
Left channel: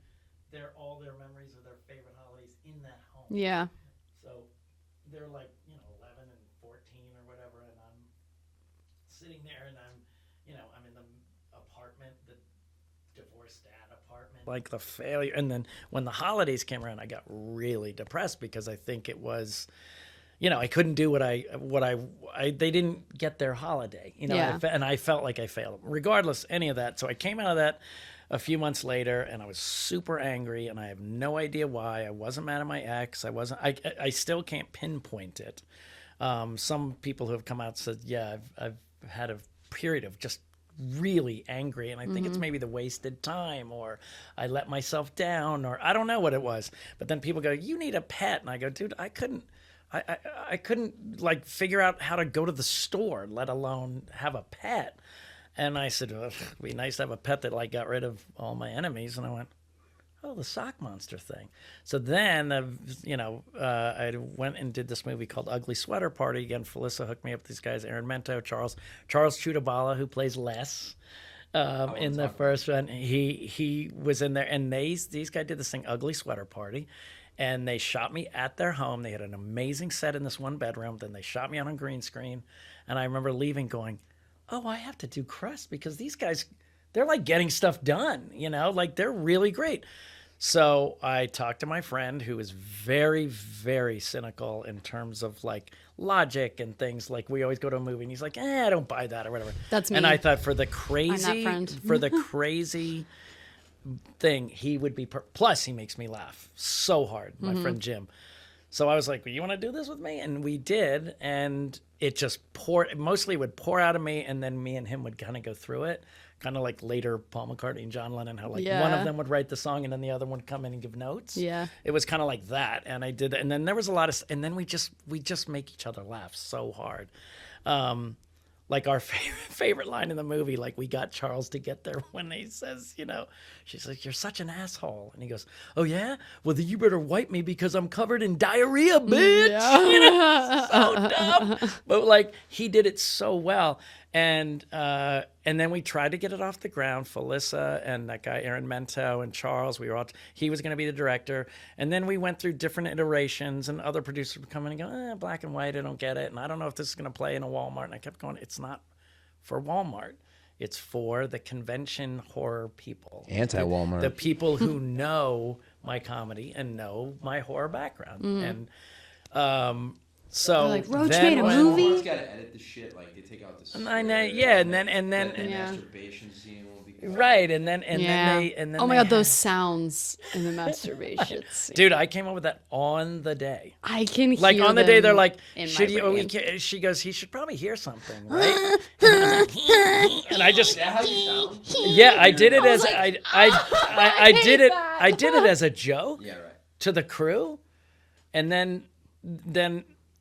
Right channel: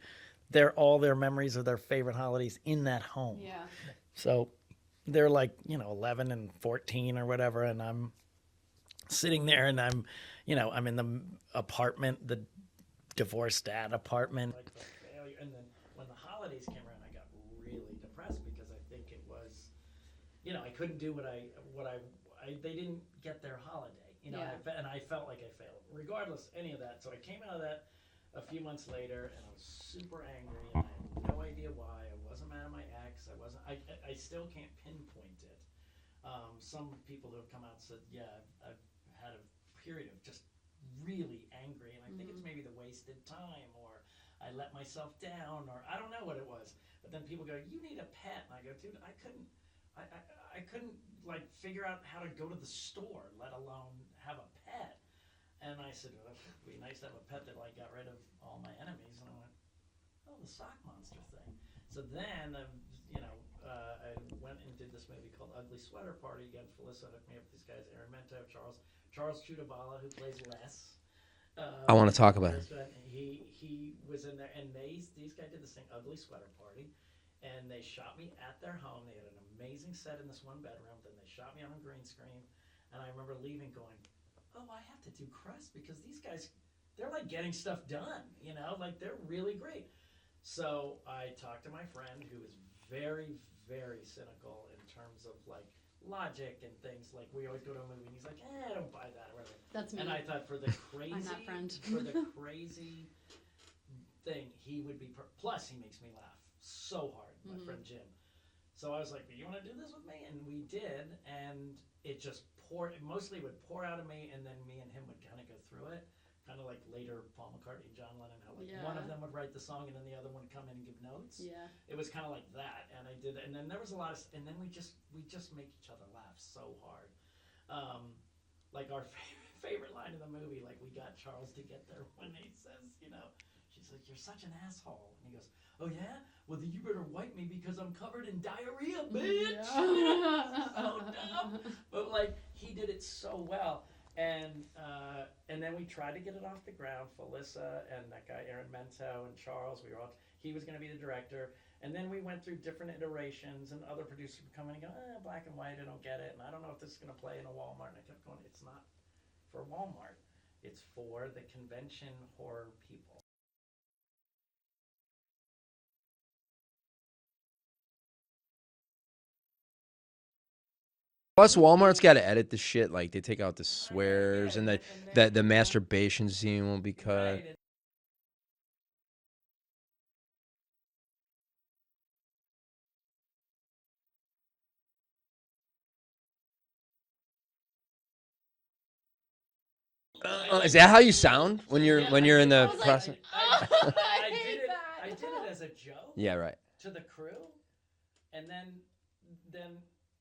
all their memories of their favorite holidays in that home. Yeah. So they're like 11 and 14 or whatever, and I'm sitting there, and I'm in the apartment, the divorced dad apartment, like the failure. And then when the holidays came around, I got really depressed because I think it was, I couldn't do what I they didn't get their holiday, Yeah. and I felt like I failed regardless any of that. So I came out of that a few months later, and I was super angry, and I have no idea why. I wasn't mad at my ex. I still can't pinpoint it. Some people who have come out and said, yeah, I've had a period of just really angry, and I think it's maybe the wasted time, or I let myself down, or I don't know what it was. But then people go, you need a pet. And I go, dude, I couldn't like figure out how to go to the store, let alone have a pet. And I said, well, it'd be nice to have a pet that like got rid of all my enemies. And I went, oh, the sock monster thing. So then, I went and did this movie called Ugly Sweater Party. Again, Felissa hooked me up with these guys, Aaron Mento, Charles Chudabala, who plays Les. I want to talk about it. He was in there, and these guys did this thing, Ugly Sweater Party. And they shot me at their home. They had an amazing set in this one bedroom. Then they shot me on a green screen. And I remember leaving going, oh, I have to do Crust because these guys, they're like getting stuff done, like they're really great. So I talked to my friend who is very, very cynical in terms of like logic and things. Like we always go to a movie and he's like, I don't buy that or whatever. That's me. And I thought for the I'm that crazy, friend. thing, he would be, plus he makes me laugh so hard, my friend Jim. So I was like, well, you want to do this with me? And we did, and it just mostly would pour out of me, and then me and him would kind of go through it, kind of like later Paul McCartney and John Lennon, how like one of them would write the song and then the other one would come in and give notes. Yeah. It was kind of like that, and I did that. And then there was a lot of, and then we just make each other laugh so hard. Like our favorite line in the movie, like we got Charles to get there when he says, she's like, you're such an asshole. And he goes, oh yeah? Well, then you better wipe me because I'm covered in diarrhea, bitch. Yeah. So dumb. But like he did it so well. And then we tried to get it off the ground. Felissa and that guy Aaron Mento and Charles, he was going to be the director. And then we went through different iterations, and other producers would come in and go, black and white, I don't get it. And I don't know if this is going to play in a Walmart. And I kept going, it's not for Walmart. It's for the convention horror people. Anti-Walmart. The people who know my comedy and know my horror background. And So like, Roach then made a Plus, movie? Walmart's got to edit the shit. Like they take out the I know, swears. yeah, and and then- the and- masturbation scene won't be cut. right, and then Yeah. then Oh my they god, those had- sounds in the masturbation scene. dude, I came up with that on the day. I can Like hear on the day, they're them like, in should my you? brain. She goes, he should probably hear something, right? And I Is just that how you sound? When you're, yeah, when I you're did in it the as process? I did it. I did it as a joke Yeah, right. to the crew, and then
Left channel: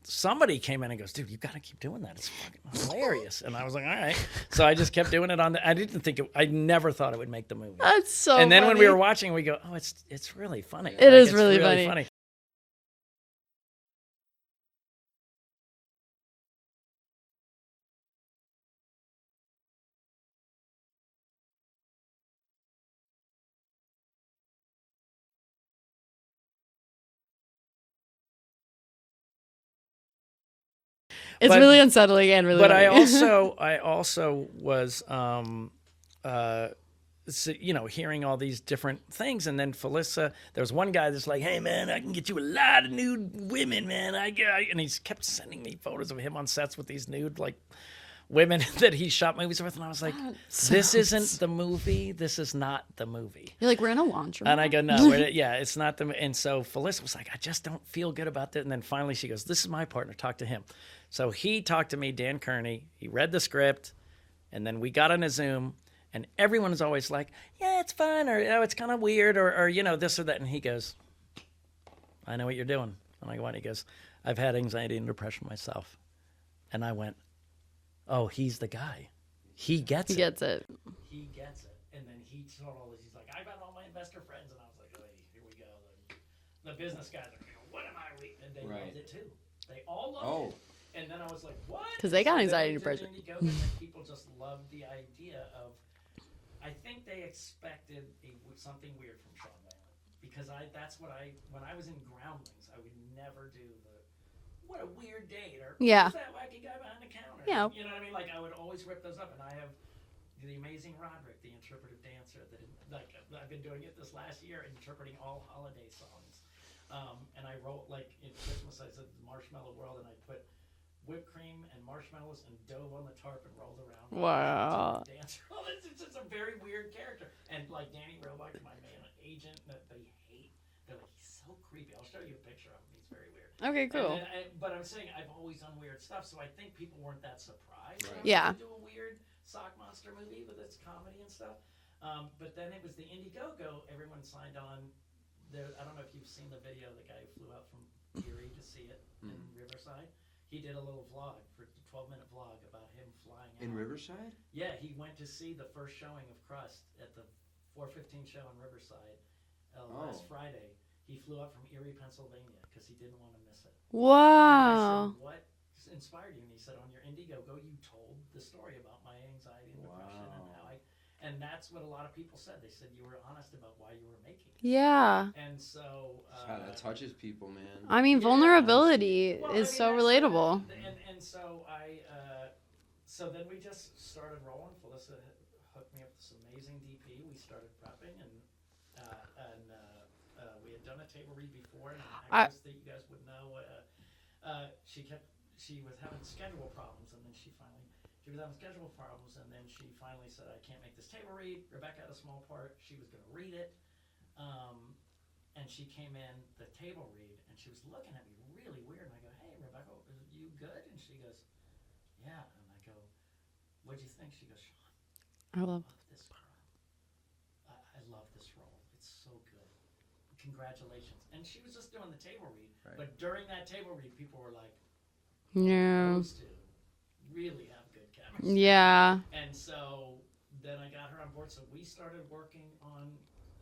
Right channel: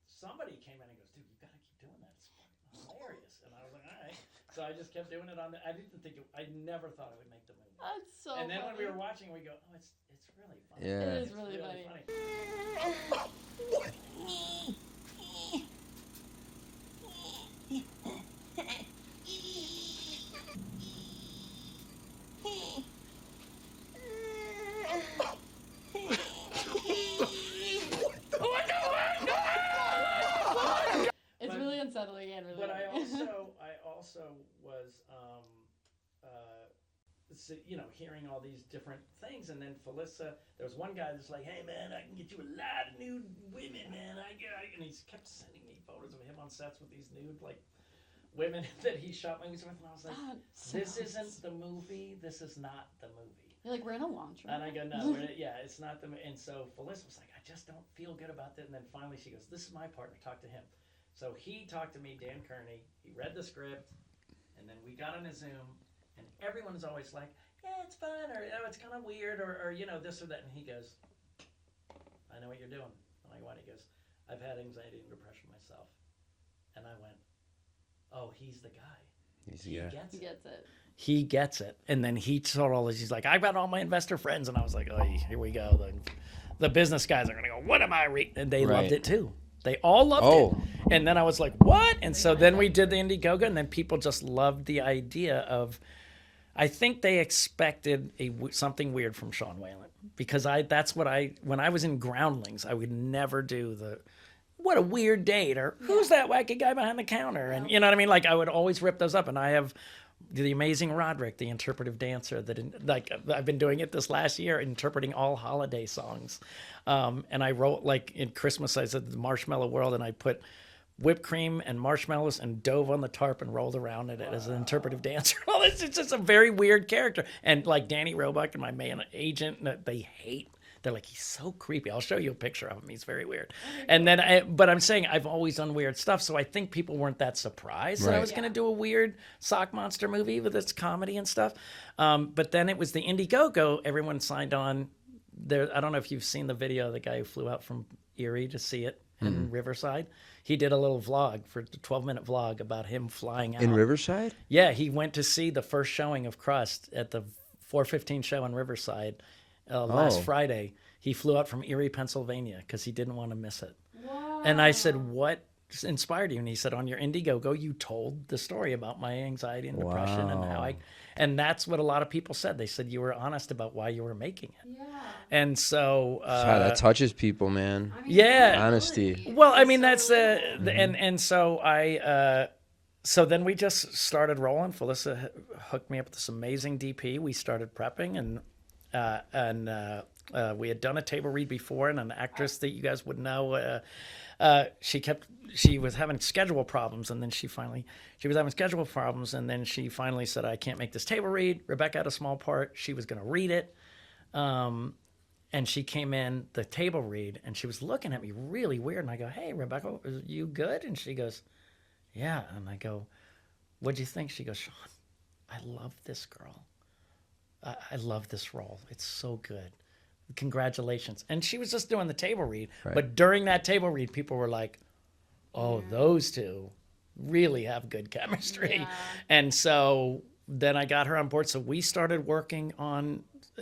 somebody came in and goes, dude, you got to keep doing that. It's fucking hilarious. And I was like, all right. So I just kept doing it on the. I didn't think it. I never thought it would make the movie. That's so And then when we funny. were watching, we go, oh, it's really funny. Yeah. It is it's really funny. It's But- really unsettling and really But funny. I also was hearing all these different things, and then Felissa, there was one guy that's like, hey man, I can get you a lot of nude women, man. And he kept sending me photos of him on sets with these nude like women that he shot movies with, and I was like, this isn't the movie. This is not the movie. You're like, we're in a laundromat. And I go, no, yeah, it's not the. And so Felissa was like, I just don't feel good about that. And then finally she goes, this is my partner. Talk to him. So he talked to me, Dan Kearney. He read the script, and then we got on a Zoom. And everyone is always like, yeah, it's fun, or oh, it's kind of weird, or this or that. And he goes, I know what you're doing. And I go, and he goes, I've had anxiety and depression myself. And I went, oh, he's the guy. He gets He it. gets it. He gets it. And then he told all this. He's like, I've got all my investor friends. And I was like, oh, here we go. The business guys are going to go, what am I reading? And they Right. loved it too. They all loved Oh. it. And then I was like, what? And they so got then we anxiety did the Indiegogo, and then people just loved the idea of, I think they expected something weird from Sean Whalen. Because when I was in Groundlings, I would never do what a weird date, or Yeah. who's that wacky guy behind the counter? Yeah. And, you know what I mean? Like I would always rip those up, and I have the amazing Roderick, the interpretive dancer I've been doing it this last year, interpreting all holiday songs. And I wrote like in Christmas, I said the Marshmallow World, and I put whipped cream and marshmallows and dove on the tarp and rolled around in it as an interpretive dancer. All this, it's just a very weird character. And like Danny Roebuck and my man agent, they hate. They're like, he's so creepy. I'll show you a picture of him. He's very weird. Okay, And cool. then, but I'm saying I've always done weird stuff, so I think people weren't that surprised that I Right. was Yeah. going to do a weird sock monster movie with its comedy and stuff. But then it was the Indiegogo. Everyone signed on. There, I don't know if you've seen the video of the guy who flew out from Erie to see it in Riverside. He did a little vlog for the 12-minute vlog about him flying out. In Riverside? Yeah, he went to see the first showing of Crust at the 4:15 show in Riverside last Friday. He flew out from Erie, Pennsylvania, because he didn't want to miss it. Wow. And I said, what inspired you? And he said, on your Indiegogo, you told the story about my anxiety and depression and how and that's what a lot of people said. They said you were honest about why you were making it. Yeah. And so, God, that touches people, man. I mean, Yeah. vulnerability. well, I is mean, so that's relatable. and so so then we just started rolling. Felissa hooked me up with this amazing DP. We started prepping, and we had done a table read before, and an actress that you guys would know. She was having schedule problems, and then she was having schedule problems, and then she finally said, I can't make this table read. Rebecca had a small part. She was going to read it. And she came in the table read, and she was looking at me really weird. And I go, hey, Rebecca, are you good? And she goes, yeah. And I go, what'd you think? She goes, Sean, I love this girl. I love this role. It's so good. Congratulations. And she was just doing the table read. Right. But during that table read, people were like, oh, Yeah. those two really have good chemistry. Yeah. And so then I got her on board. So we started working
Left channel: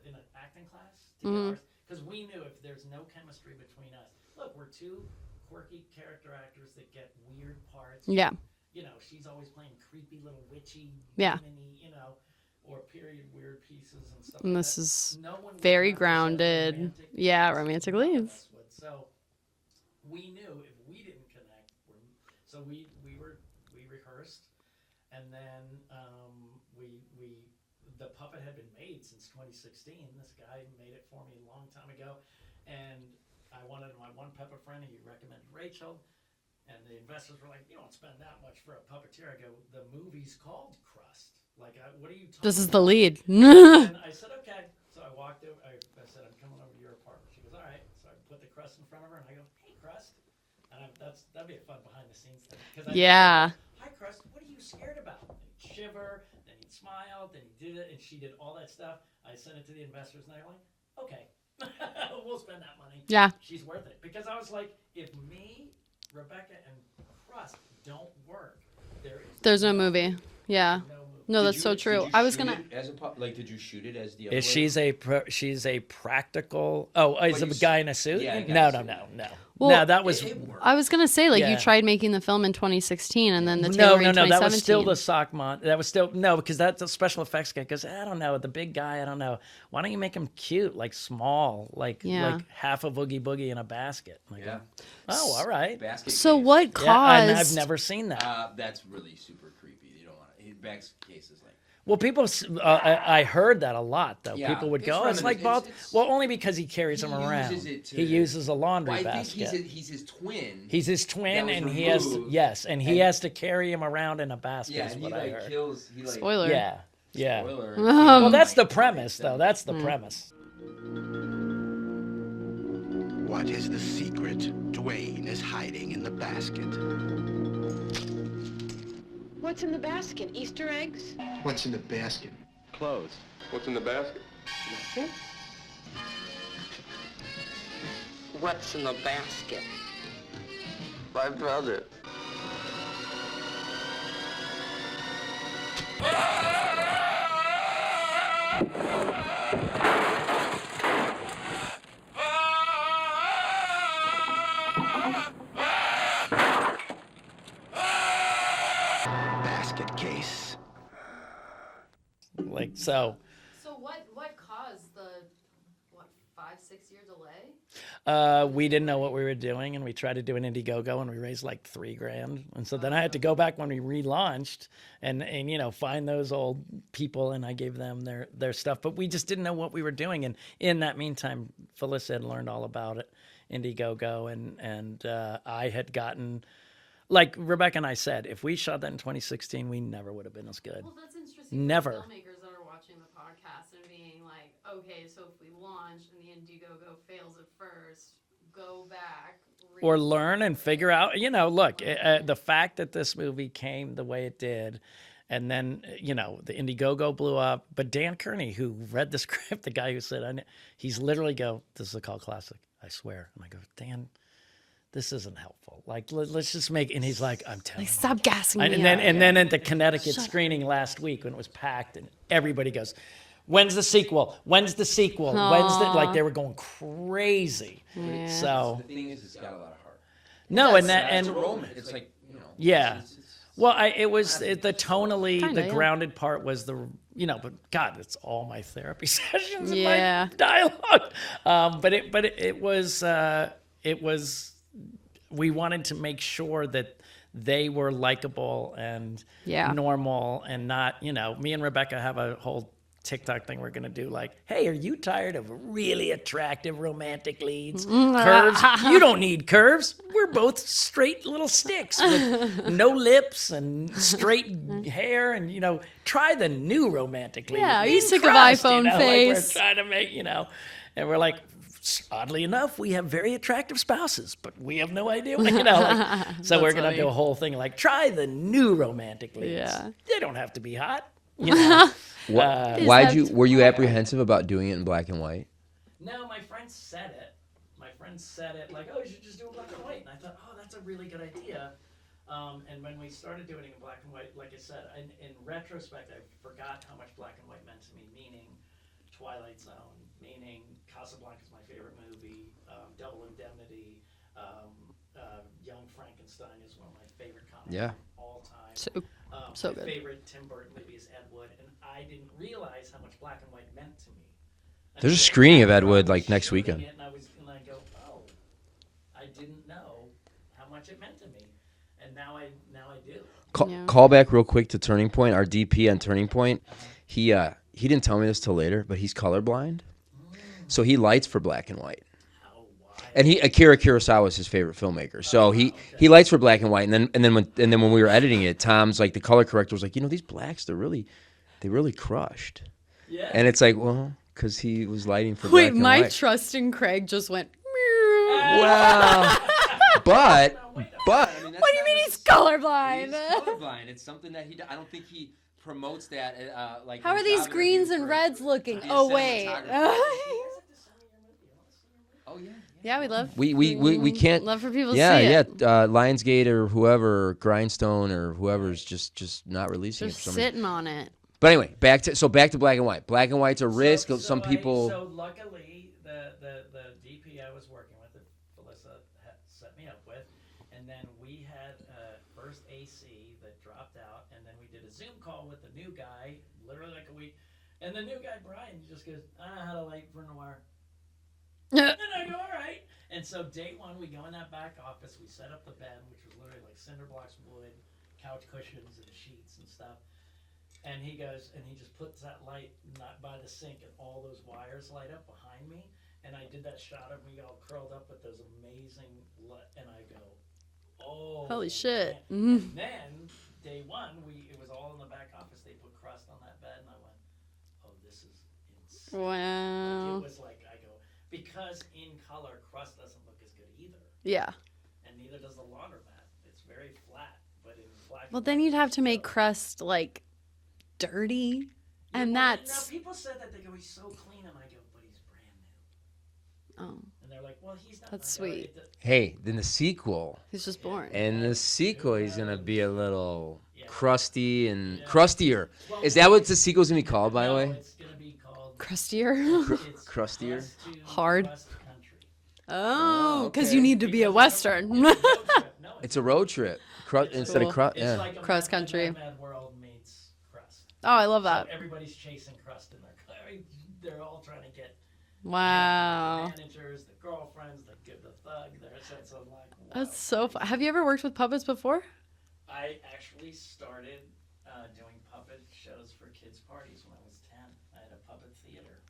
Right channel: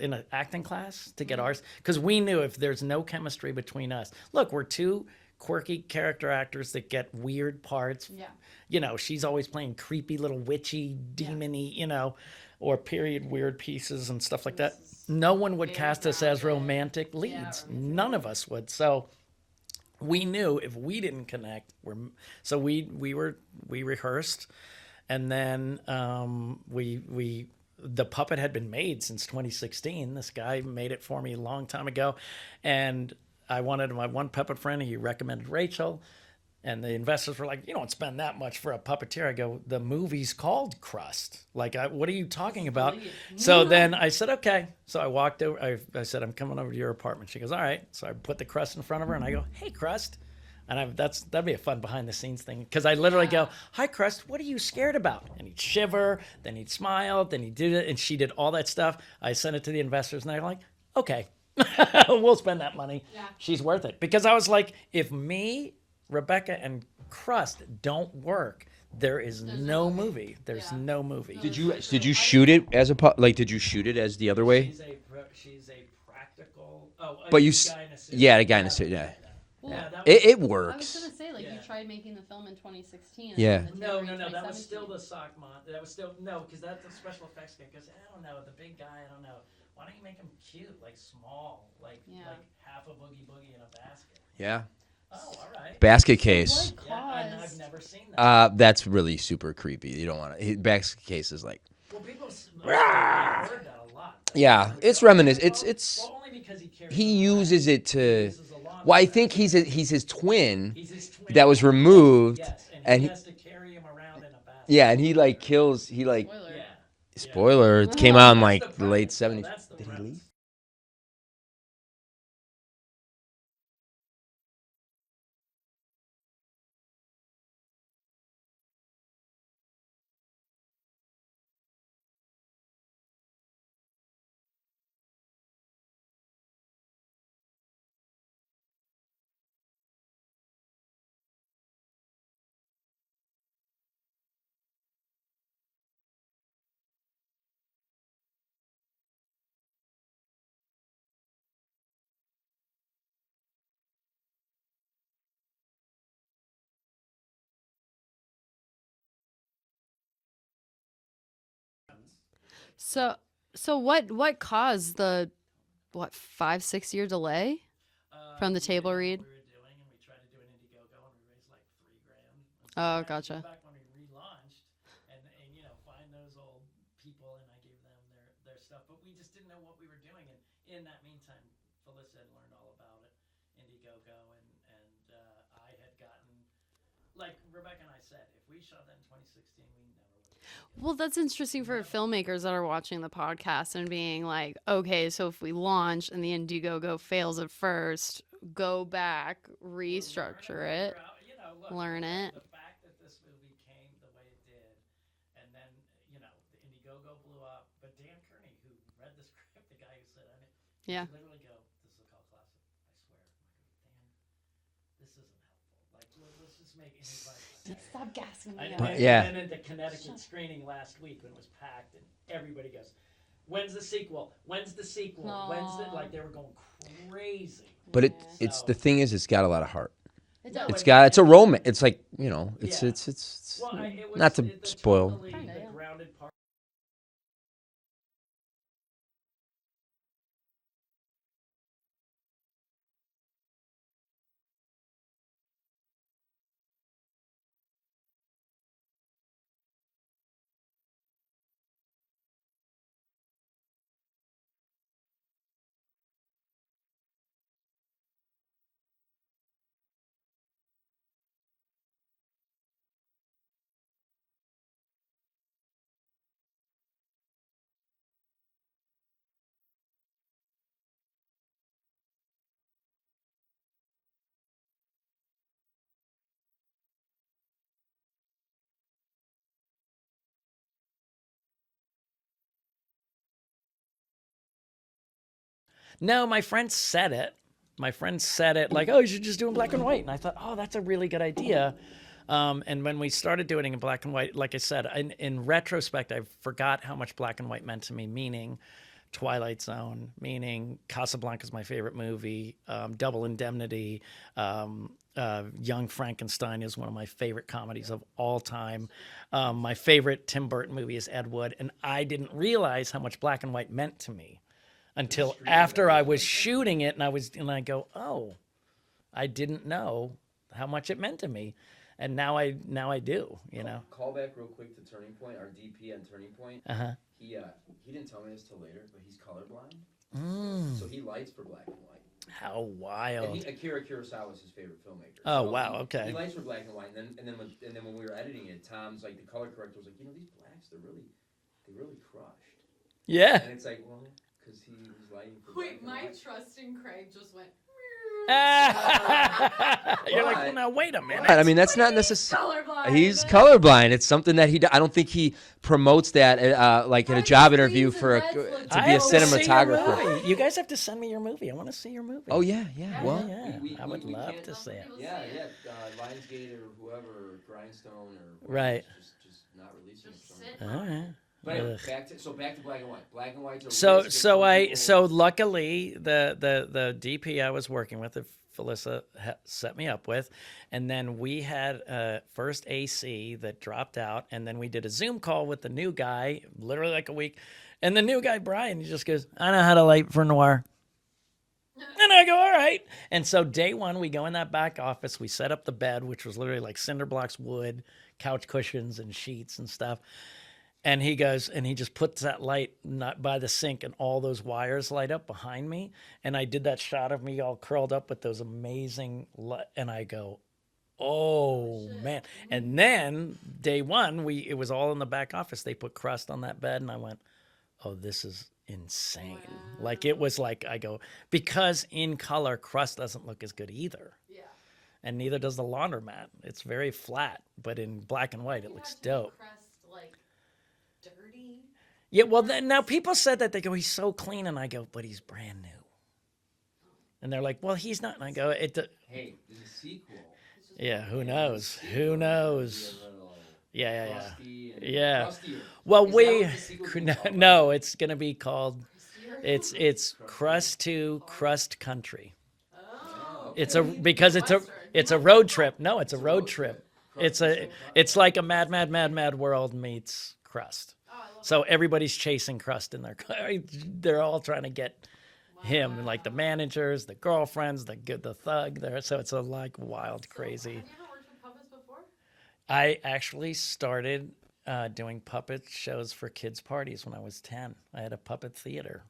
in an acting class to get ours, because we knew if there's no chemistry between us. Look, we're two quirky character actors that get weird parts. Yeah. You know, she's always playing creepy little witchy, Yeah. demony, or period weird pieces and stuff like And this that. is No one would very cast us as grounded. romantic leads. Yeah, romantic None of leads. us would. So we knew if we didn't connect, so we rehearsed, and then the puppet had been made since 2016. This guy made it for me a long time ago, and I wanted my one puppet friend. He recommended Rachel. And the investors were like, "You don't spend that much for a puppeteer." I go, "The movie's called Crust. Like, what are you talking about?" This is the lead. So then I said, "Okay." So I walked over. I said, "I'm coming over to your apartment." She goes, "All right." So I put the Crust in front of her, and I go, "Hey, Crust." And that'd be a fun behind the scenes thing, because I literally go, "Hi, Crust, what are you scared about?" And he'd shiver, then he'd smile, then he did it, and she did all that stuff. I sent it to the investors, and they're like, "Okay, we'll spend that money. Yeah. She's worth it." Because I was like, if me, Rebecca, and Crust don't work, there's no movie. There's no movie. No, that's so true. Did you I was shoot gonna- it as did you shoot it as the other way? She's a practical. Oh, is But it you the guy in a suit? yeah, the guy in No, a suit, No, yeah. no. Well, No, that was It worked. I was gonna say, like, Yeah. you tried making the film in 2016, and Yeah. then the No, tailoring in 2017. that was still the Sockmont. That was still no, because that's the special effects guy. Because I don't know, the big guy. I don't know. Why don't you make him cute, like small, like half a Boogie Boogie in a basket? Like, Yeah. Oh, all right. Basket So case. what Yeah, and I've caused? never seen that. That's really super creepy. You don't want to. Basket case is like. Well, people, I heard that a lot, though. Yeah, People would it's go, reminiscent. Like, It's well, only because he carries he them around. uses it to. He uses a laundry Well, I basket. think he's his twin. He's his twin. that was and he has- removed, yes, and he and has to carry him around in a basket. yeah, is and he what I like heard. kills. He like. Spoiler. Yeah. Yeah. Spoiler. It came Oh, out in That's like the late premise. though. 70s. That's the premise. What is the secret Dwayne is hiding in the basket? What's in the basket? Easter eggs? What's in the basket? Clothes. What's in the basket? Nothing. What's in the basket? My brother. Basket case. Like so. So what caused the 5-6 year delay? from the We didn't table know read? what we were doing, and we tried to do an Indiegogo, and we raised like $3,000. And so then Oh, I had to go gotcha. back when we relaunched and find those old people, and I gave them their stuff. But we just didn't know what we were doing. And in that meantime, Felissa had learned all about it, Indiegogo, and I had gotten. Like Rebecca and I said, if we shot that in 2016, we never would have been as good. Well, that's interesting Never. for filmmakers that are watching the podcast and being like, okay, so if we launch and the Indiegogo fails at first, go back, Or learn and restructure figure it. out, look, Learn it. the fact that this movie came the way it did, and then, the Indiegogo blew up. But Dan Kearney, who read the script, the guy who said, he's Yeah. literally this is a cult classic, I swear. And I go, Dan, this isn't helpful. Like, let's just make, and he's like, I'm telling Like, you. stop gassing And me then, up. Yeah. and then at the Connecticut screening last week when it was packed, and everybody goes, "When's the sequel? When's the sequel? When's the?" Like they were going crazy. But it's the So- thing is, it's got a lot of heart. No, It's a romance. It's like Yeah. It's Well, it was not to the spoil. tonally, Kinda, the yeah. grounded part was but God, it's all my therapy sessions Yeah. and my dialogue. But it was. We wanted to make sure that they were likable and Yeah. normal and not, me and Rebecca have a whole TikTok thing we're going to do, like, hey, are you tired of really attractive romantic leads? Curves? You don't need curves. We're both straight little sticks with no lips and straight hair, and, try the new romantic lead. Yeah, are you In sick of Crust, iPhone like face? we're trying to make, and we're like, oddly enough, we have very attractive spouses, but we have no idea, so we're going to funny. do a whole thing like, try the new romantic leads. Yeah. They don't have to be hot. Were you apprehensive about doing it in black and white? No, my friend said it. Like, oh, you should just do it in black and white. And I thought, oh, that's a really good idea. And when we started doing it in black and white, like I said, in retrospect, I forgot how much black and white meant to me, meaning Twilight Zone, meaning Casablanca is my favorite movie, Double Indemnity, Young Frankenstein is one of my favorite comedies Yeah. of all time. My favorite Tim Burton movie is Ed Wood, and I didn't realize how much black and white meant to me. There's a until screening of Ed after I Wood, was like, next shooting weekend. it, and I go, oh, I didn't know how much it meant to me, and now I do. Call back real quick to Turning Point. Our DP on Turning Point. Uh-huh. He didn't tell me this till later, but he's colorblind, so he lights for black and white. How Oh, wild. And Akira Kurosawa is his favorite filmmaker. So Oh, wow, okay. he likes for black and white. And then when we were editing it, Tom's like, the color corrector was like, these blacks, they really crushed. Yeah. And it's like, well, because he was lighting for black Wait, and my white. trust in Craig just went. But Now, wait a but minute. I mean, that's not necessarily. Colorblind. He's colorblind. It's something that I don't think he promotes that like How in are a these job greens interview and for reds looking? to be a Oh, wait. cinematographer. You guys have to send me your movie. I want to see your movie. Oh yeah. Yeah, we well, love. we can't. Love for people to Yeah, see it. yeah. Lionsgate or whoever, or Grindstone or whoever is Right. just not releasing it Just for some reason. sitting on it. But anyway, back to black and white. Black and white's a risk. Some people... So luckily the DP I was working with, Felissa set me up with, and then we had first AC that dropped out, and then we did a Zoom call with the new guy, literally like a week, and the new guy Brian, he just goes, "I know how to light for noir." And I go, all right. And so day one, we go in that back office. We set up the bed, which was literally like cinder blocks, wood, couch cushions, and sheets and stuff. And he goes, and he just puts that light not by the sink, and all those wires light up behind me. And I did that shot of me all curled up with those amazing, and I go, oh, Holy shit. man. Mhm. And then day one, it was all in the back office. They put crust on that bed, and I went, oh, this is insane. Wow. Like, it was like, I go, because in color, crust doesn't look as good either. Yeah. And neither does the laundromat. It's very flat, but in black Well, and white, then you'd it have looks to make dope. crust like dirty. Yeah, and well, that's- now people said that. They go, he's so clean. And I go, but he's brand new. Oh, And they're like, well, he's not. And I That's go, sweet. Hey, then the sequel. he's just Yeah, born. who And the knows? sequel Who is gonna be a knows? little Yeah. crusty and Yeah. crustier. Well, is that we- what the sequel's gonna be called? By the No, way? it's gonna be called. Crustier. It's Crustier? Crust to Hard? Crust Country. Oh, because It's you a- need to be a because western. It's a road trip. No, It's a road trip. It's instead a, of crust. It's like a Crust mad country. world meets Crust. Oh, I love that. So everybody's chasing Crust in their car. They're all trying to get wow. him, like the managers, the girlfriends, the thug. There, so it's a like wild. That's so crazy. Have you ever worked with puppets before? I actually started doing puppet shows for kids' parties when I was 10. I had a puppet theater.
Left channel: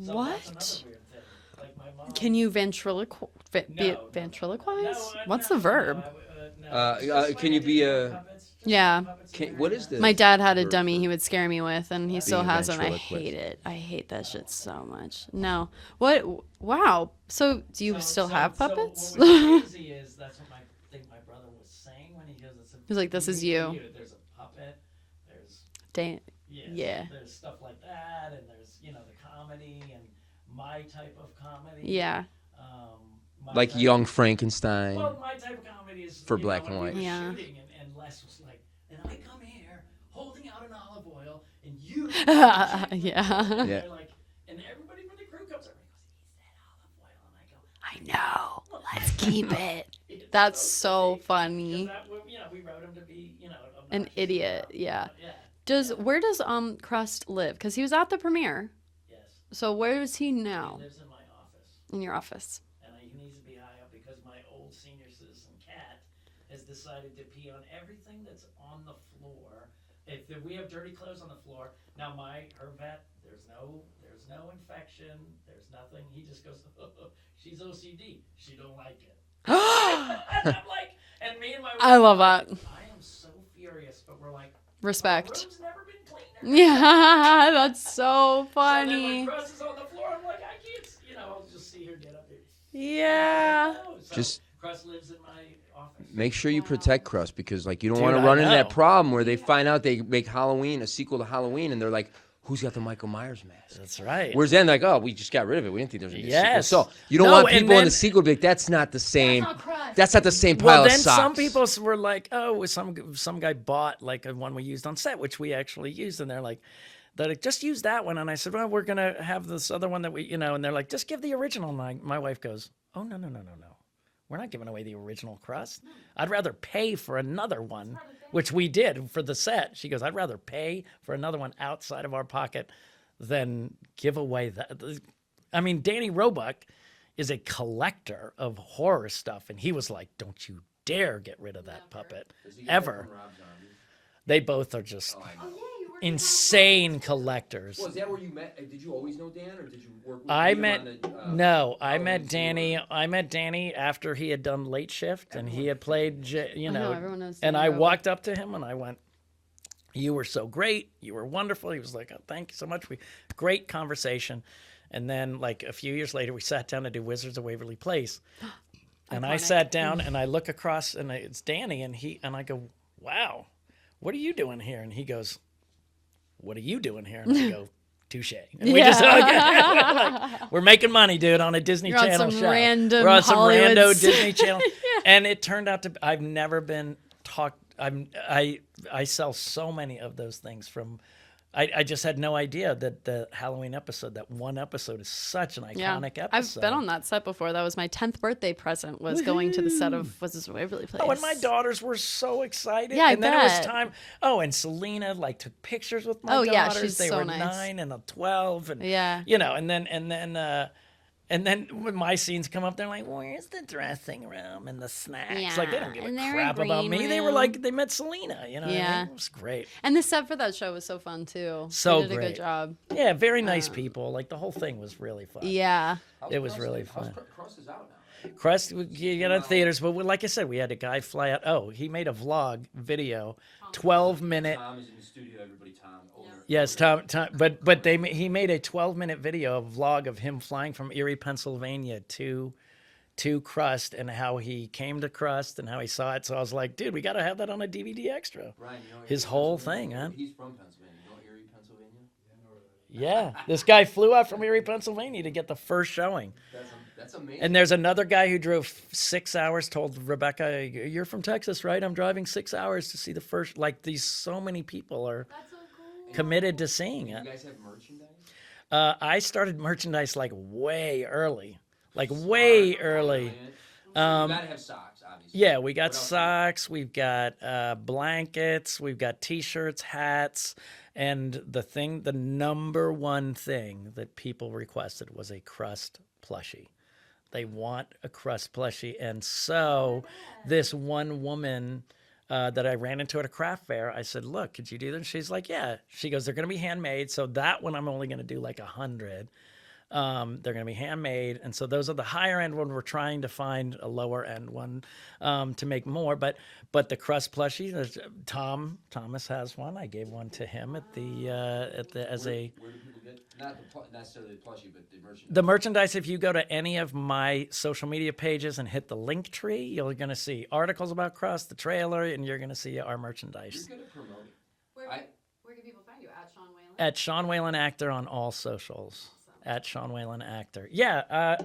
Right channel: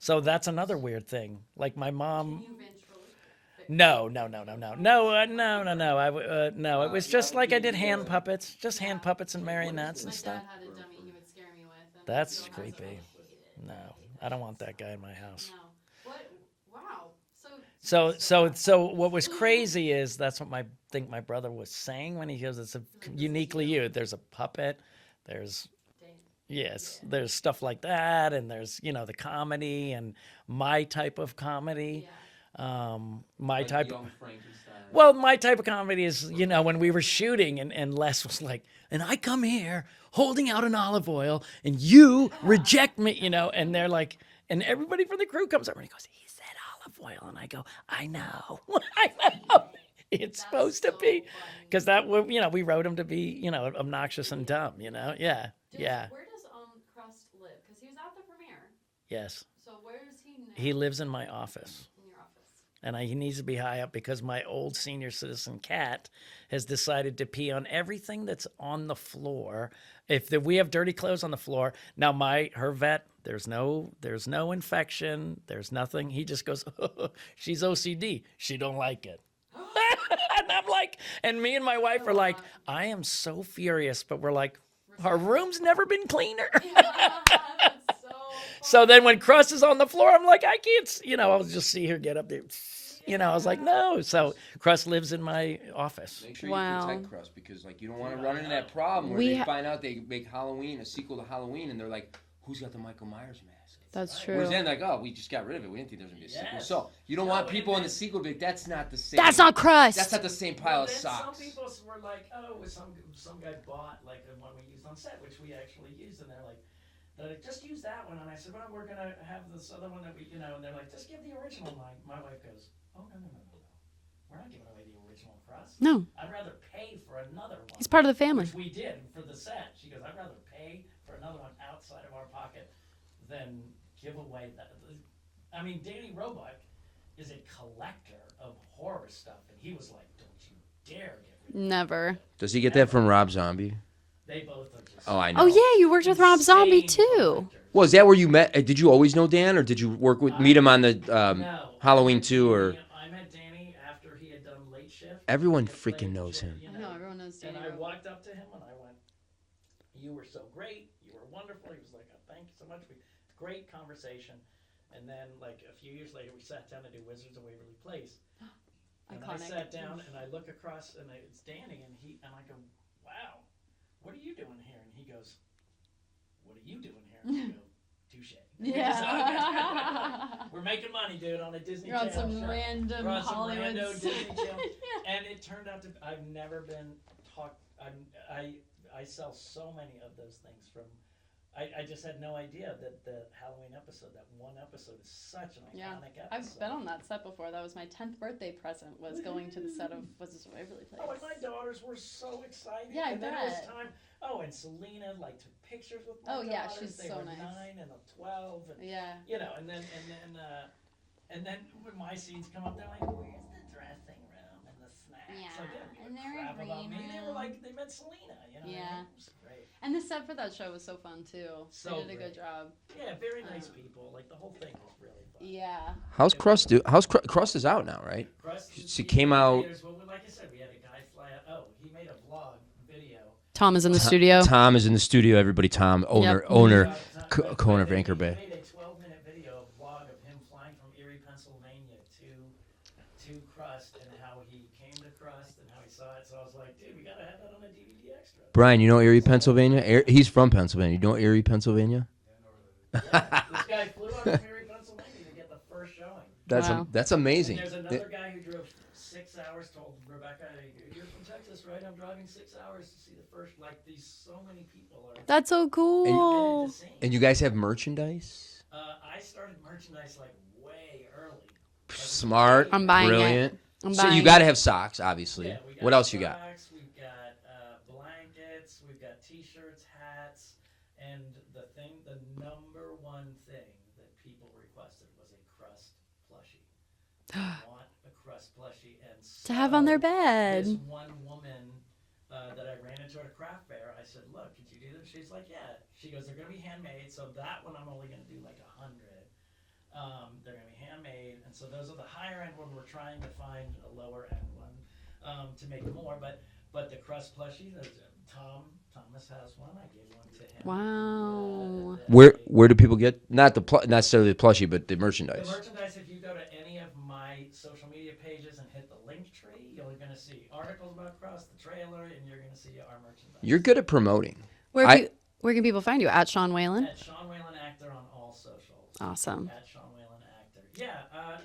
So that's What? another weird thing. Like my mom. Can you ventriloquize? No. Ventriloquize? No, What's no, the verb? No, it was just like can I you did be hand a- puppets. Just Yeah. hand puppets and What is marionettes. this? My dad had a Verb. dummy he would scare me with, and he That's still being has, and I ventriloquist. hate it. I hate that I don't shit want that so guy in my much. house. No. What? Wow. So do you still have puppets? So what was crazy is that's what think my brother was saying when he goes, it's a He's like, "This is uniquely you." There's a puppet. There's yes. Yeah. There's stuff like that, and there's the comedy and my type of comedy. Yeah. My like type Young Frankenstein. Well, my type of comedy is, For black when and we white. were Yeah. shooting and Les was like, and I come here holding out an olive oil and you reject me, Yeah. and Yeah. they're like, and everybody from the crew comes over and he goes, he said olive oil. And I go, I know. Let's keep it. It's That's so funny. Because we wrote him to be, obnoxious idiot, and dumb. yeah. Yeah. Where does Crust live? Because he was at the premiere. Yes. So where is he now? He lives in my office. in your office. And he needs to be high up because my old senior citizen cat has decided to pee on everything that's on the floor. We have dirty clothes on the floor, now her vet, there's no infection, there's nothing. He just goes, she's OCD. She don't like it. And I'm like, and me and my wife I love were like, that. I am so furious, but we're like, Respect. our room's never been cleaner. Yeah, that's so funny. So then when Crust is on the floor, I'm like, I can't, I'll just see her get up there. I was like, no. So Just- Crust lives in my office. Make sure Wow. you protect Crust because you don't Dude, want to I run into that know. problem where We they find out they make a sequel to Halloween, and they're like, "Who's got the Michael Myers mask?" That's That's right. true. Whereas then, like, "Oh, we just got rid of it. We didn't think there was gonna be a sequel." Yes. So you don't No, want and people in then- the sequel to be like, "That's not the same. That's not Crust. That's not the same pile Well, of then socks." some people were like, oh, some guy bought like a one we used on set, which we actually used, and they're like, just use that one. And I said, well, we're gonna have this other one that we, and they're like, just give the original. And my wife goes, oh, no. We're not giving away the original Crust. No. I'd rather pay for another one. It's part of the family. Which we did for the set. She goes, I'd rather pay for another one outside of our pocket than give away that. I mean, Danny Roebuck is a collector of horror stuff, and he was like, don't you dare get rid of that Never. puppet. Does he get Ever. that from Rob Zombie? They both are just Oh, I know. Oh yeah, you worked with Rob Zombie insane too. collectors. Well, is that where you met? Did you always know Dan, or did you meet him on the No, Halloween I met 2? Danny. Or I met Danny after he had done Late Shift. and Everyone he had freaking played, knows him. You I know, know, everyone knows and who I Robert. walked up to him and I went, "You were so great. You were wonderful." He was like, "Oh, thank you so much." Great conversation. And then, like a few years later, we sat down to do Wizards of Waverly Place. And I Iconic. sat down and I look across and it's Danny and I go, "Wow, what are you doing here?" And he goes, "What are you doing here?" And I go, "Touche." And we just we're making money, dude, on a Disney You're on Channel some show. random We're on some Hollywood rando s- Disney Channel, and it turned out to. I've never been talked. I sell so many of those things from. I just had no idea that the Halloween episode, that one episode, is such an iconic episode. I've been on that set before. That was my 10th birthday present. Was going to the set of Wizards of Waverly Place. Oh, and my daughters were so excited. Yeah, I and then it was bet. time. Oh, and Selena like took pictures with my Oh, daughters. yeah, she's they so were nice. 9 and 12, and Yeah. you know, and then when my scenes come up, they're like, "Where's the dressing room and the snacks?" Like they don't give and a they're crap about green me. They were room. like they met Selena. You know, what I Yeah. mean? It was great. And the set for that show was so fun too. So they did a great. good job. Yeah, very nice people. Like the whole thing was really fun. Yeah. how's It was Crust really do? How's Crust is out now, right? Crust was She you came know, in out- theaters, but like I said, we had a guy fly out. Oh, he made a vlog video. Tom is in the 12 studio. minutes. Tom is in the studio. Everybody, Tom, owner, Yes, owner, but co-owner of he Anchor Bay. made a 12-minute video, a vlog of him flying from Erie, Pennsylvania to Crust and how he came to Crust and how he saw it. So I was like, dude, we got to have that on a DVD extra. Brian, you know Erie, His whole Pennsylvania? thing, man. He's from Pennsylvania. You know Erie, Pennsylvania? Yeah, this guy flew out from Erie, Pennsylvania to get the first showing. That's amazing. And there's another guy who drove 6 hours, told Rebecca, "You're from Texas, right? I'm driving 6 hours to see the first." Like these, so many people are That's so cool. committed to seeing. And you it. guys have merchandise? I started merchandise like way early, like Smart, way I'm early. buying it. brilliant. I'm So buying you it. got to have socks, obviously. Yeah, we got what else you got? socks, we've got blankets, we've got T-shirts, hats, and the number one thing that people requested was a Crust plushie. They want a Crust plushie, and so have on their bed. this one woman that I ran into at a craft fair, I said, "Look, could you do this?" She's like, "Yeah." She goes, "They're going to be handmade, so that one I'm only going to do like 100." They're going to be handmade, and so those are the higher end one. We're trying to find a lower end one to make more, but the Crust plushie, Thomas has one. I gave one to him at the Where do people get not necessarily the plushie, but the merchandise? the merchandise. If you go to any of my social media pages and hit the link tree, you're going to see articles about Crust, the trailer, and you're going to see our merchandise. You're good at promoting. Where can people find you? At Sean Whalen? At Sean Whalen Actor on all socials. Awesome. At Sean Whalen Actor. Yeah,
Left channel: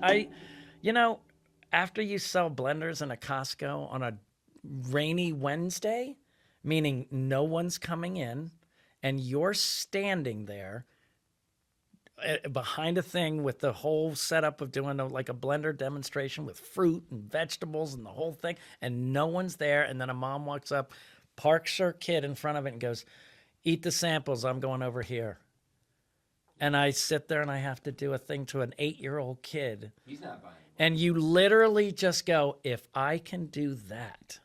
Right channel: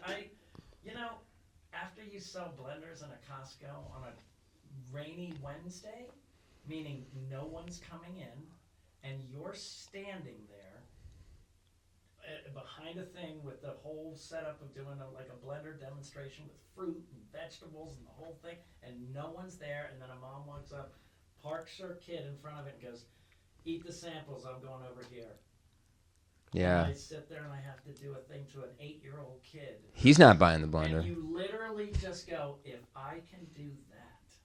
after you sell blenders in a Costco on a rainy Wednesday, meaning no one's coming in, and you're standing there behind a thing with the whole setup of doing like a blender demonstration with fruit and vegetables and the whole thing, and no one's there, and then a mom walks up, parks her kid in front of it, and goes, "Eat the samples, I'm going over here." Yeah. And I sit there and I have to do a thing to an 8-year-old kid. He's not buying the blender. And you literally just go, if I can do that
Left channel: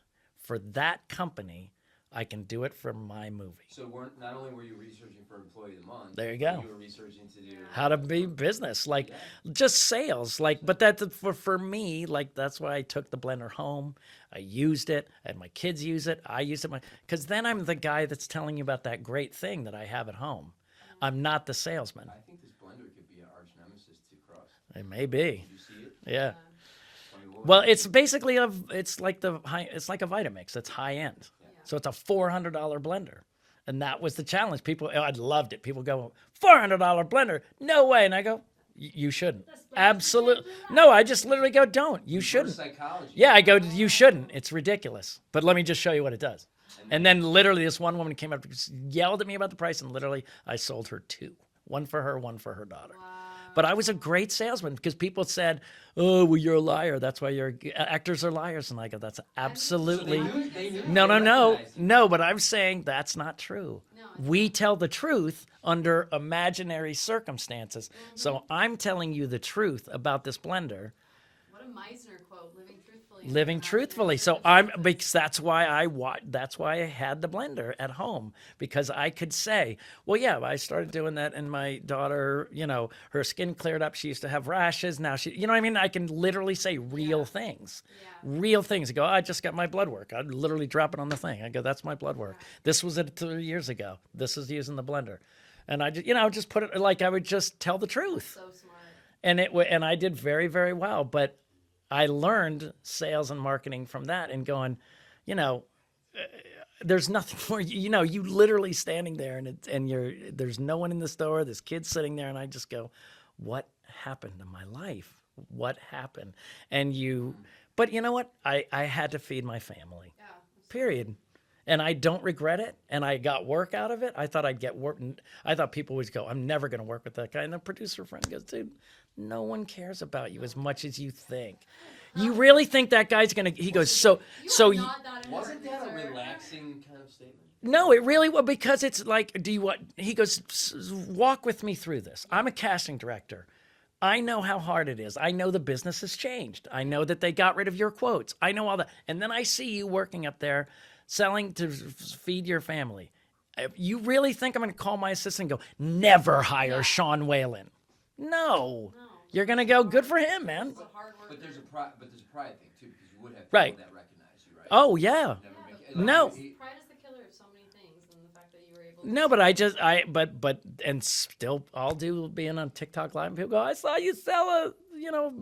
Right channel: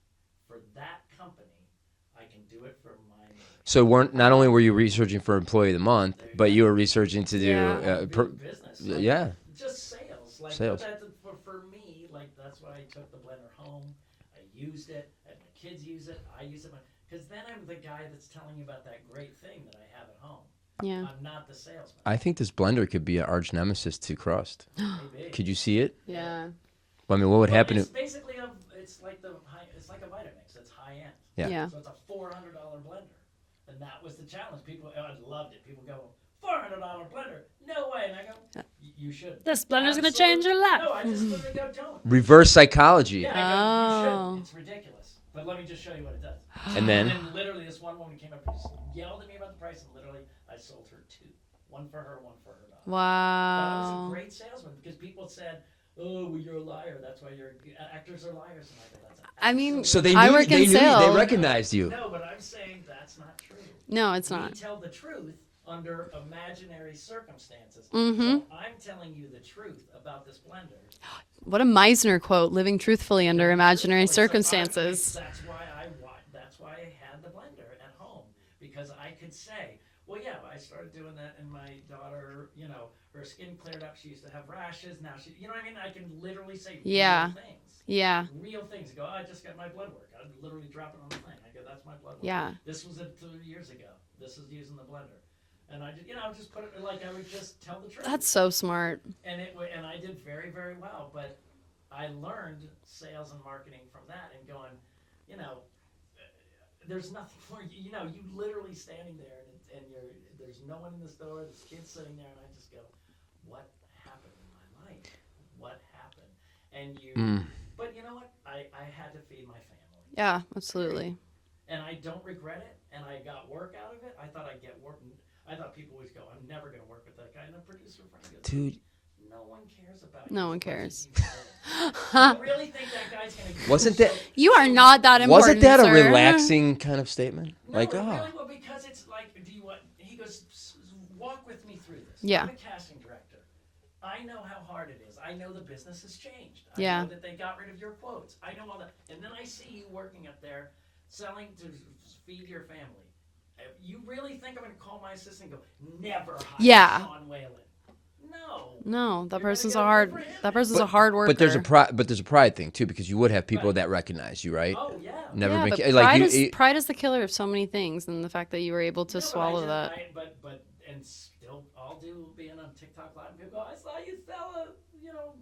for that company, I can do it for my movie. So not only were you researching for Employee of the Month, There you but go. you were researching to do How to be business, like just sales, like. Sales. But that for me, like that's why I took the blender home. I used it, and my kids use it. I use it, because then I'm the guy that's telling you about that great thing that I have at home. Yeah. I'm not the salesman. I think this blender could be an arch nemesis to Crust. It may be. Could you see it? Yeah. Well, I mean, what would Well, happen? it's basically it's like a Vitamix. It's high end. Yeah. So it's a $400 blender, and that was the challenge. People, I loved it. People go, $400 blender? No way. And I go, you shouldn't. This blender's gonna change your life. No, I just literally go, don't. You Reverse shouldn't. psychology. Yeah, I go, you Oh. shouldn't. It's ridiculous. But let me just show you what it does. And then Literally this one woman came up, yelled at me about the price, and literally I sold her 2. One for her, one for her daughter. Wow. But I was a great salesman because people said, "Oh, well, you're a liar. That's why actors are liars." And I go, "That's absolutely." so they I knew, work they in knew sales. they No, recognized you. No, but I'm saying that's not true. No, it's we not. tell the truth under imaginary circumstances. Mm-hmm. So I'm telling you the truth about this blender. What a Meisner quote, living truthfully under Living imaginary truthfully. circumstances. Because that's why I had the blender at home, because I could say, well, yeah, I started doing that, and my daughter, her skin cleared up. She used to have rashes. Now she, what I mean? I can literally say real things. Yeah. Real things. I go, I just got my blood work. I'd literally drop it on the thing. I go, that's my blood work. Yeah. This was it 2 years ago. This is using the blender. And I just put it, like, I would just tell the truth. That's so smart. And I did very, very well. But I learned sales and marketing from that, and going, there's nothing more. You literally standing there, and there's no one in the store. There's kids sitting there, and I just go, what happened in my life? What happened? And but you know what? I had to feed my family. Yeah, absolutely. Period. And I don't regret it. And I got work out of it. I thought I'd get work. I thought people would go, I'm never going to work with that guy. And the producer friend goes, dude, no one cares about you much as you think. You really think that guy's going to... You are not that important, Wasn't that sir. a relaxing kind of statement? No, it really was, because it's like, do you want... He goes, walk with me through this. Yeah. I'm a casting director. I know how hard it is. I know the business has changed. I know that they got rid of your quotes. I know all that. And then I see you working up there, selling to feed your family. You really think I'm going to call my assistant and go, never hire Sean Whalen? No. That You're going to person's go, a hard, good for him, That man. person's a hard worker. But there's a pride thing too, because you would have people that recognize you, right? Oh yeah. Never yeah, been but like pride is the killer of so many things, and the fact that you were able to. No, but and still, I'll do being on TikTok Live, and people go, I saw you sell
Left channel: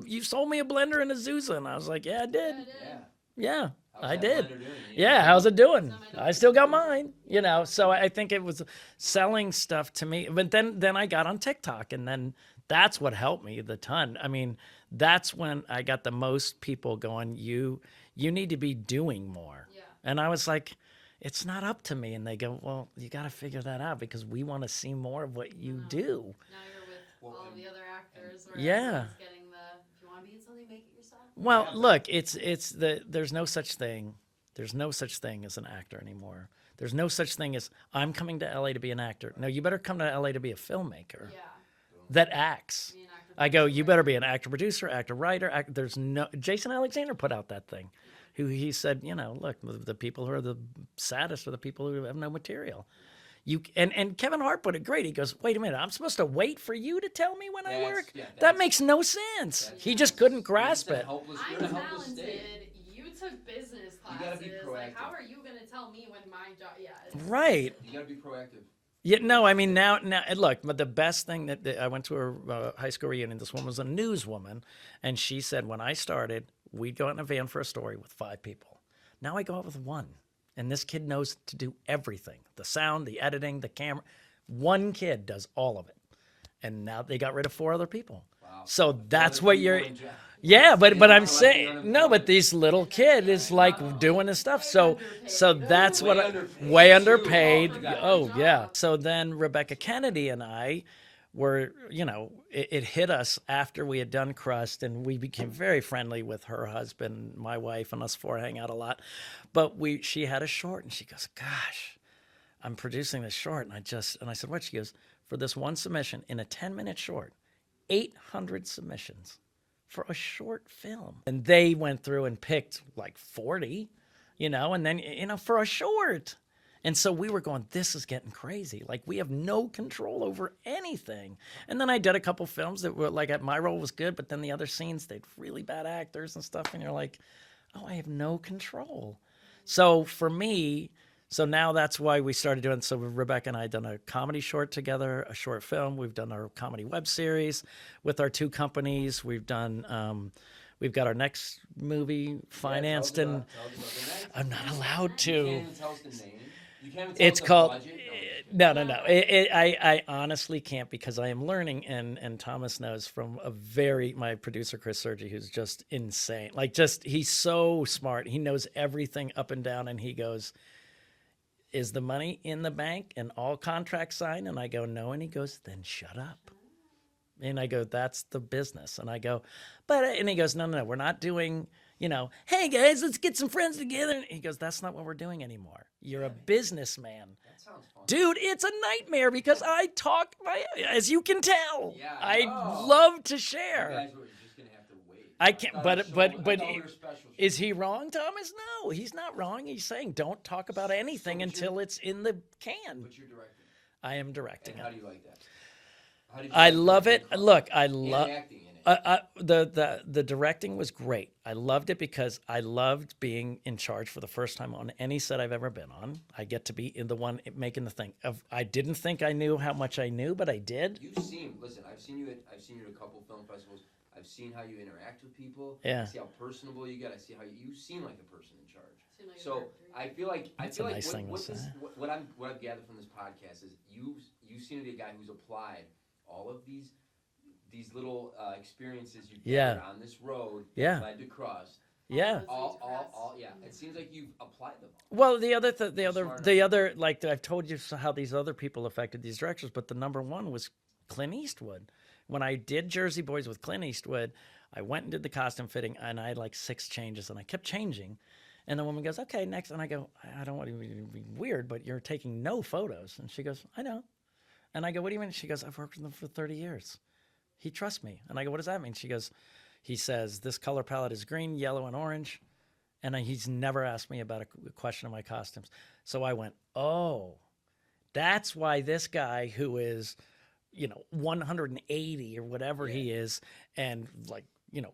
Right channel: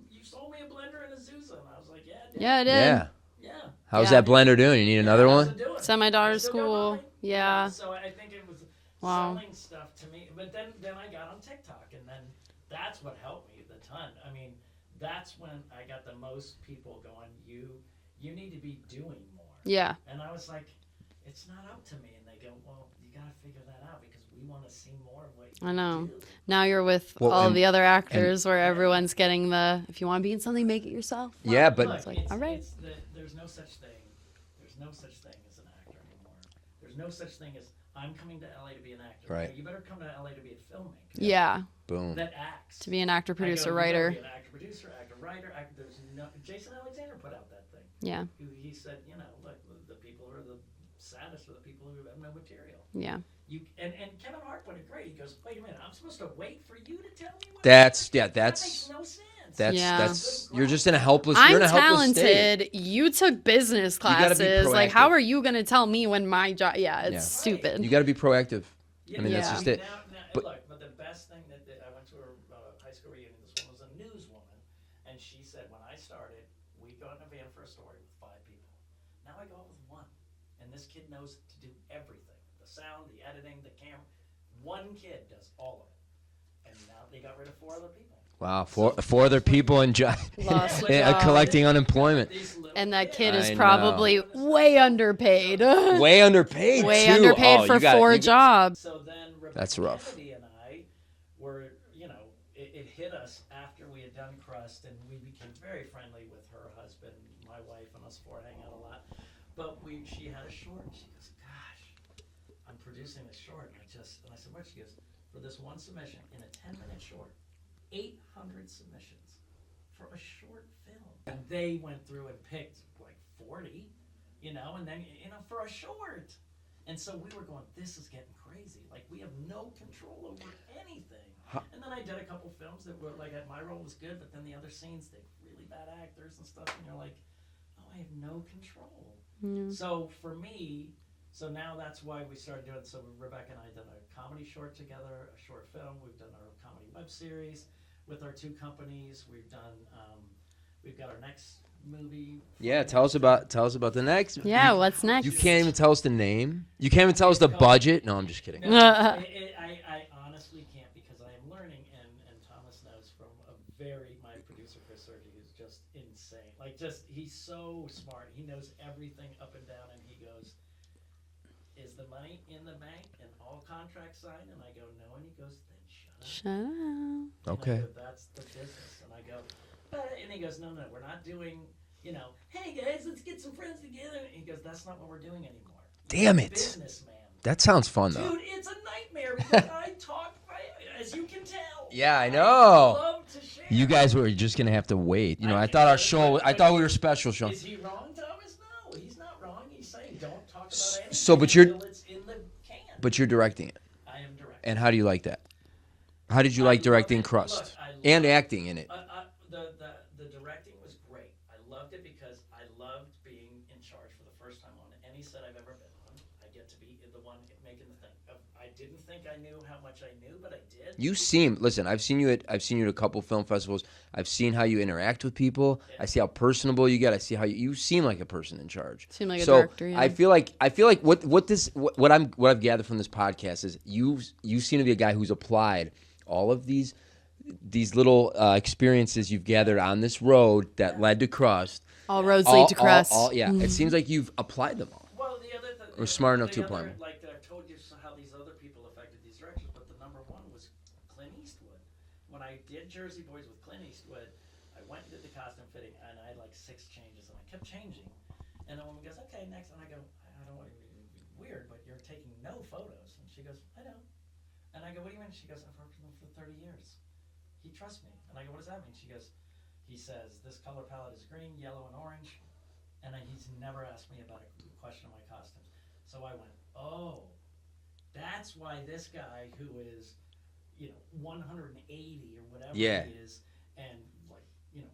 you sold me a blender and a Zusa, and I was like, yeah, I did. Yeah, I did. Yeah. Yeah. How's Yeah, that I did. blender doing? You need another one? How's it doing? Send my daughter I to still got school. mine. Yeah. So I think it was selling stuff to me. But then I got on TikTok, and then that's what helped me the ton. I mean, that's when I got the most people going, you need to be doing more. Yeah. And I was like, it's not up to me. And they go, well, you got to figure that out, because we want to see more of what you do. Now you're with all of the other actors where everyone's getting if you want to be in something, make it yourself. Well, yeah, but look, there's no such thing. There's no such thing as an actor anymore. There's no such thing as I'm coming to LA to be an actor. Right. No, you better come to LA to be a filmmaker. Yeah. Boom. That acts. To be an actor, I producer, go, you writer. better be an actor, producer, actor, writer. There's no. Jason Alexander put out that thing. Yeah. Who he said, look, the people who are the saddest are the people who have no material. Yeah. And Kevin Hart put it great. He goes, wait a minute, I'm supposed to wait for you to tell me when that makes no sense. He just couldn't grasp. You're just in a helpless. I'm you're in a helpless talented. state. You took business gotta be classes. Like, proactive. how are you going to tell me when my job? Yeah, it's Right. stupid. You got to be proactive. Yeah, that's just it. now, look, but the best thing that I went to a high school reunion. This woman was a newswoman, and she said, when I started, we'd go out in a van for a story with 5 people. Now I go out with 1, and this kid knows to do everything: the sound, the editing, the camera. 1 kid does all of it, and now they got rid of 4 other people. Wow, So four other that's what people you're- in job. Yeah, but I'm collecting saying, unemployment. No, but these little And that kids kid is is like probably doing this stuff. way So underpaid. that's Way what- underpaid. Way Way underpaid for 4 jobs. So then Rebecca That's rough. Kennedy and I were, it hit us after we had done Crust, and we became very friendly with her husband, my wife, and us 4 hang out a lot. But she had a short, and she goes, gosh, I'm producing this short. And I said, what? She goes, for this one submission in a 10-minute short, 800 submissions for a short film. And they went through and picked like 40, and then, for a short. And so we were going, this is getting crazy. Like, we have no control over anything. And then I did a couple films that were like, my role was good, but then the other scenes, they'd really bad actors and stuff. And you're like, oh, I have no control. So for me, now that's why we started doing. So Rebecca and I done a comedy short together, a short film. We've done our comedy web series with our 2 companies. We've done, we've got our next movie financed. Yeah, tell us about the next. Yeah, what's next? You can't even tell us the name. You can't even tell us the budget. No, I'm just kidding. No. I honestly can't, because I am learning, and Thomas knows from my producer Chris Sergi, who's just insane. Like, he's so smart. He knows everything up and down, and he goes, is the money in the bank and all contracts signed? And I go, no. And he goes, then shut up. Shut up. And I go, that's the business. And I go, and he goes, no, we're not doing, hey guys, let's get some friends together. And he goes, that's not what we're doing anymore. You're Damn a it. businessman. That sounds fun, though. Dude, it's a nightmare because I talk, as you can tell. Yeah, I know. I love to share. You guys were just gonna have to wait. You know, I can't- thought our but- show. but- I but thought he- we were special, Sean. Is he wrong, Thomas? No, he's not wrong. He's saying don't talk about anything but you're- until it's in the can. But you're directing it. I am directing. And how do you like that? How did you I like love directing it. Crust? Look, I love and acting in it. The directing was great. I loved it because I loved being in charge for the first time on any set I've ever been on. I get to be in the one making the thing. I didn't think I knew how much I knew, but I did. You seem. Listen, I've seen you at a couple film festivals. I've seen how you interact with people. Yeah. I see how personable you get. I see how you seem like a person in charge. Seem like a so director, yeah. I feel like what I've gathered from this podcast is you seem to be a guy who's applied all of these little experiences you've gathered on this road that led to Crust. All roads lead to Crust. It seems like you've applied them all. Well, the other, like I've told you how these other people affected these directors, but the number one was Clint Eastwood. When I did Jersey Boys with Clint Eastwood, I went and did the costume fitting, and I had like 6 changes, and I kept changing. And the woman goes, "Okay, next." And I go, "I don't want to be weird, but you're taking no photos." And she goes, "I know." And I go, "What do you mean?" She goes, "I've worked with him for 30 years. He trusts me." And I go, "What does that mean?" She goes, "He says this color palette is green, yellow, and orange." And he's never asked me about a question of my costumes. So I went, "Oh, that's why this guy who is, 180 or whatever he is, and like,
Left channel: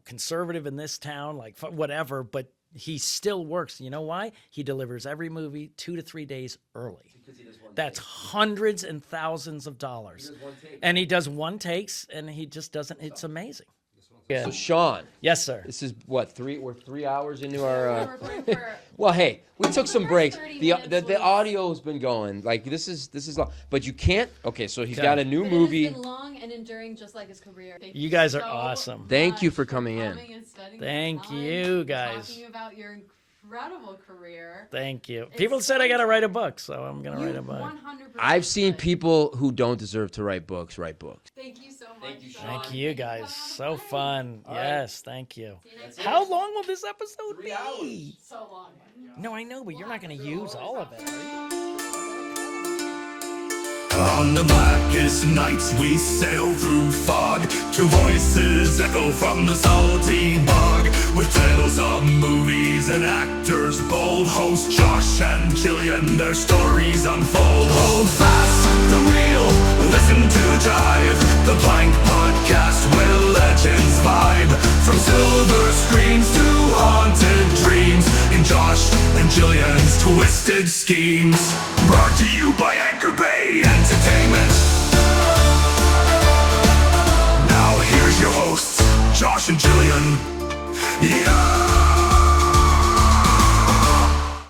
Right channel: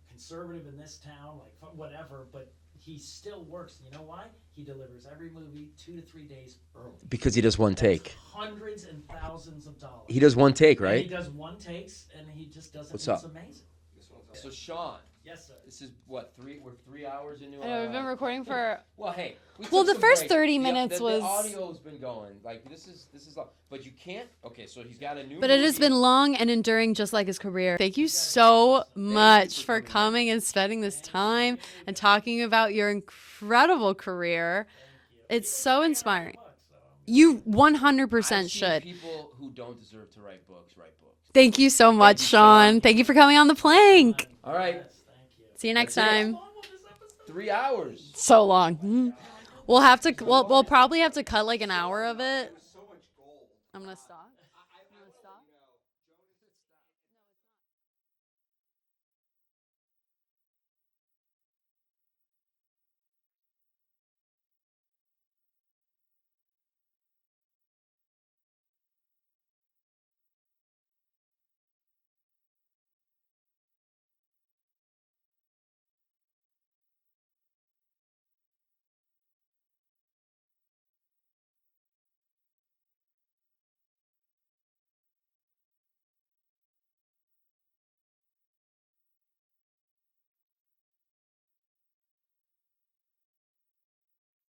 conservative in this town, like whatever, but he still works. You know why? He delivers every movie 2 to 3 days early. Because he does one take. That's hundreds and thousands of dollars. He does one take, right? And he does one takes, and he just doesn't. What's it's up? amazing. So Sean, yes, sir. This is what we're 3 hours into We're our. recording for. Well, hey, we took the some first breaks. 30 minutes the was- audio's been going like this is long, but you can't. Okay, so he's got a new But movie. it has been long and enduring, just like his career. Thank you, You guys are so awesome. much Thank you for coming in. and spending this Thank time you, and guys. talking about your incredible career. Thank you. It's People so said I got to write a inspiring. book, so I'm going to You write a book. 100% I've seen should. people who don't deserve to write books write books. Thank you so much, Sean. Thank you for guys. coming on the So plank. fun. All right. Yes, thank you. See you next How time. long will this episode 3 be? hours. So long. No, I know. but We'll you're have not to. gonna We'll, use we'll all probably of have to cut like an hour of it. On the blackest nights we sail through fog, 2 voices echo from the salty bog, with tales of movies and actors bold. Host Josh and Jillian, their stories unfold. Hold fast the wheel, listen to the jive, the Plank Podcast where legends vibe. From silver screens to haunted dreams, in Josh and Jillian's twisted schemes.